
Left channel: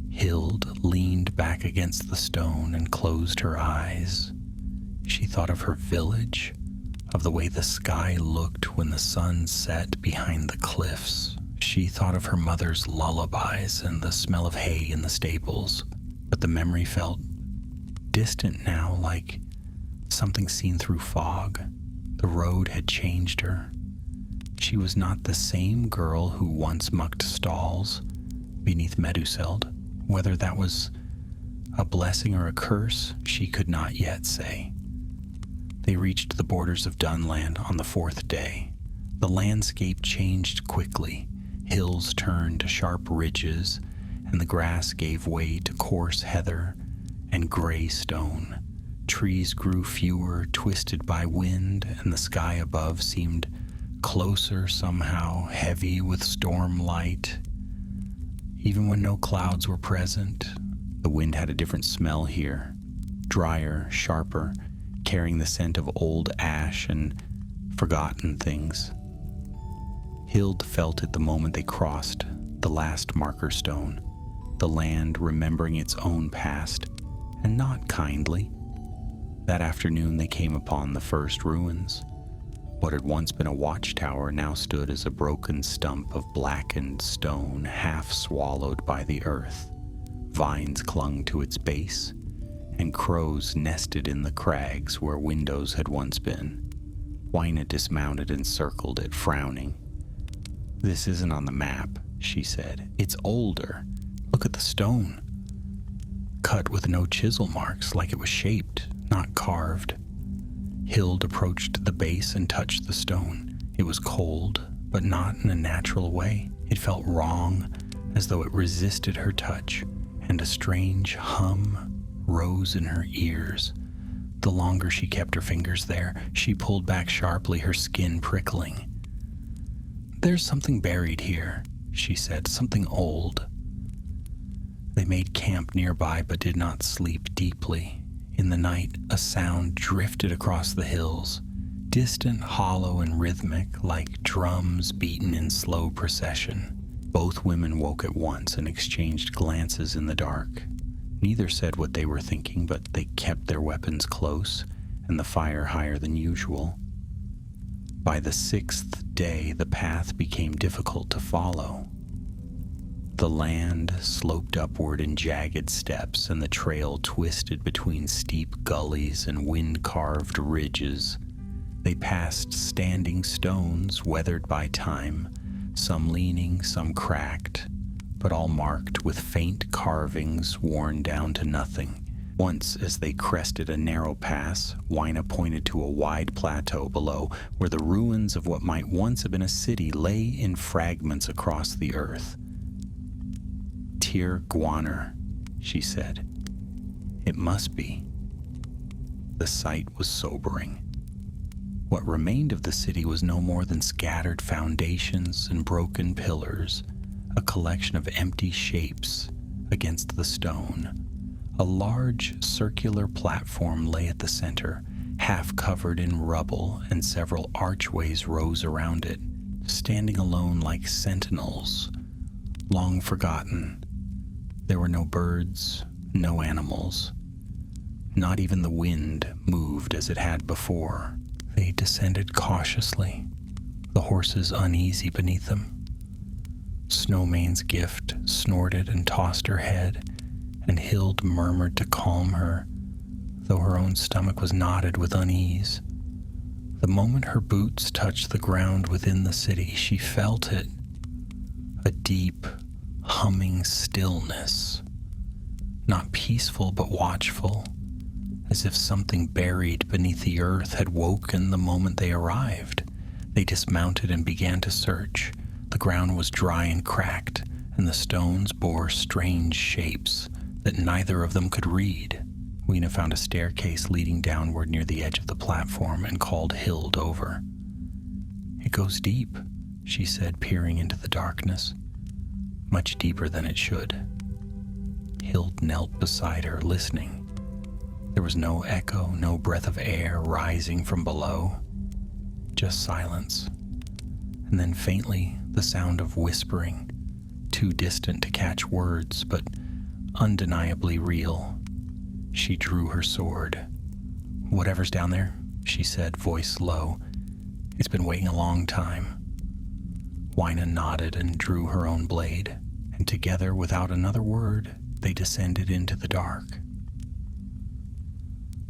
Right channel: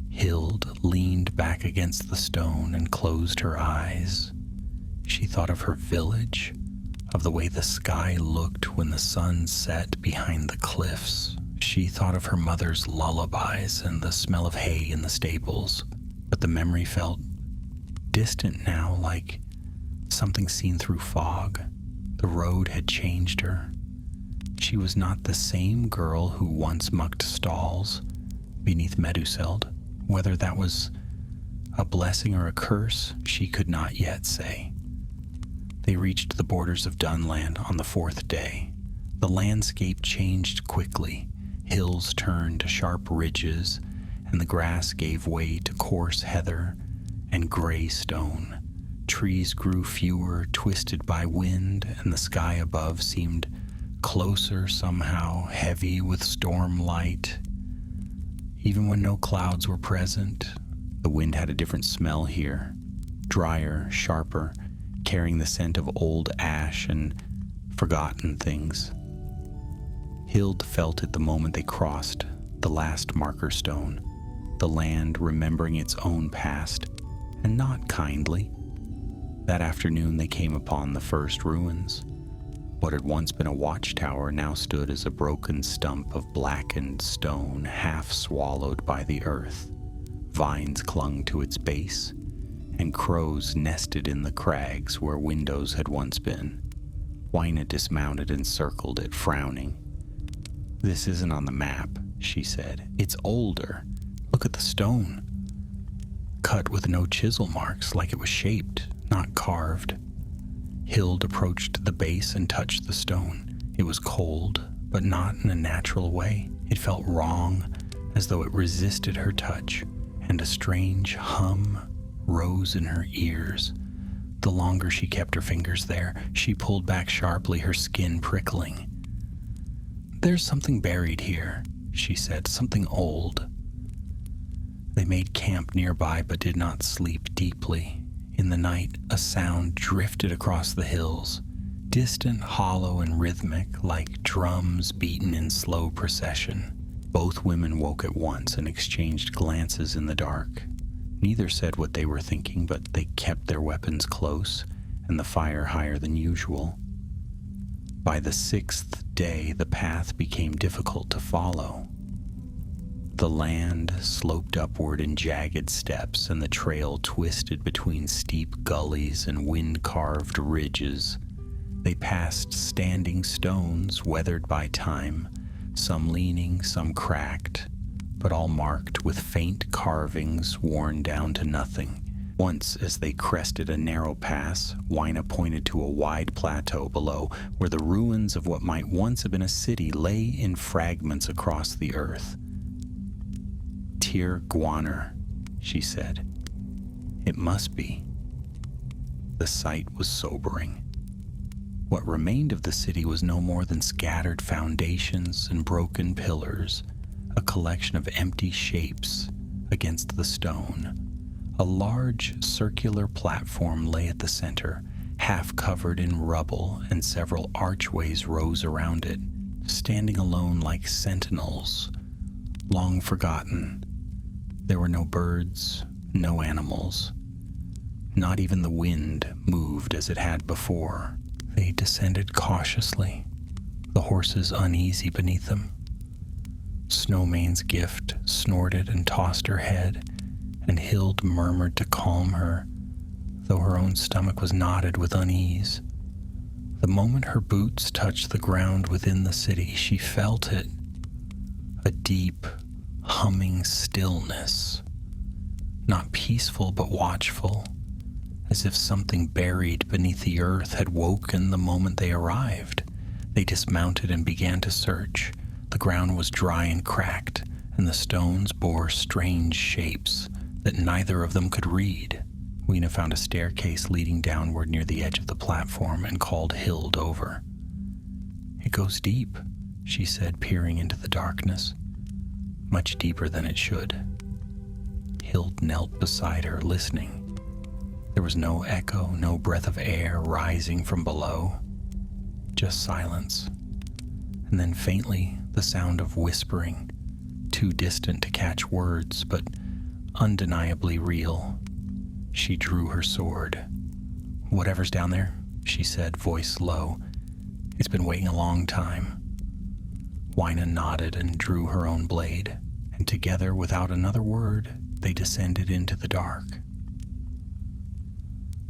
Hild leaned back against the stone and closed her eyes. She thought of her village, of the way the sky looked when the sun set behind the cliffs. She thought of her mother's lullabies and the smell of hay in the stables, but the memory felt distant now, like something seen through fog. The road had changed her. She was not the same girl who once mucked stalls beneath Meduseld. Whether that was a blessing or a curse, she could not yet say. They reached the borders of Dunland on the fourth day. The landscape changed quickly. Hills turned to sharp ridges, and the grass gave way to coarse heather and gray stone. Trees grew fewer, twisted by wind, and the sky above seemed closer somehow, heavy with storm light. Even when no clouds were present, the wind had a different smell here, drier, sharper, carrying the scent of old ash and forgotten things. Hild felt it the moment they crossed the last marker stone, the land remembering its own past, and not kindly. That afternoon they came upon the first ruins. What had once been a watchtower now stood as a broken stump of blackened stone, half swallowed by the earth. Vines clung to its base, and crows nested in the crags where windows had once been. Wyna dismounted and circled it, frowning. "This isn't on the map," she said. "It's older. Look at the stone. Cut with no chisel marks, like it was shaped, not carved." Hild approached the base and touched the stone. It was cold, but not in a natural way. It felt wrong, as though it resisted her touch, and a strange hum rose in her ears. The longer she kept her fingers there, she pulled back sharply, her skin prickling. "There's something buried here," she said, "something old." They made camp nearby but did not sleep deeply. In the night, a sound drifted across the hills, distant, hollow, and rhythmic, like drums beaten in slow procession. Both women woke at once and exchanged glances in the dark. Neither said what they were thinking, but they kept their weapons close and the fire higher than usual. By the 6th day, the path became difficult to follow. The land sloped upward in jagged steps, and the trail twisted between steep gullies and wind-carved ridges. They passed standing stones weathered by time, some leaning, some cracked, but all marked with faint carvings worn down to nothing. Once, as they crested a narrow pass, Wyna pointed to a wide plateau below, where the ruins of what might once have been a city lay in fragments across the earth. "Tir Gwaner," she said. "It must be." The sight was sobering. What remained of the city was no more than scattered foundations and broken pillars, a collection of empty shapes against the stone. A large circular platform lay at the center, half covered in rubble, and several archways rose around it, standing alone like sentinels, long forgotten. There were no birds, no animals. Not even the wind moved as it had before. They descended cautiously, the horses uneasy beneath them. Snowmane's gift snorted and tossed her head, and Hild murmured to calm her, though her own stomach was knotted with unease. The moment her boots touched the ground within the city, she felt it, a deep, humming stillness, not peaceful but watchful, as if something buried beneath the earth had woken the moment they arrived. They dismounted and began to search. The ground was dry and cracked, and the stones bore strange shapes that neither of them could read. Wyna found a staircase leading downward near the edge of the platform and called Hild over. "It goes deep," she said, peering into the darkness. "Much deeper than it should." Hild knelt beside her, listening. There was no echo, no breath of air rising from below, just silence. And then faintly, the sound of whispering, too distant to catch words, but undeniably real. She drew her sword. "Whatever's down there," she said, voice low. "It's been waiting a long time." Wyna nodded and drew her own blade, and together, without another word, they descended into the dark.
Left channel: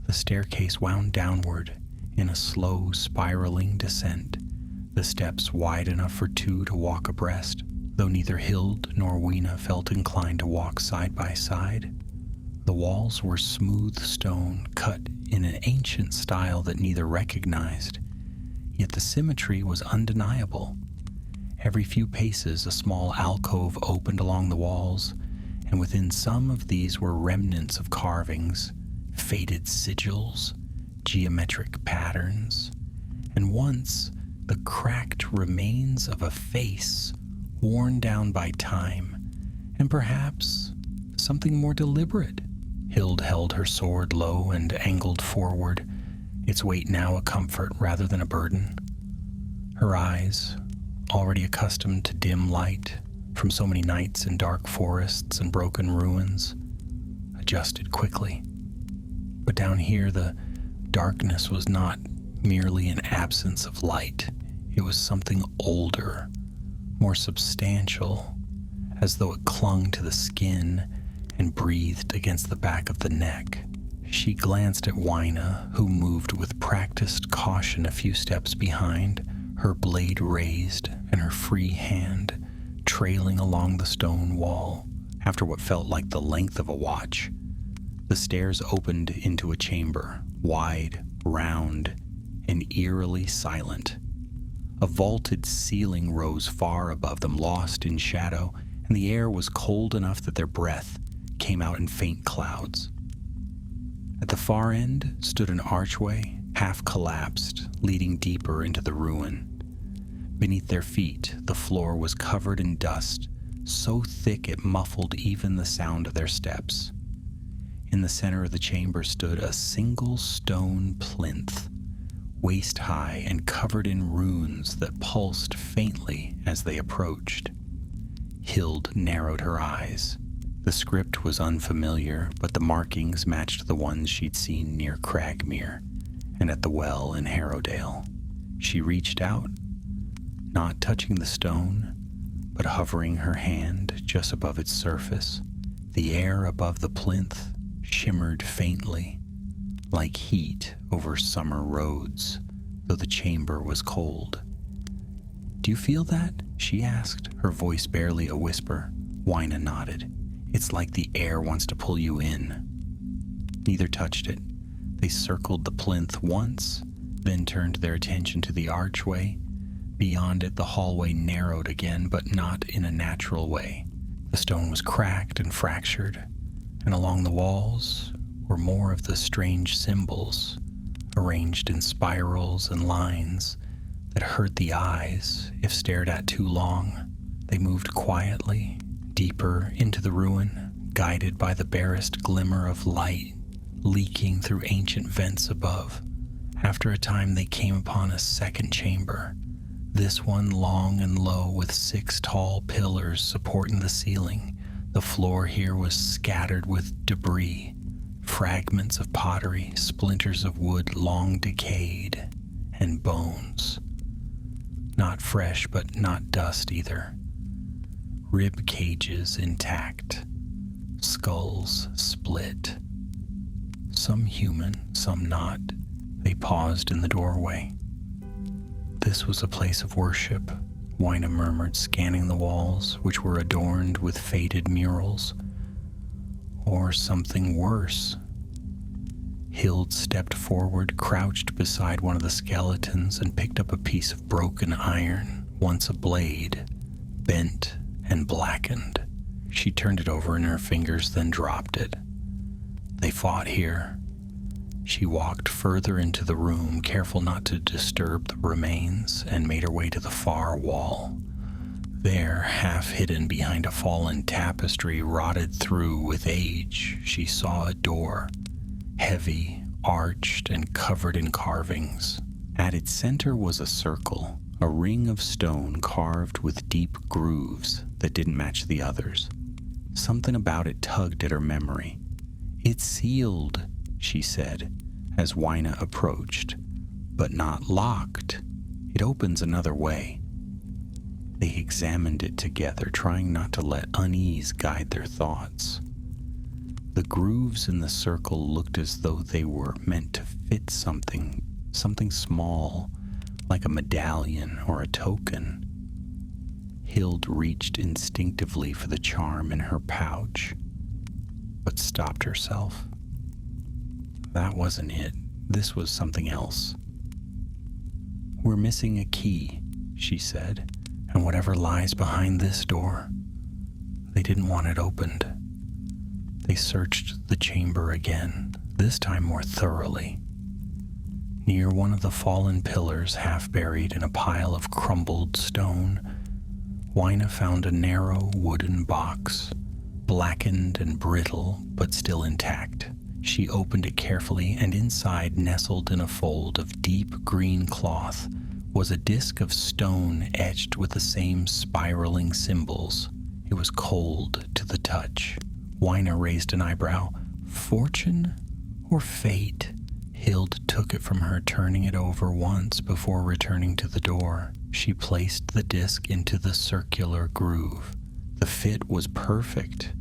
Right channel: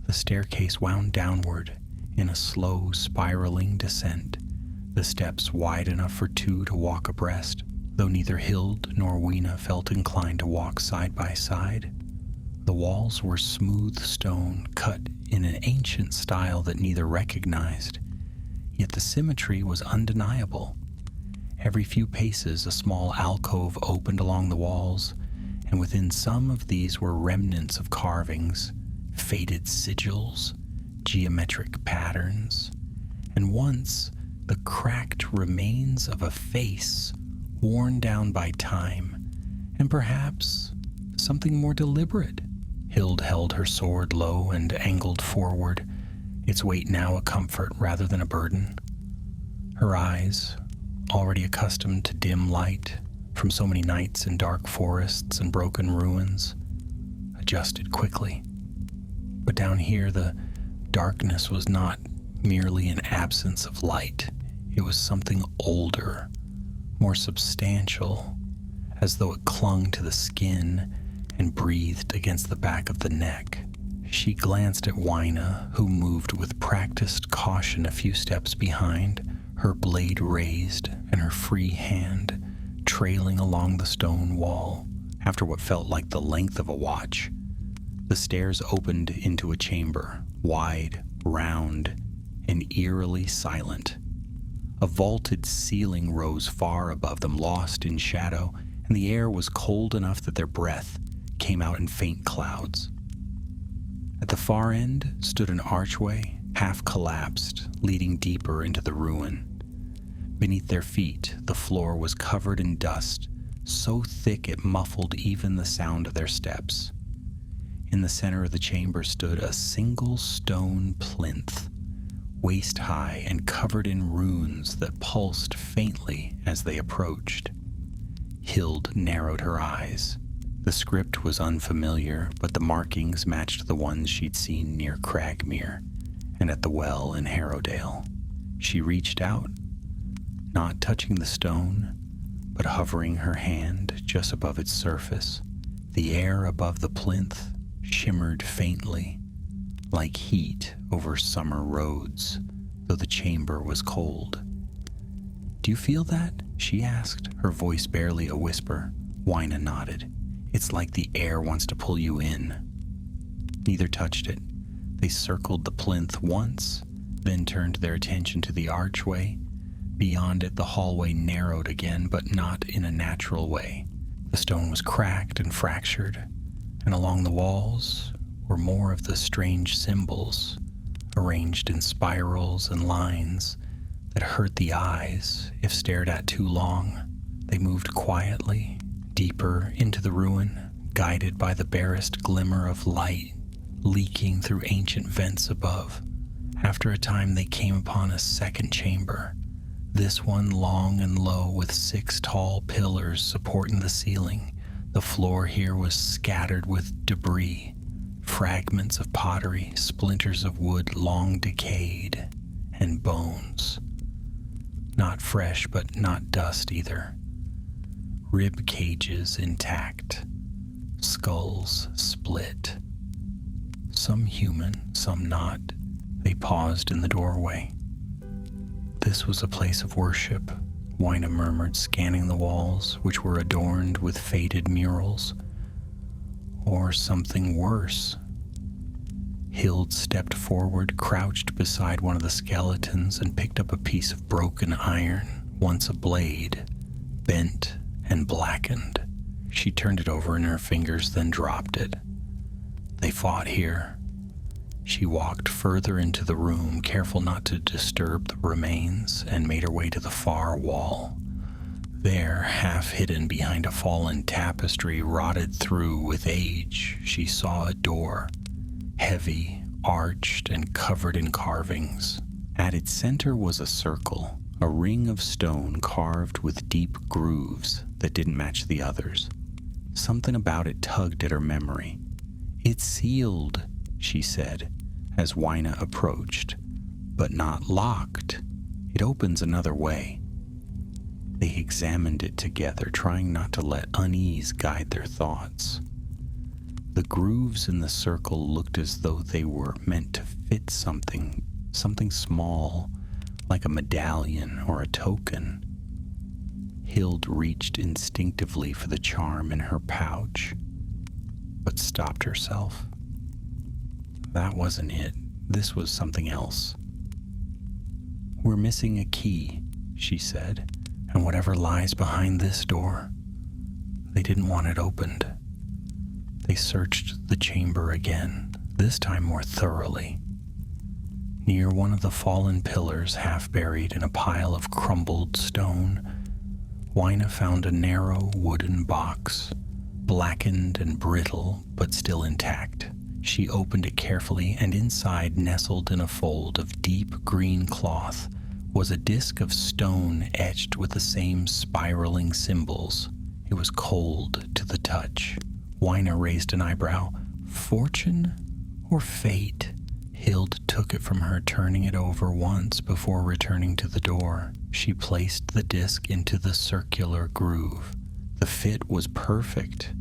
The staircase wound downward in a slow, spiraling descent, the steps wide enough for two to walk abreast, though neither Hild nor Wyna felt inclined to walk side by side. The walls were smooth stone, cut in an ancient style that neither recognized, yet the symmetry was undeniable. Every few paces, a small alcove opened along the walls, and within some of these were remnants of carvings, faded sigils, geometric patterns, and once the cracked remains of a face worn down by time, and perhaps something more deliberate. Hild held her sword low and angled forward, its weight now a comfort rather than a burden. Her eyes, already accustomed to dim light from so many nights in dark forests and broken ruins, adjusted quickly. But down here, the darkness was not merely an absence of light. It was something older, more substantial, as though it clung to the skin and breathed against the back of the neck. She glanced at Wyna, who moved with practiced caution a few steps behind, her blade raised and her free hand trailing along the stone wall. After what felt like the length of a watch, the stairs opened into a chamber, wide, round, and eerily silent. A vaulted ceiling rose far above them, lost in shadow, and the air was cold enough that their breath came out in faint clouds. At the far end stood an archway, half collapsed, leading deeper into the ruin. Beneath their feet, the floor was covered in dust, so thick it muffled even the sound of their steps. In the center of the chamber stood a single stone plinth, waist-high and covered in runes that pulsed faintly as they approached. Hild narrowed her eyes. The script was unfamiliar, but the markings matched the ones she'd seen near Cragmere and at the well in Harrowdale. She reached out, not touching the stone, but hovering her hand just above its surface. The air above the plinth shimmered faintly, like heat over summer roads, though the chamber was cold. "Do you feel that?" she asked, her voice barely a whisper. Wyna nodded. "It's like the air wants to pull you in." Neither touched it. They circled the plinth once, then turned their attention to the archway. Beyond it, the hallway narrowed again, but not in a natural way. The stone was cracked and fractured, and along the walls were more of the strange symbols, arranged in spirals and lines that hurt the eyes if stared at too long. They moved quietly, deeper into the ruin, guided by the barest glimmer of light leaking through ancient vents above. After a time, they came upon a second chamber, this one long and low with 6 tall pillars supporting the ceiling. The floor here was scattered with debris, fragments of pottery, splinters of wood long decayed, and bones. Not fresh, but not dust either. Rib cages intact, skulls split. Some human, some not. They paused in the doorway. "This was a place of worship," Wyna murmured, scanning the walls, which were adorned with faded murals. "Or something worse." Hild stepped forward, crouched beside one of the skeletons, and picked up a piece of broken iron, once a blade, bent and blackened. She turned it over in her fingers, then dropped it. "They fought here." She walked further into the room, careful not to disturb the remains, and made her way to the far wall. There, half hidden behind a fallen tapestry rotted through with age, she saw a door, heavy, arched, and covered in carvings. At its center was a circle, a ring of stone carved with deep grooves that didn't match the others. Something about it tugged at her memory. "It's sealed," she said, as Wyna approached, "but not locked. It opens another way." They examined it together, trying not to let unease guide their thoughts. The grooves in the circle looked as though they were meant to fit something small, like a medallion or a token. Hild reached instinctively for the charm in her pouch, but stopped herself. That wasn't it. This was something else. "We're missing a key," she said, "and whatever lies behind this door." They didn't want it opened. They searched the chamber again, this time more thoroughly. Near one of the fallen pillars, half buried in a pile of crumbled stone, Wyna found a narrow wooden box, blackened and brittle, but still intact. She opened it carefully, and inside, nestled in a fold of deep green cloth, was a disc of stone etched with the same spiraling symbols. It was cold to the touch. Wyna raised an eyebrow. "Fortune or fate?" Hild took it from her, turning it over once before returning to the door. She placed the disc into the circular groove. The fit was perfect.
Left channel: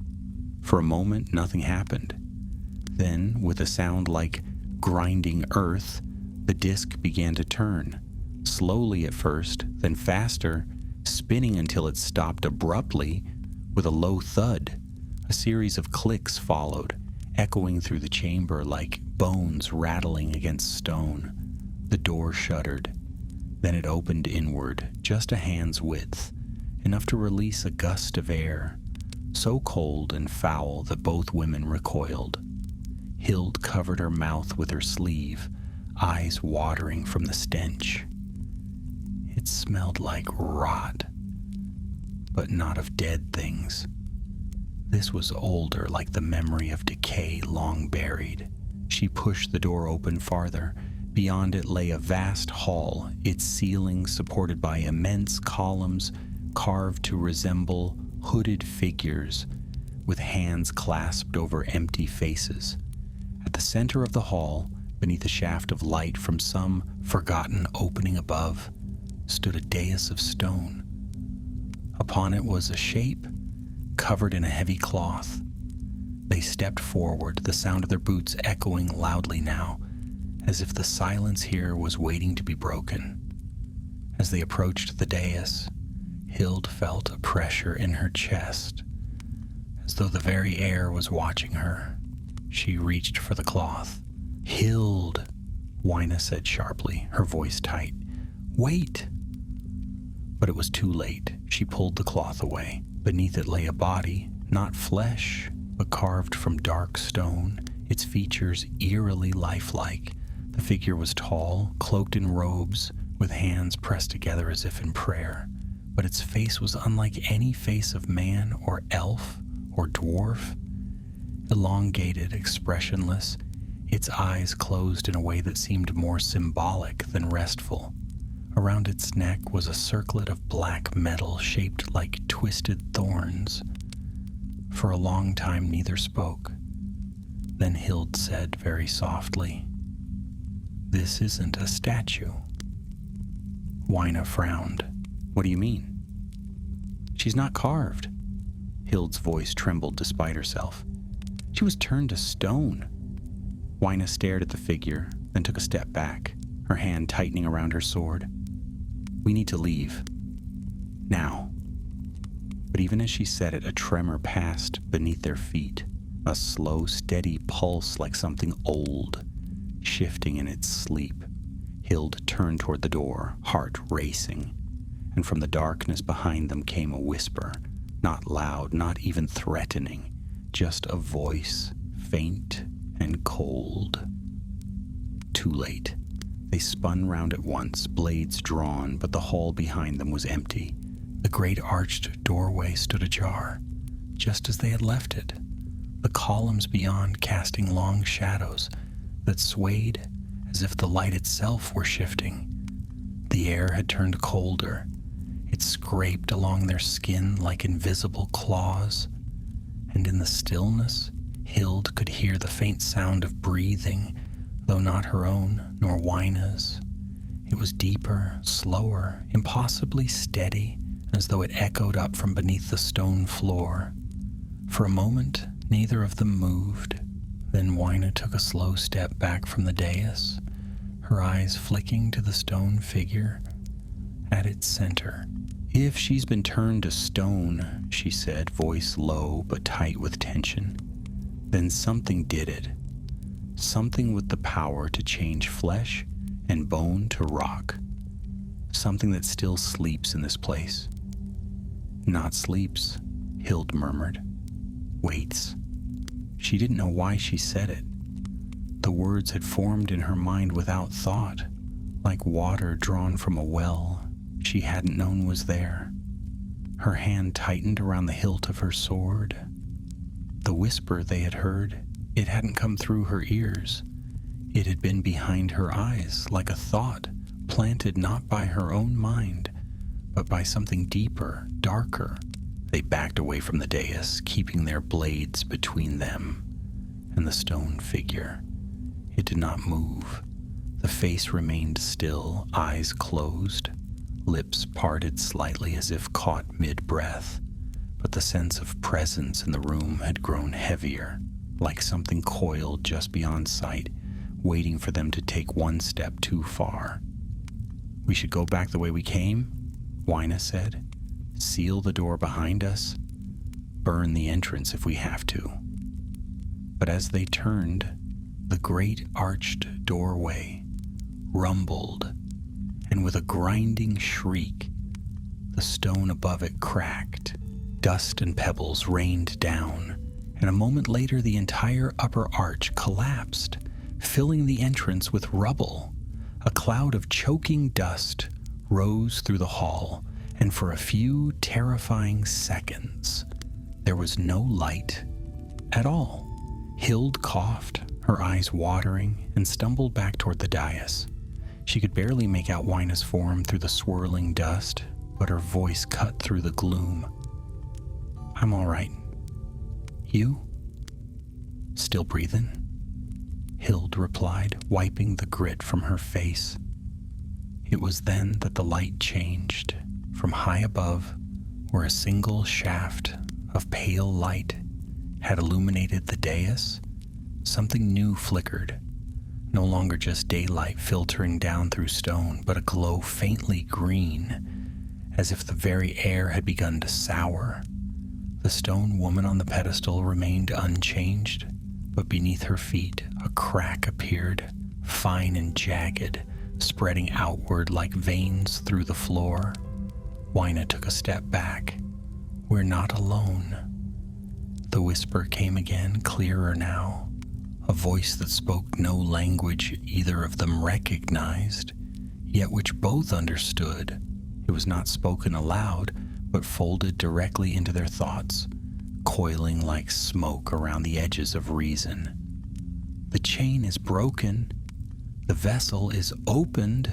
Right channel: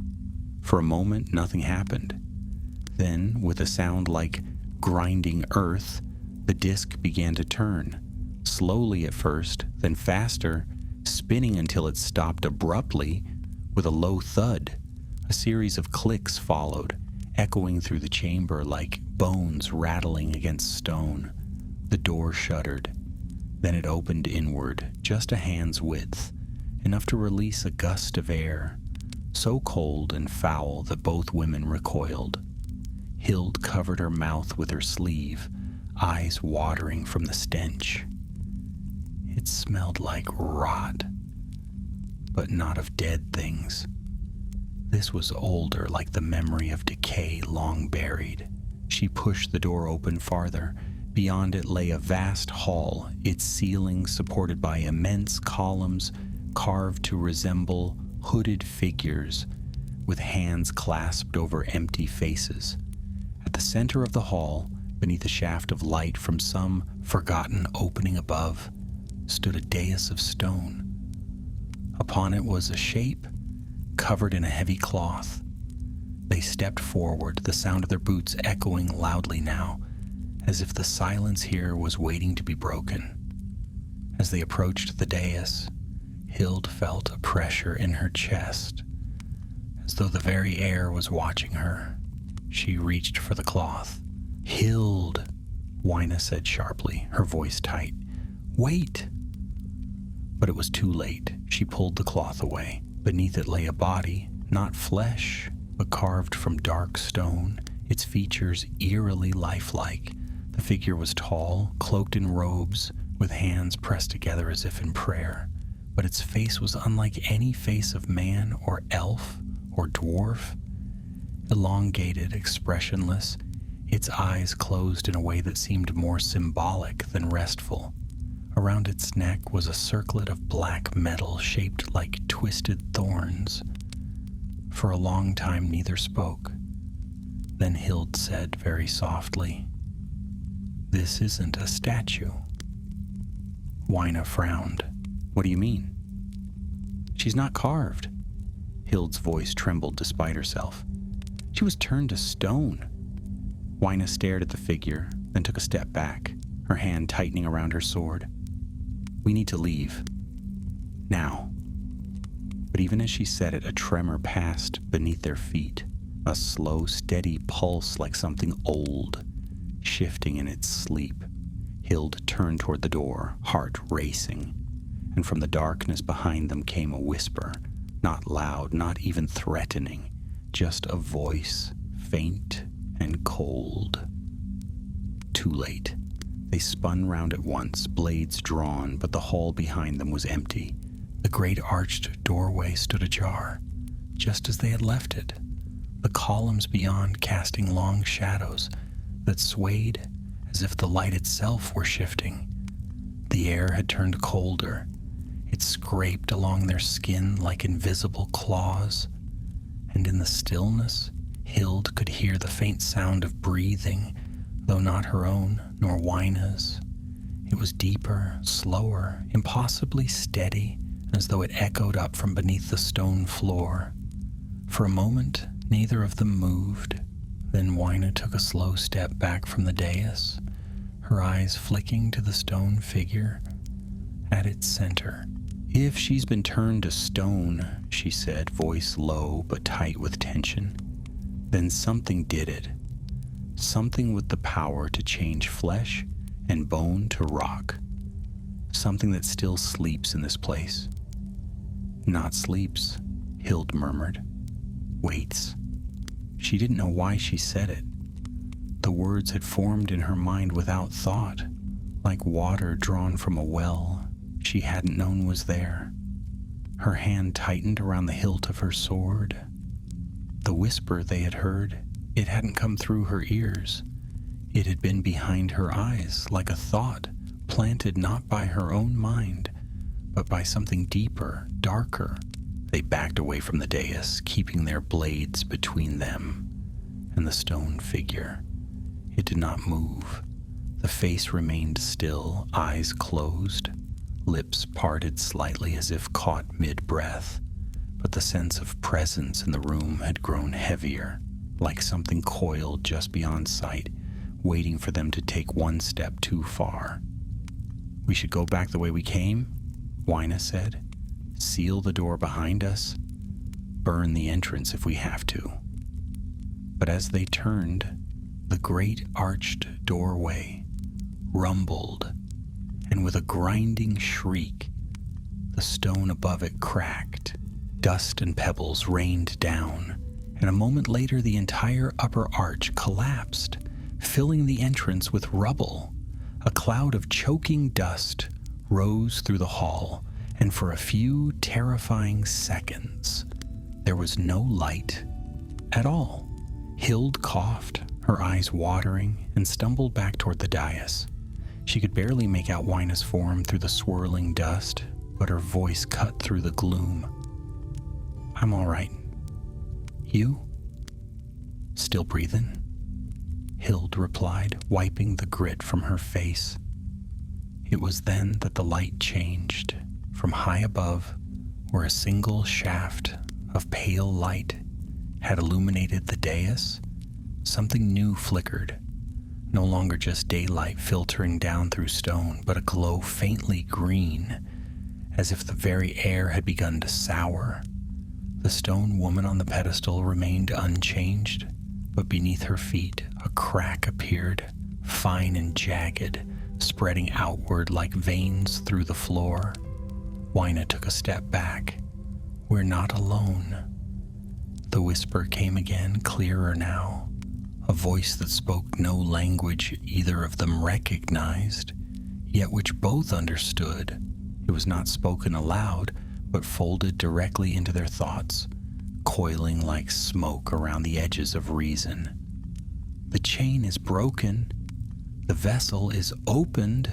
For a moment, nothing happened. Then, with a sound like grinding earth, the disc began to turn, slowly at first, then faster, spinning until it stopped abruptly with a low thud. A series of clicks followed, echoing through the chamber like bones rattling against stone. The door shuddered. Then it opened inward, just a hand's width, enough to release a gust of air, so cold and foul that both women recoiled. Hild covered her mouth with her sleeve, eyes watering from the stench. It smelled like rot, but not of dead things. This was older, like the memory of decay long buried. She pushed the door open farther. Beyond it lay a vast hall, its ceiling supported by immense columns carved to resemble hooded figures with hands clasped over empty faces. At the center of the hall, beneath a shaft of light from some forgotten opening above, stood a dais of stone. Upon it was a shape covered in a heavy cloth. They stepped forward, the sound of their boots echoing loudly now, as if the silence here was waiting to be broken. As they approached the dais, Hild felt a pressure in her chest, as though the very air was watching her. She reached for the cloth. "Hild," Wyna said sharply, her voice tight. "Wait!" But it was too late. She pulled the cloth away. Beneath it lay a body, not flesh, but carved from dark stone, its features eerily lifelike. The figure was tall, cloaked in robes, with hands pressed together as if in prayer. But its face was unlike any face of man or elf or dwarf. Elongated, expressionless, its eyes closed in a way that seemed more symbolic than restful. Around its neck was a circlet of black metal shaped like twisted thorns. For a long time neither spoke. Then Hild said very softly, "This isn't a statue." Wyna frowned. "What do you mean?" "She's not carved." Hild's voice trembled despite herself. "She was turned to stone." Wyna stared at the figure, then took a step back, her hand tightening around her sword. "We need to leave. Now." But even as she said it, a tremor passed beneath their feet, a slow, steady pulse like something old, shifting in its sleep. Hild turned toward the door, heart racing, and from the darkness behind them came a whisper, not loud, not even threatening, just a voice, faint and cold. Too late. They spun round at once, blades drawn, but the hall behind them was empty. The great arched doorway stood ajar, just as they had left it, the columns beyond casting long shadows that swayed as if the light itself were shifting. The air had turned colder. It scraped along their skin like invisible claws, and in the stillness, Hild could hear the faint sound of breathing, though not her own, nor Wyna's. It was deeper, slower, impossibly steady, as though it echoed up from beneath the stone floor. For a moment, neither of them moved. Then Wyna took a slow step back from the dais, her eyes flicking to the stone figure at its center. "If she's been turned to stone," she said, voice low but tight with tension, "then something did it. Something with the power to change flesh and bone to rock. Something that still sleeps in this place." "Not sleeps," Hild murmured. "Waits." She didn't know why she said it. The words had formed in her mind without thought, like water drawn from a well she hadn't known was there. Her hand tightened around the hilt of her sword. The whisper they had heard, it hadn't come through her ears. It had been behind her eyes, like a thought planted not by her own mind, but by something deeper, darker. They backed away from the dais, keeping their blades between them and the stone figure. It did not move. The face remained still, eyes closed, lips parted slightly as if caught mid-breath, but the sense of presence in the room had grown heavier. like something coiled just beyond sight, waiting for them to take one step too far. "We should go back the way we came," Wyna said. "Seal the door behind us. Burn the entrance if we have to." But as they turned, the great arched doorway rumbled, and with a grinding shriek, the stone above it cracked. Dust and pebbles rained down, and a moment later the entire upper arch collapsed, filling the entrance with rubble. A cloud of choking dust rose through the hall, and for a few terrifying seconds, there was no light at all. Hild coughed, her eyes watering, and stumbled back toward the dais. She could barely make out Wyna's form through the swirling dust, but her voice cut through the gloom. "I'm all right. You? Still breathing?" Hild replied, wiping the grit from her face. It was then that the light changed. From high above, where a single shaft of pale light had illuminated the dais, something new flickered. No longer just daylight filtering down through stone, but a glow faintly green, as if the very air had begun to sour. The stone woman on the pedestal remained unchanged, but beneath her feet a crack appeared, fine and jagged, spreading outward like veins through the floor. Wyna took a step back. "We're not alone." The whisper came again, clearer now, a voice that spoke no language either of them recognized, yet which both understood. It was not spoken aloud, but folded directly into their thoughts, coiling like smoke around the edges of reason. "The chain is broken. The vessel is opened."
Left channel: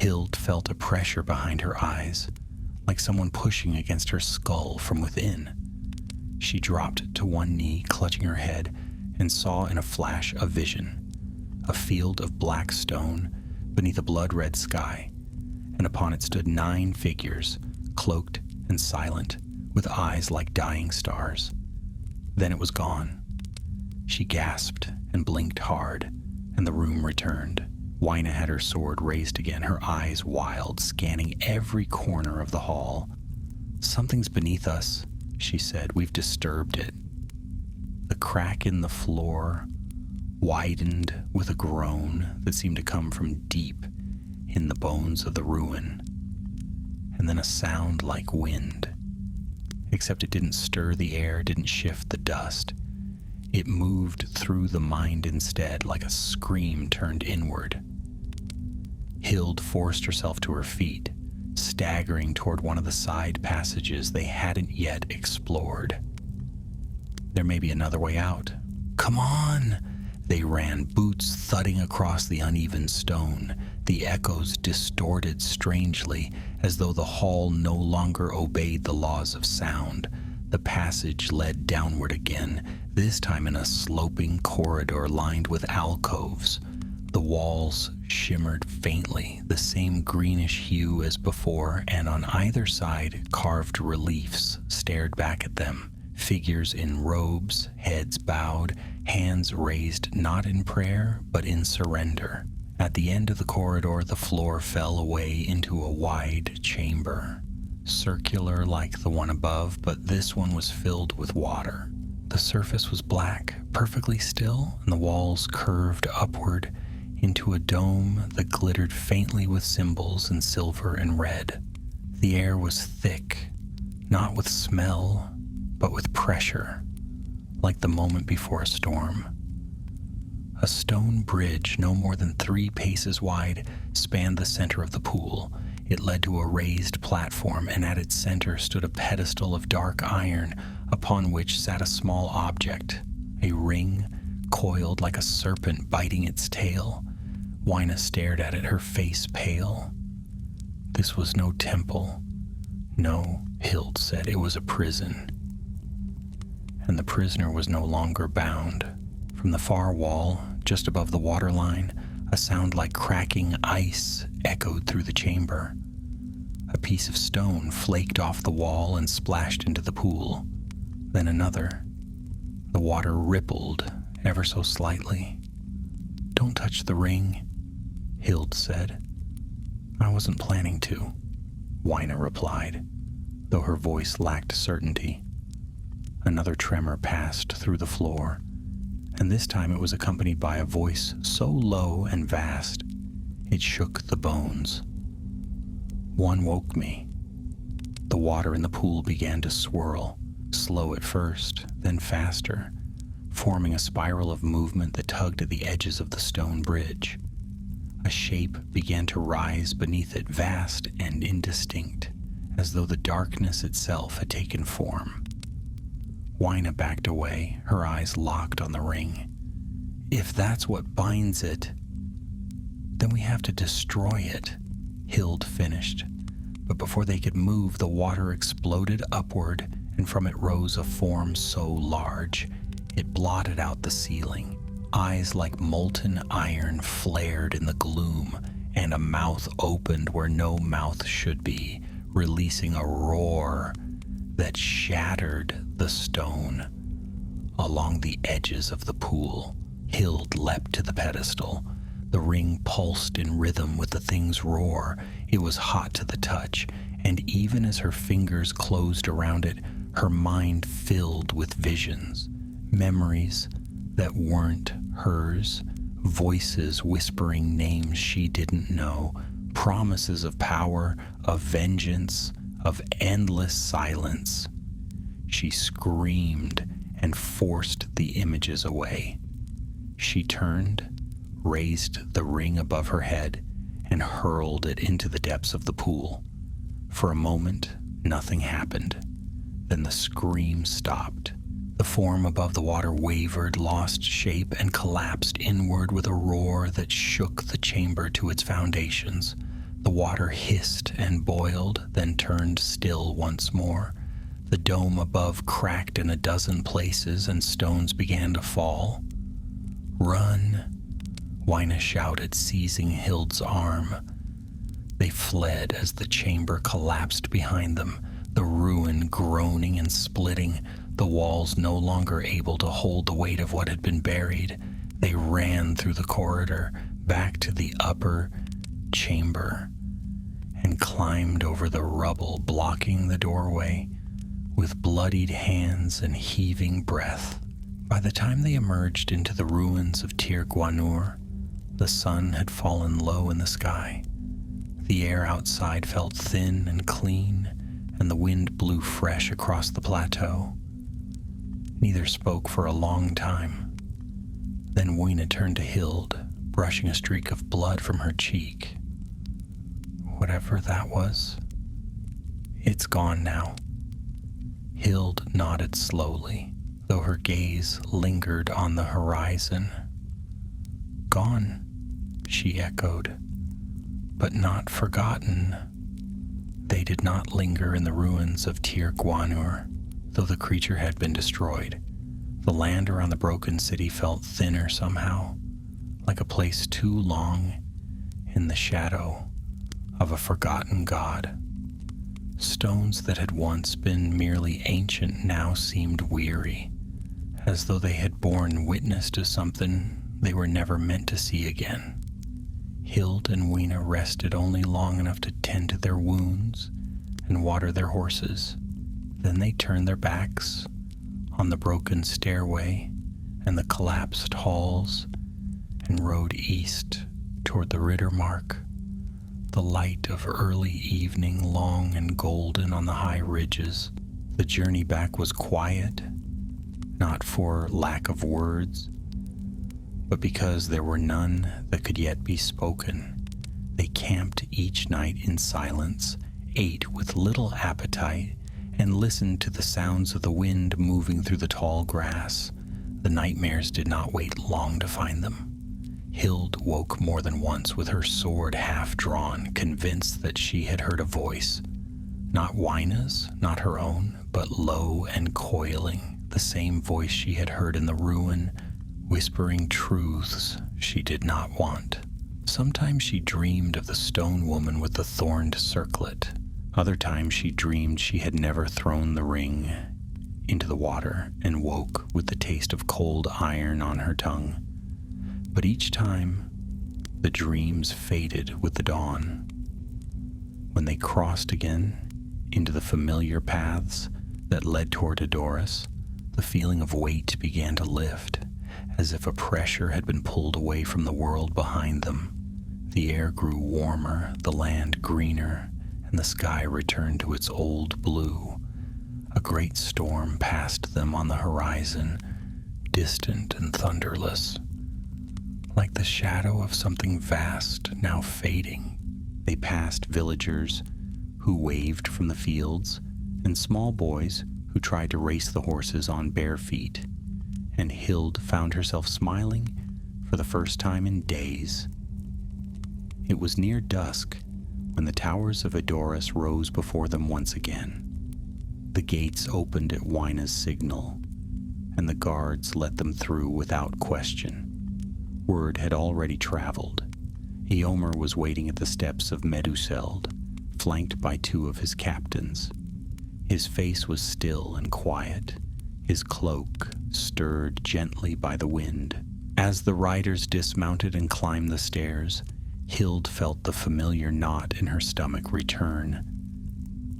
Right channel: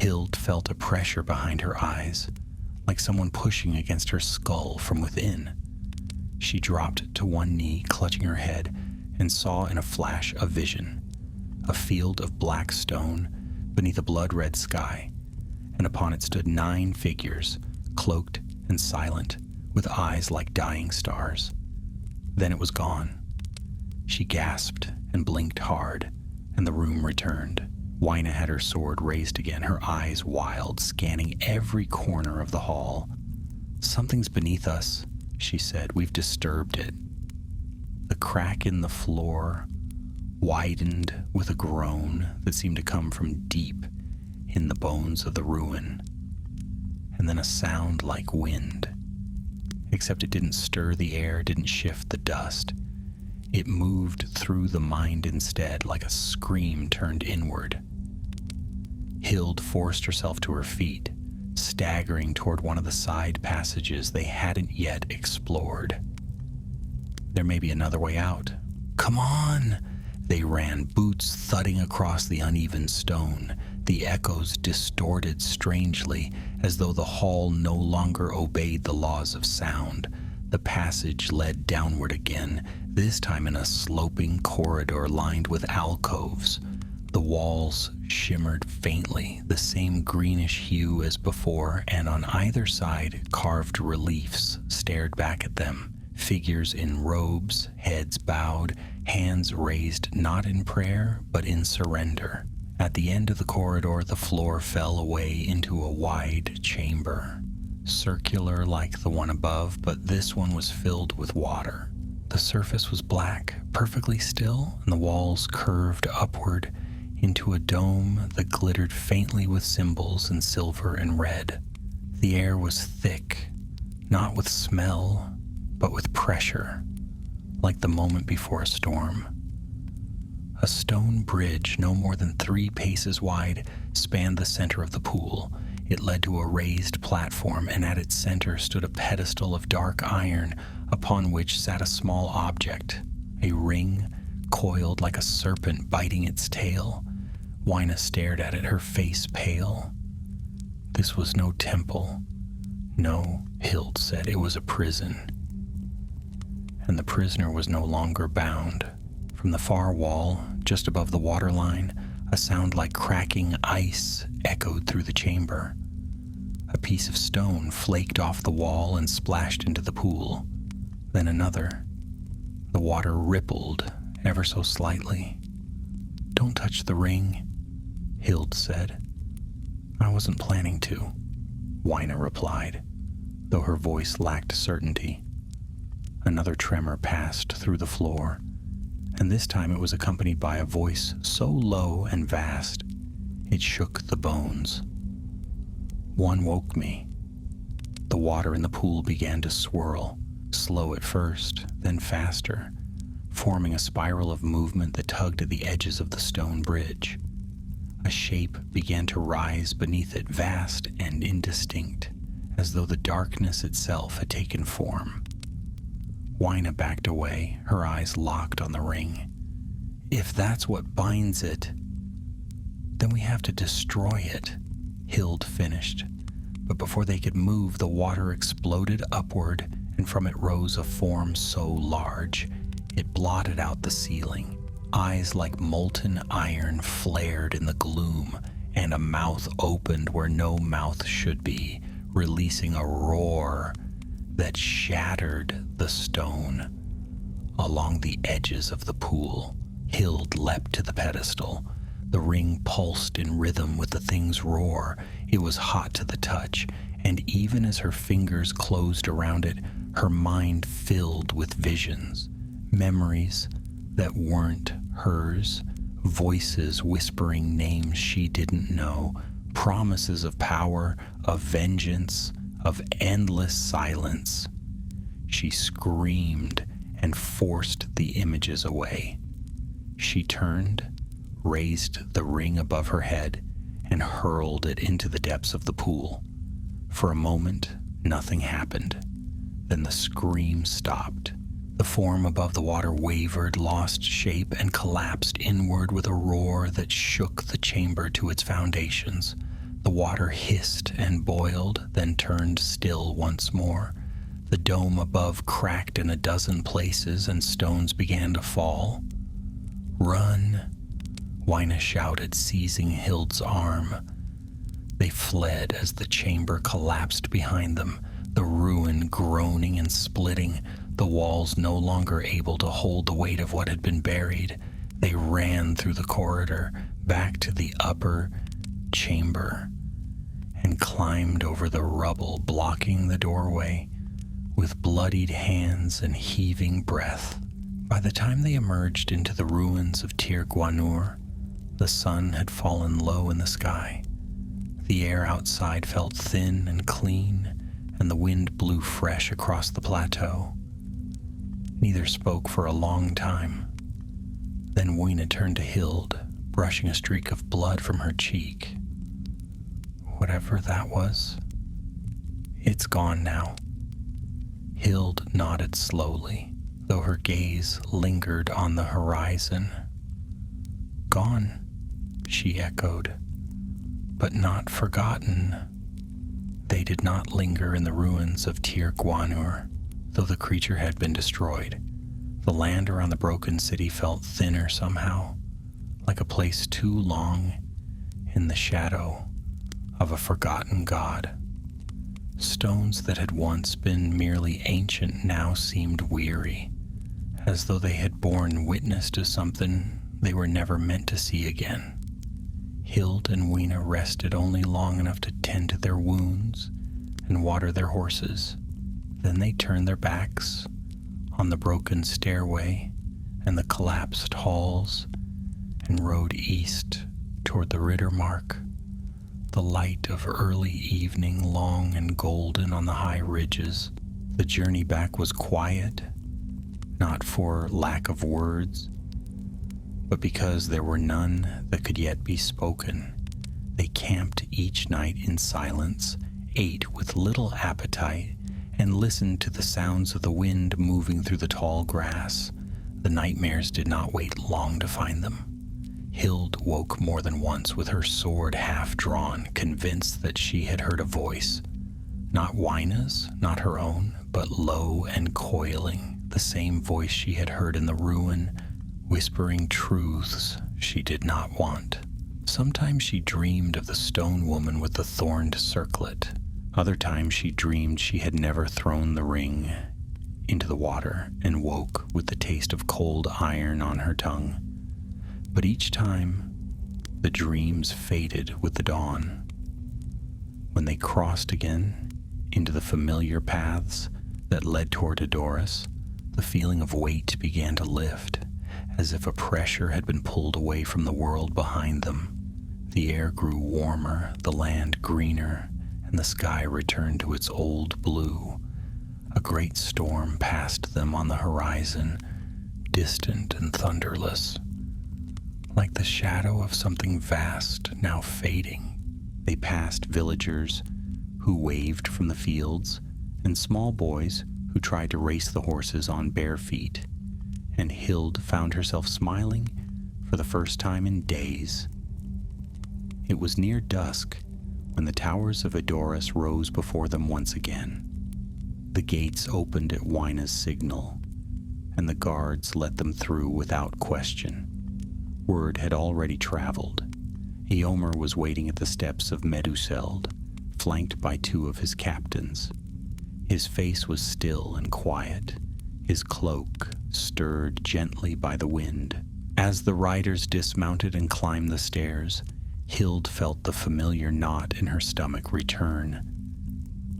Hild felt a pressure behind her eyes, like someone pushing against her skull from within. She dropped to one knee, clutching her head, and saw in a flash a vision. A field of black stone beneath a blood-red sky, and upon it stood 9 figures, cloaked and silent, with eyes like dying stars. Then it was gone. She gasped and blinked hard, and the room returned. Wyna had her sword raised again, her eyes wild, scanning every corner of the hall. "Something's beneath us," she said. "We've disturbed it." The crack in the floor widened with a groan that seemed to come from deep in the bones of the ruin, and then a sound like wind, except it didn't stir the air, didn't shift the dust. It moved through the mind instead, like a scream turned inward. Hild forced herself to her feet, staggering toward one of the side passages they hadn't yet explored. There may be another way out. "Come on!" They ran, boots thudding across the uneven stone. The echoes distorted strangely, as though the hall no longer obeyed the laws of sound. The passage led downward again, this time in a sloping corridor lined with alcoves. The walls shimmered faintly, the same greenish hue as before, and on either side carved reliefs stared back at them. Figures in robes, heads bowed, hands raised not in prayer, but in surrender. At the end of the corridor, the floor fell away into a wide chamber, circular like the one above, but this one was filled with water. The surface was black, perfectly still, and the walls curved upward into a dome that glittered faintly with symbols in silver and red. The air was thick, not with smell, but with pressure, like the moment before a storm. A stone bridge, no more than 3 paces wide, spanned the center of the pool. It led to a raised platform, and at its center stood a pedestal of dark iron, upon which sat a small object, a ring coiled like a serpent biting its tail. Wyna stared at it, her face pale. This was no temple. No, Hild said, it was a prison. And the prisoner was no longer bound. From the far wall, just above the waterline, a sound like cracking ice echoed through the chamber. A piece of stone flaked off the wall and splashed into the pool. Then another. The water rippled ever so slightly. "Don't touch the ring," Hild said. "I wasn't planning to," Wyna replied, though her voice lacked certainty. Another tremor passed through the floor, and this time it was accompanied by a voice so low and vast it shook the bones. One woke me. The water in the pool began to swirl, slow at first, then faster, forming a spiral of movement that tugged at the edges of the stone bridge. A shape began to rise beneath it, vast and indistinct, as though the darkness itself had taken form. Wyna backed away, her eyes locked on the ring. "If that's what binds it, then we have to destroy it," Hild finished. But before they could move, the water exploded upward, and from it rose a form so large it blotted out the ceiling. Eyes like molten iron flared in the gloom, and a mouth opened where no mouth should be, releasing a roar that shattered the stone. Along the edges of the pool, Hild leapt to the pedestal. The ring pulsed in rhythm with the thing's roar. It was hot to the touch, and even as her fingers closed around it, her mind filled with visions, memories that weren't hers, voices whispering names she didn't know, promises of power, of vengeance, of endless silence. She screamed and forced the images away. She turned, raised the ring above her head, and hurled it into the depths of the pool. For a moment, nothing happened. Then the scream stopped. The form above the water wavered, lost shape, and collapsed inward with a roar that shook the chamber to its foundations. The water hissed and boiled, then turned still once more. The dome above cracked in a dozen places, and stones began to fall. "Run!" Wyna shouted, seizing Hild's arm. They fled as the chamber collapsed behind them, the ruin groaning and splitting, the walls no longer able to hold the weight of what had been buried. They ran through the corridor, back to the upper chamber, and climbed over the rubble, blocking the doorway with bloodied hands and heaving breath. By the time they emerged into the ruins of Tir Gwanur, the sun had fallen low in the sky. The air outside felt thin and clean, and the wind blew fresh across the plateau. Neither spoke for a long time. Then Wyna turned to Hild, brushing a streak of blood from her cheek. "Whatever that was, it's gone now." Hild nodded slowly, though her gaze lingered on the horizon. "Gone," she echoed, "but not forgotten." They did not linger in the ruins of Tir Gwanur, though the creature had been destroyed. The land around the broken city felt thinner somehow, like a place too long in the shadow of a forgotten god. Stones that had once been merely ancient now seemed weary, as though they had borne witness to something they were never meant to see again. Hild and Wyna rested only long enough to tend to their wounds and water their horses. Then they turned their backs on the broken stairway and the collapsed halls and rode east toward the Rittermark. The light of early evening, long and golden on the high ridges. The journey back was quiet, not for lack of words, but because there were none that could yet be spoken. They camped each night in silence, ate with little appetite, and listened to the sounds of the wind moving through the tall grass. The nightmares did not wait long to find them. Hild woke more than once with her sword half drawn, convinced that she had heard a voice. Not Wyna's, not her own, but low and coiling, the same voice she had heard in the ruin, whispering truths she did not want. Sometimes she dreamed of the stone woman with the thorned circlet. Other times she dreamed she had never thrown the ring. into the water and woke with the taste of cold iron on her tongue. But each time, the dreams faded with the dawn. When they crossed again into the familiar paths that led toward Edoras, the feeling of weight began to lift, as if a pressure had been pulled away from the world behind them. The air grew warmer, the land greener, and the sky returned to its old blue. A great storm passed them on the horizon, distant and thunderless, like the shadow of something vast now fading. They passed villagers who waved from the fields, and small boys who tried to race the horses on bare feet, and Hild found herself smiling for the first time in days. It was near dusk when the towers of Edoras rose before them once again. The gates opened at Wyna's signal, and the guards let them through without question. Word had already traveled. Eomer was waiting at the steps of Meduseld, flanked by two of his captains. His face was still and quiet, his cloak stirred gently by the wind. As the riders dismounted and climbed the stairs, Hild felt the familiar knot in her stomach return.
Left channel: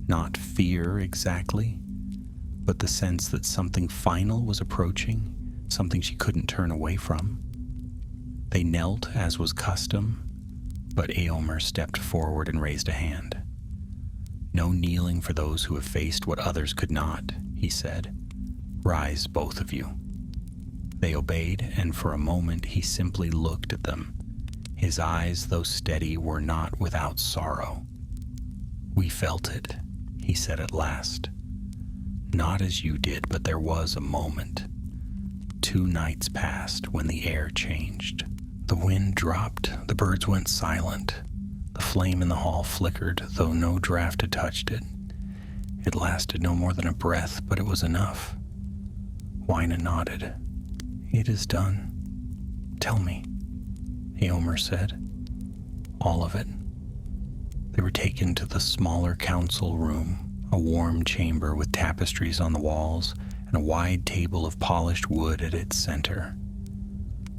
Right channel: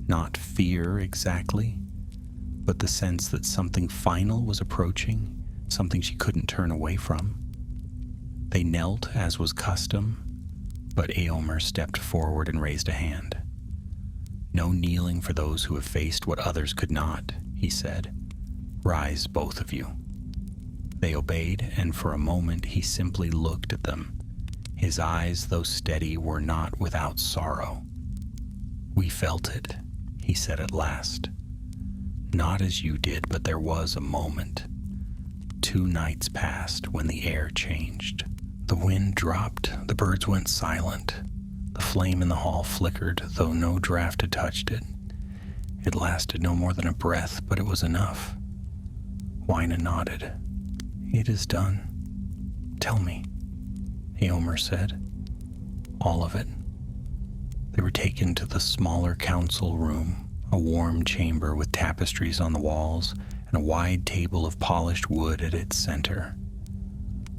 Not fear exactly, but the sense that something final was approaching, something she couldn't turn away from. They knelt as was custom, but Eomer stepped forward and raised a hand. "No kneeling for those who have faced what others could not," he said. "Rise, both of you." They obeyed, and for a moment he simply looked at them. His eyes, though steady, were not without sorrow. "We felt it," he said at last. "Not as you did, but there was a moment. 2 nights passed when the air changed. The wind dropped, the birds went silent. The flame in the hall flickered, though no draft had touched it. It lasted no more than a breath, but it was enough." Wyna nodded. "It is done. Tell me," Eomer said. "All of it." They were taken to the smaller council room, a warm chamber with tapestries on the walls and a wide table of polished wood at its center.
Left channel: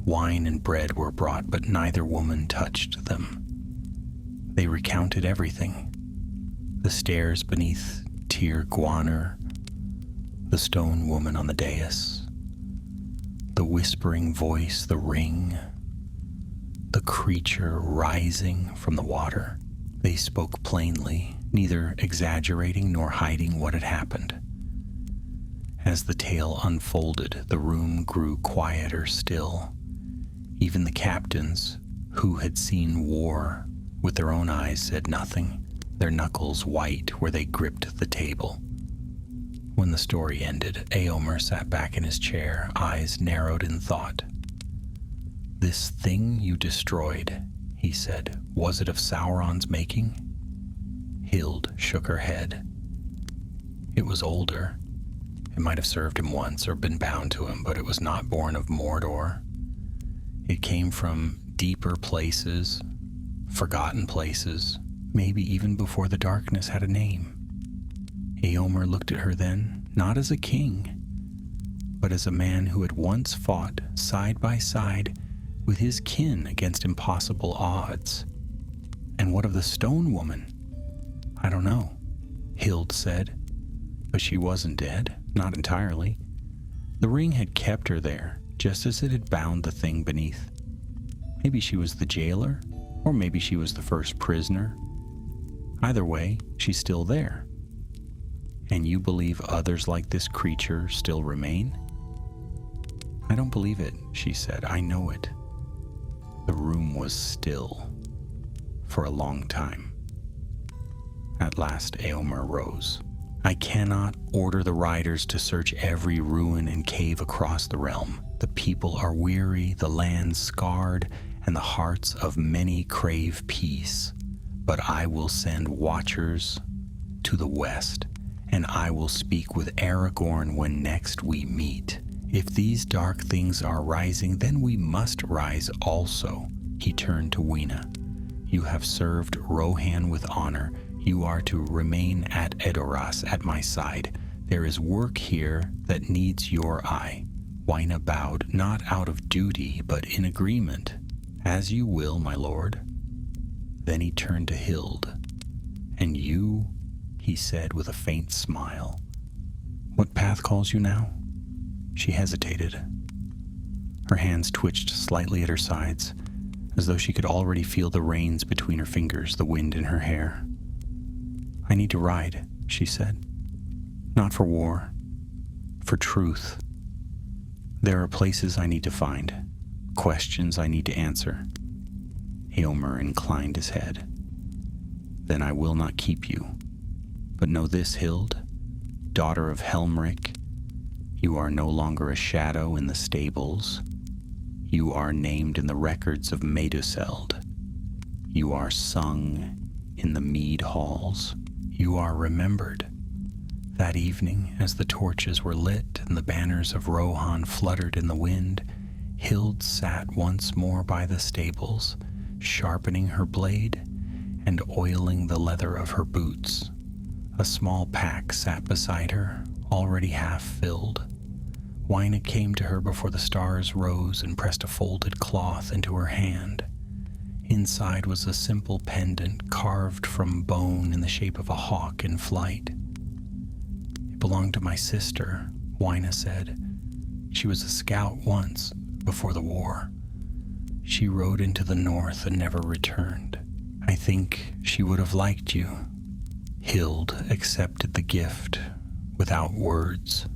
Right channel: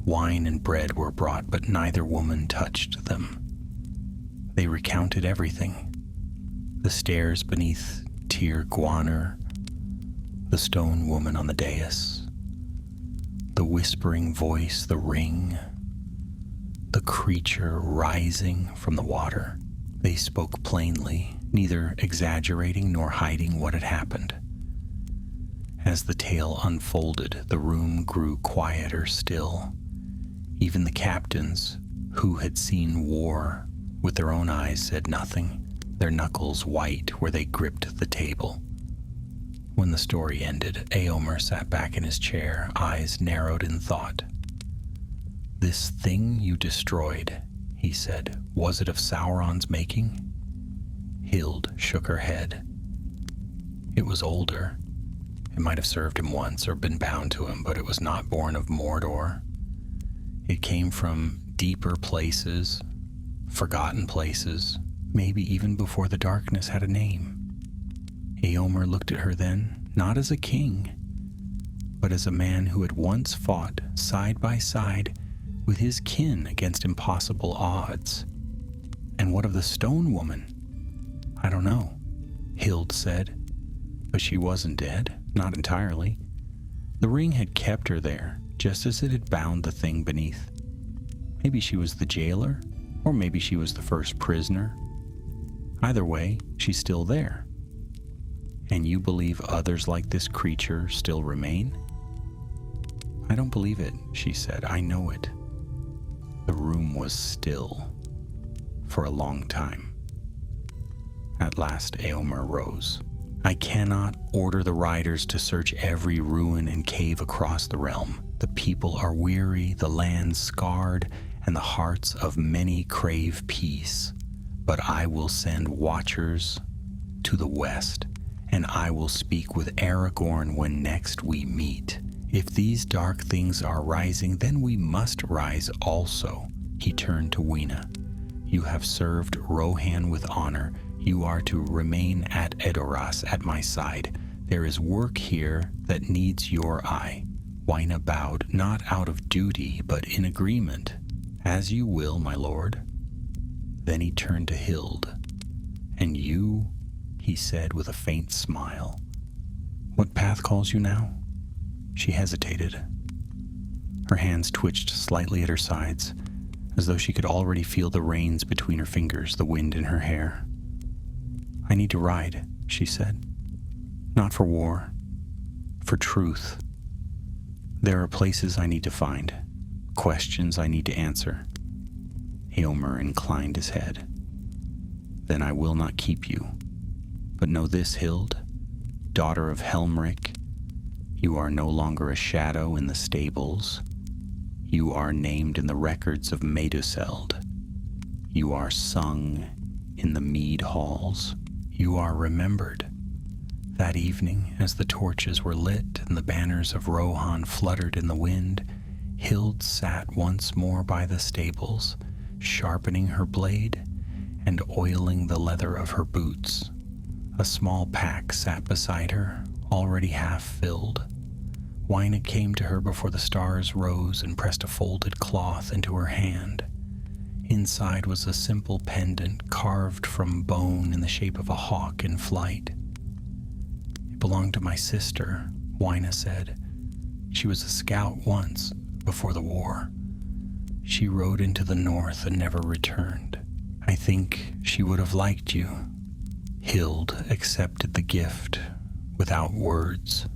Wine and bread were brought, but neither woman touched them. They recounted everything: the stairs beneath Tir Gwaner, the stone woman on the dais, the whispering voice, the ring, the creature rising from the water. They spoke plainly, neither exaggerating nor hiding what had happened. As the tale unfolded, the room grew quieter still. Even the captains, who had seen war with their own eyes, said nothing, their knuckles white where they gripped the table. When the story ended, Eomer sat back in his chair, eyes narrowed in thought. "This thing you destroyed," he said, "was it of Sauron's making?" Hild shook her head. "It was older. It might have served him once or been bound to him, but it was not born of Mordor. It came from deeper places, forgotten places, maybe even before the darkness had a name." Eomer looked at her then, not as a king, but as a man who had once fought side by side with his kin against impossible odds. "And what of the stone woman?" "I don't know," Hild said. "But she wasn't dead, not entirely. The ring had kept her there, just as it had bound the thing beneath. Maybe she was the jailer, or maybe she was the first prisoner. Either way, she's still there." "And you believe others like this creature still remain?" "I don't believe it," she said. "I know it." The room was still for a long time. At last Eomer rose. "I cannot order the riders to search every ruin and cave across the realm. The people are weary, the land scarred, and the hearts of many crave peace. But I will send watchers to the west, and I will speak with Aragorn when next we meet. If these dark things are rising, then we must rise also." He turned to Wyna. "You have served Rohan with honor. You are to remain at Edoras at my side. There is work here that needs your eye." Wyna bowed, not out of duty, but in agreement. "As you will, my lord." Then he turned to Hild. "And you," he said with a faint smile, "what path calls you now?" She hesitated. Her hands twitched slightly at her sides, as though she could already feel the reins between her fingers, the wind in her hair. "I need to ride," she said. "Not for war, for truth. There are places I need to find, questions I need to answer." Eomer inclined his head. "Then I will not keep you. But know this, Hild, daughter of Helmric, you are no longer a shadow in the stables. You are named in the records of Meduseld. You are sung in the mead halls. You are remembered." That evening, as the torches were lit and the banners of Rohan fluttered in the wind, Hild sat once more by the stables, sharpening her blade and oiling the leather of her boots. A small pack sat beside her, already half filled. Wyna came to her before the stars rose and pressed a folded cloth into her hand. Inside was a simple pendant carved from bone in the shape of a hawk in flight. "It belonged to my sister," Wyna said. "She was a scout once, before the war. She rode into the north and never returned. I think she would have liked you." Hild accepted the gift without words.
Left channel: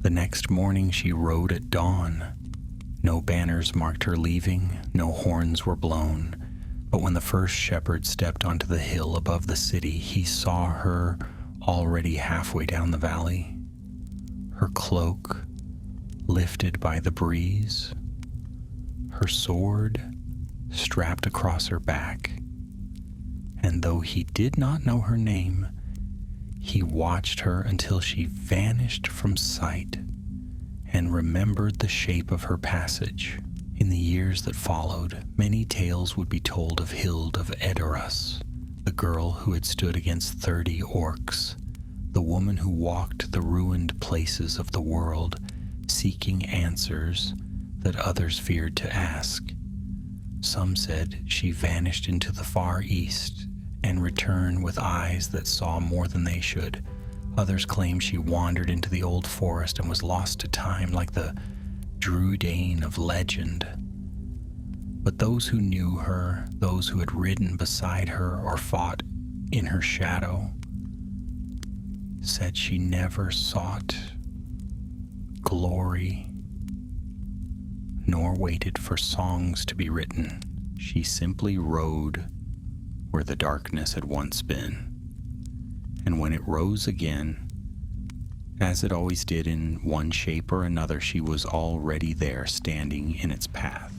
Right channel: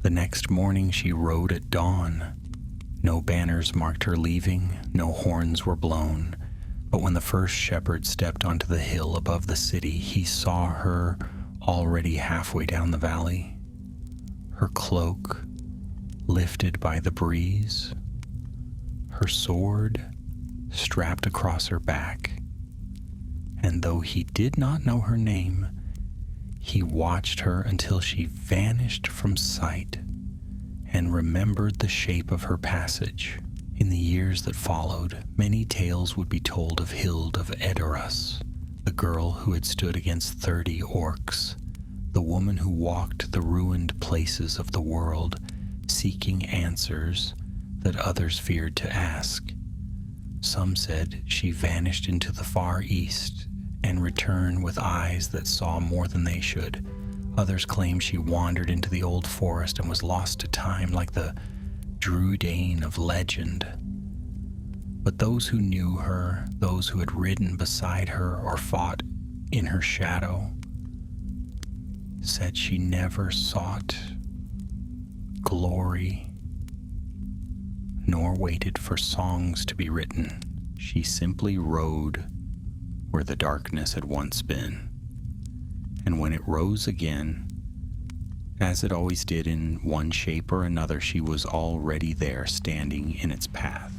The next morning she rode at dawn. No banners marked her leaving, no horns were blown. But when the first shepherd stepped onto the hill above the city, he saw her already halfway down the valley. Her cloak lifted by the breeze, her sword strapped across her back. And though he did not know her name, he watched her until she vanished from sight and remembered the shape of her passage. In the years that followed, many tales would be told of Hild of Edoras, the girl who had stood against 30 orcs, the woman who walked the ruined places of the world, seeking answers that others feared to ask. Some said she vanished into the far east and returned with eyes that saw more than they should. Others claimed she wandered into the old forest and was lost to time like the Druidane of legend. But those who knew her, those who had ridden beside her or fought in her shadow, said she never sought glory nor waited for songs to be written. She simply rode where the darkness had once been. And when it rose again, as it always did in one shape or another, she was already there, standing in its path.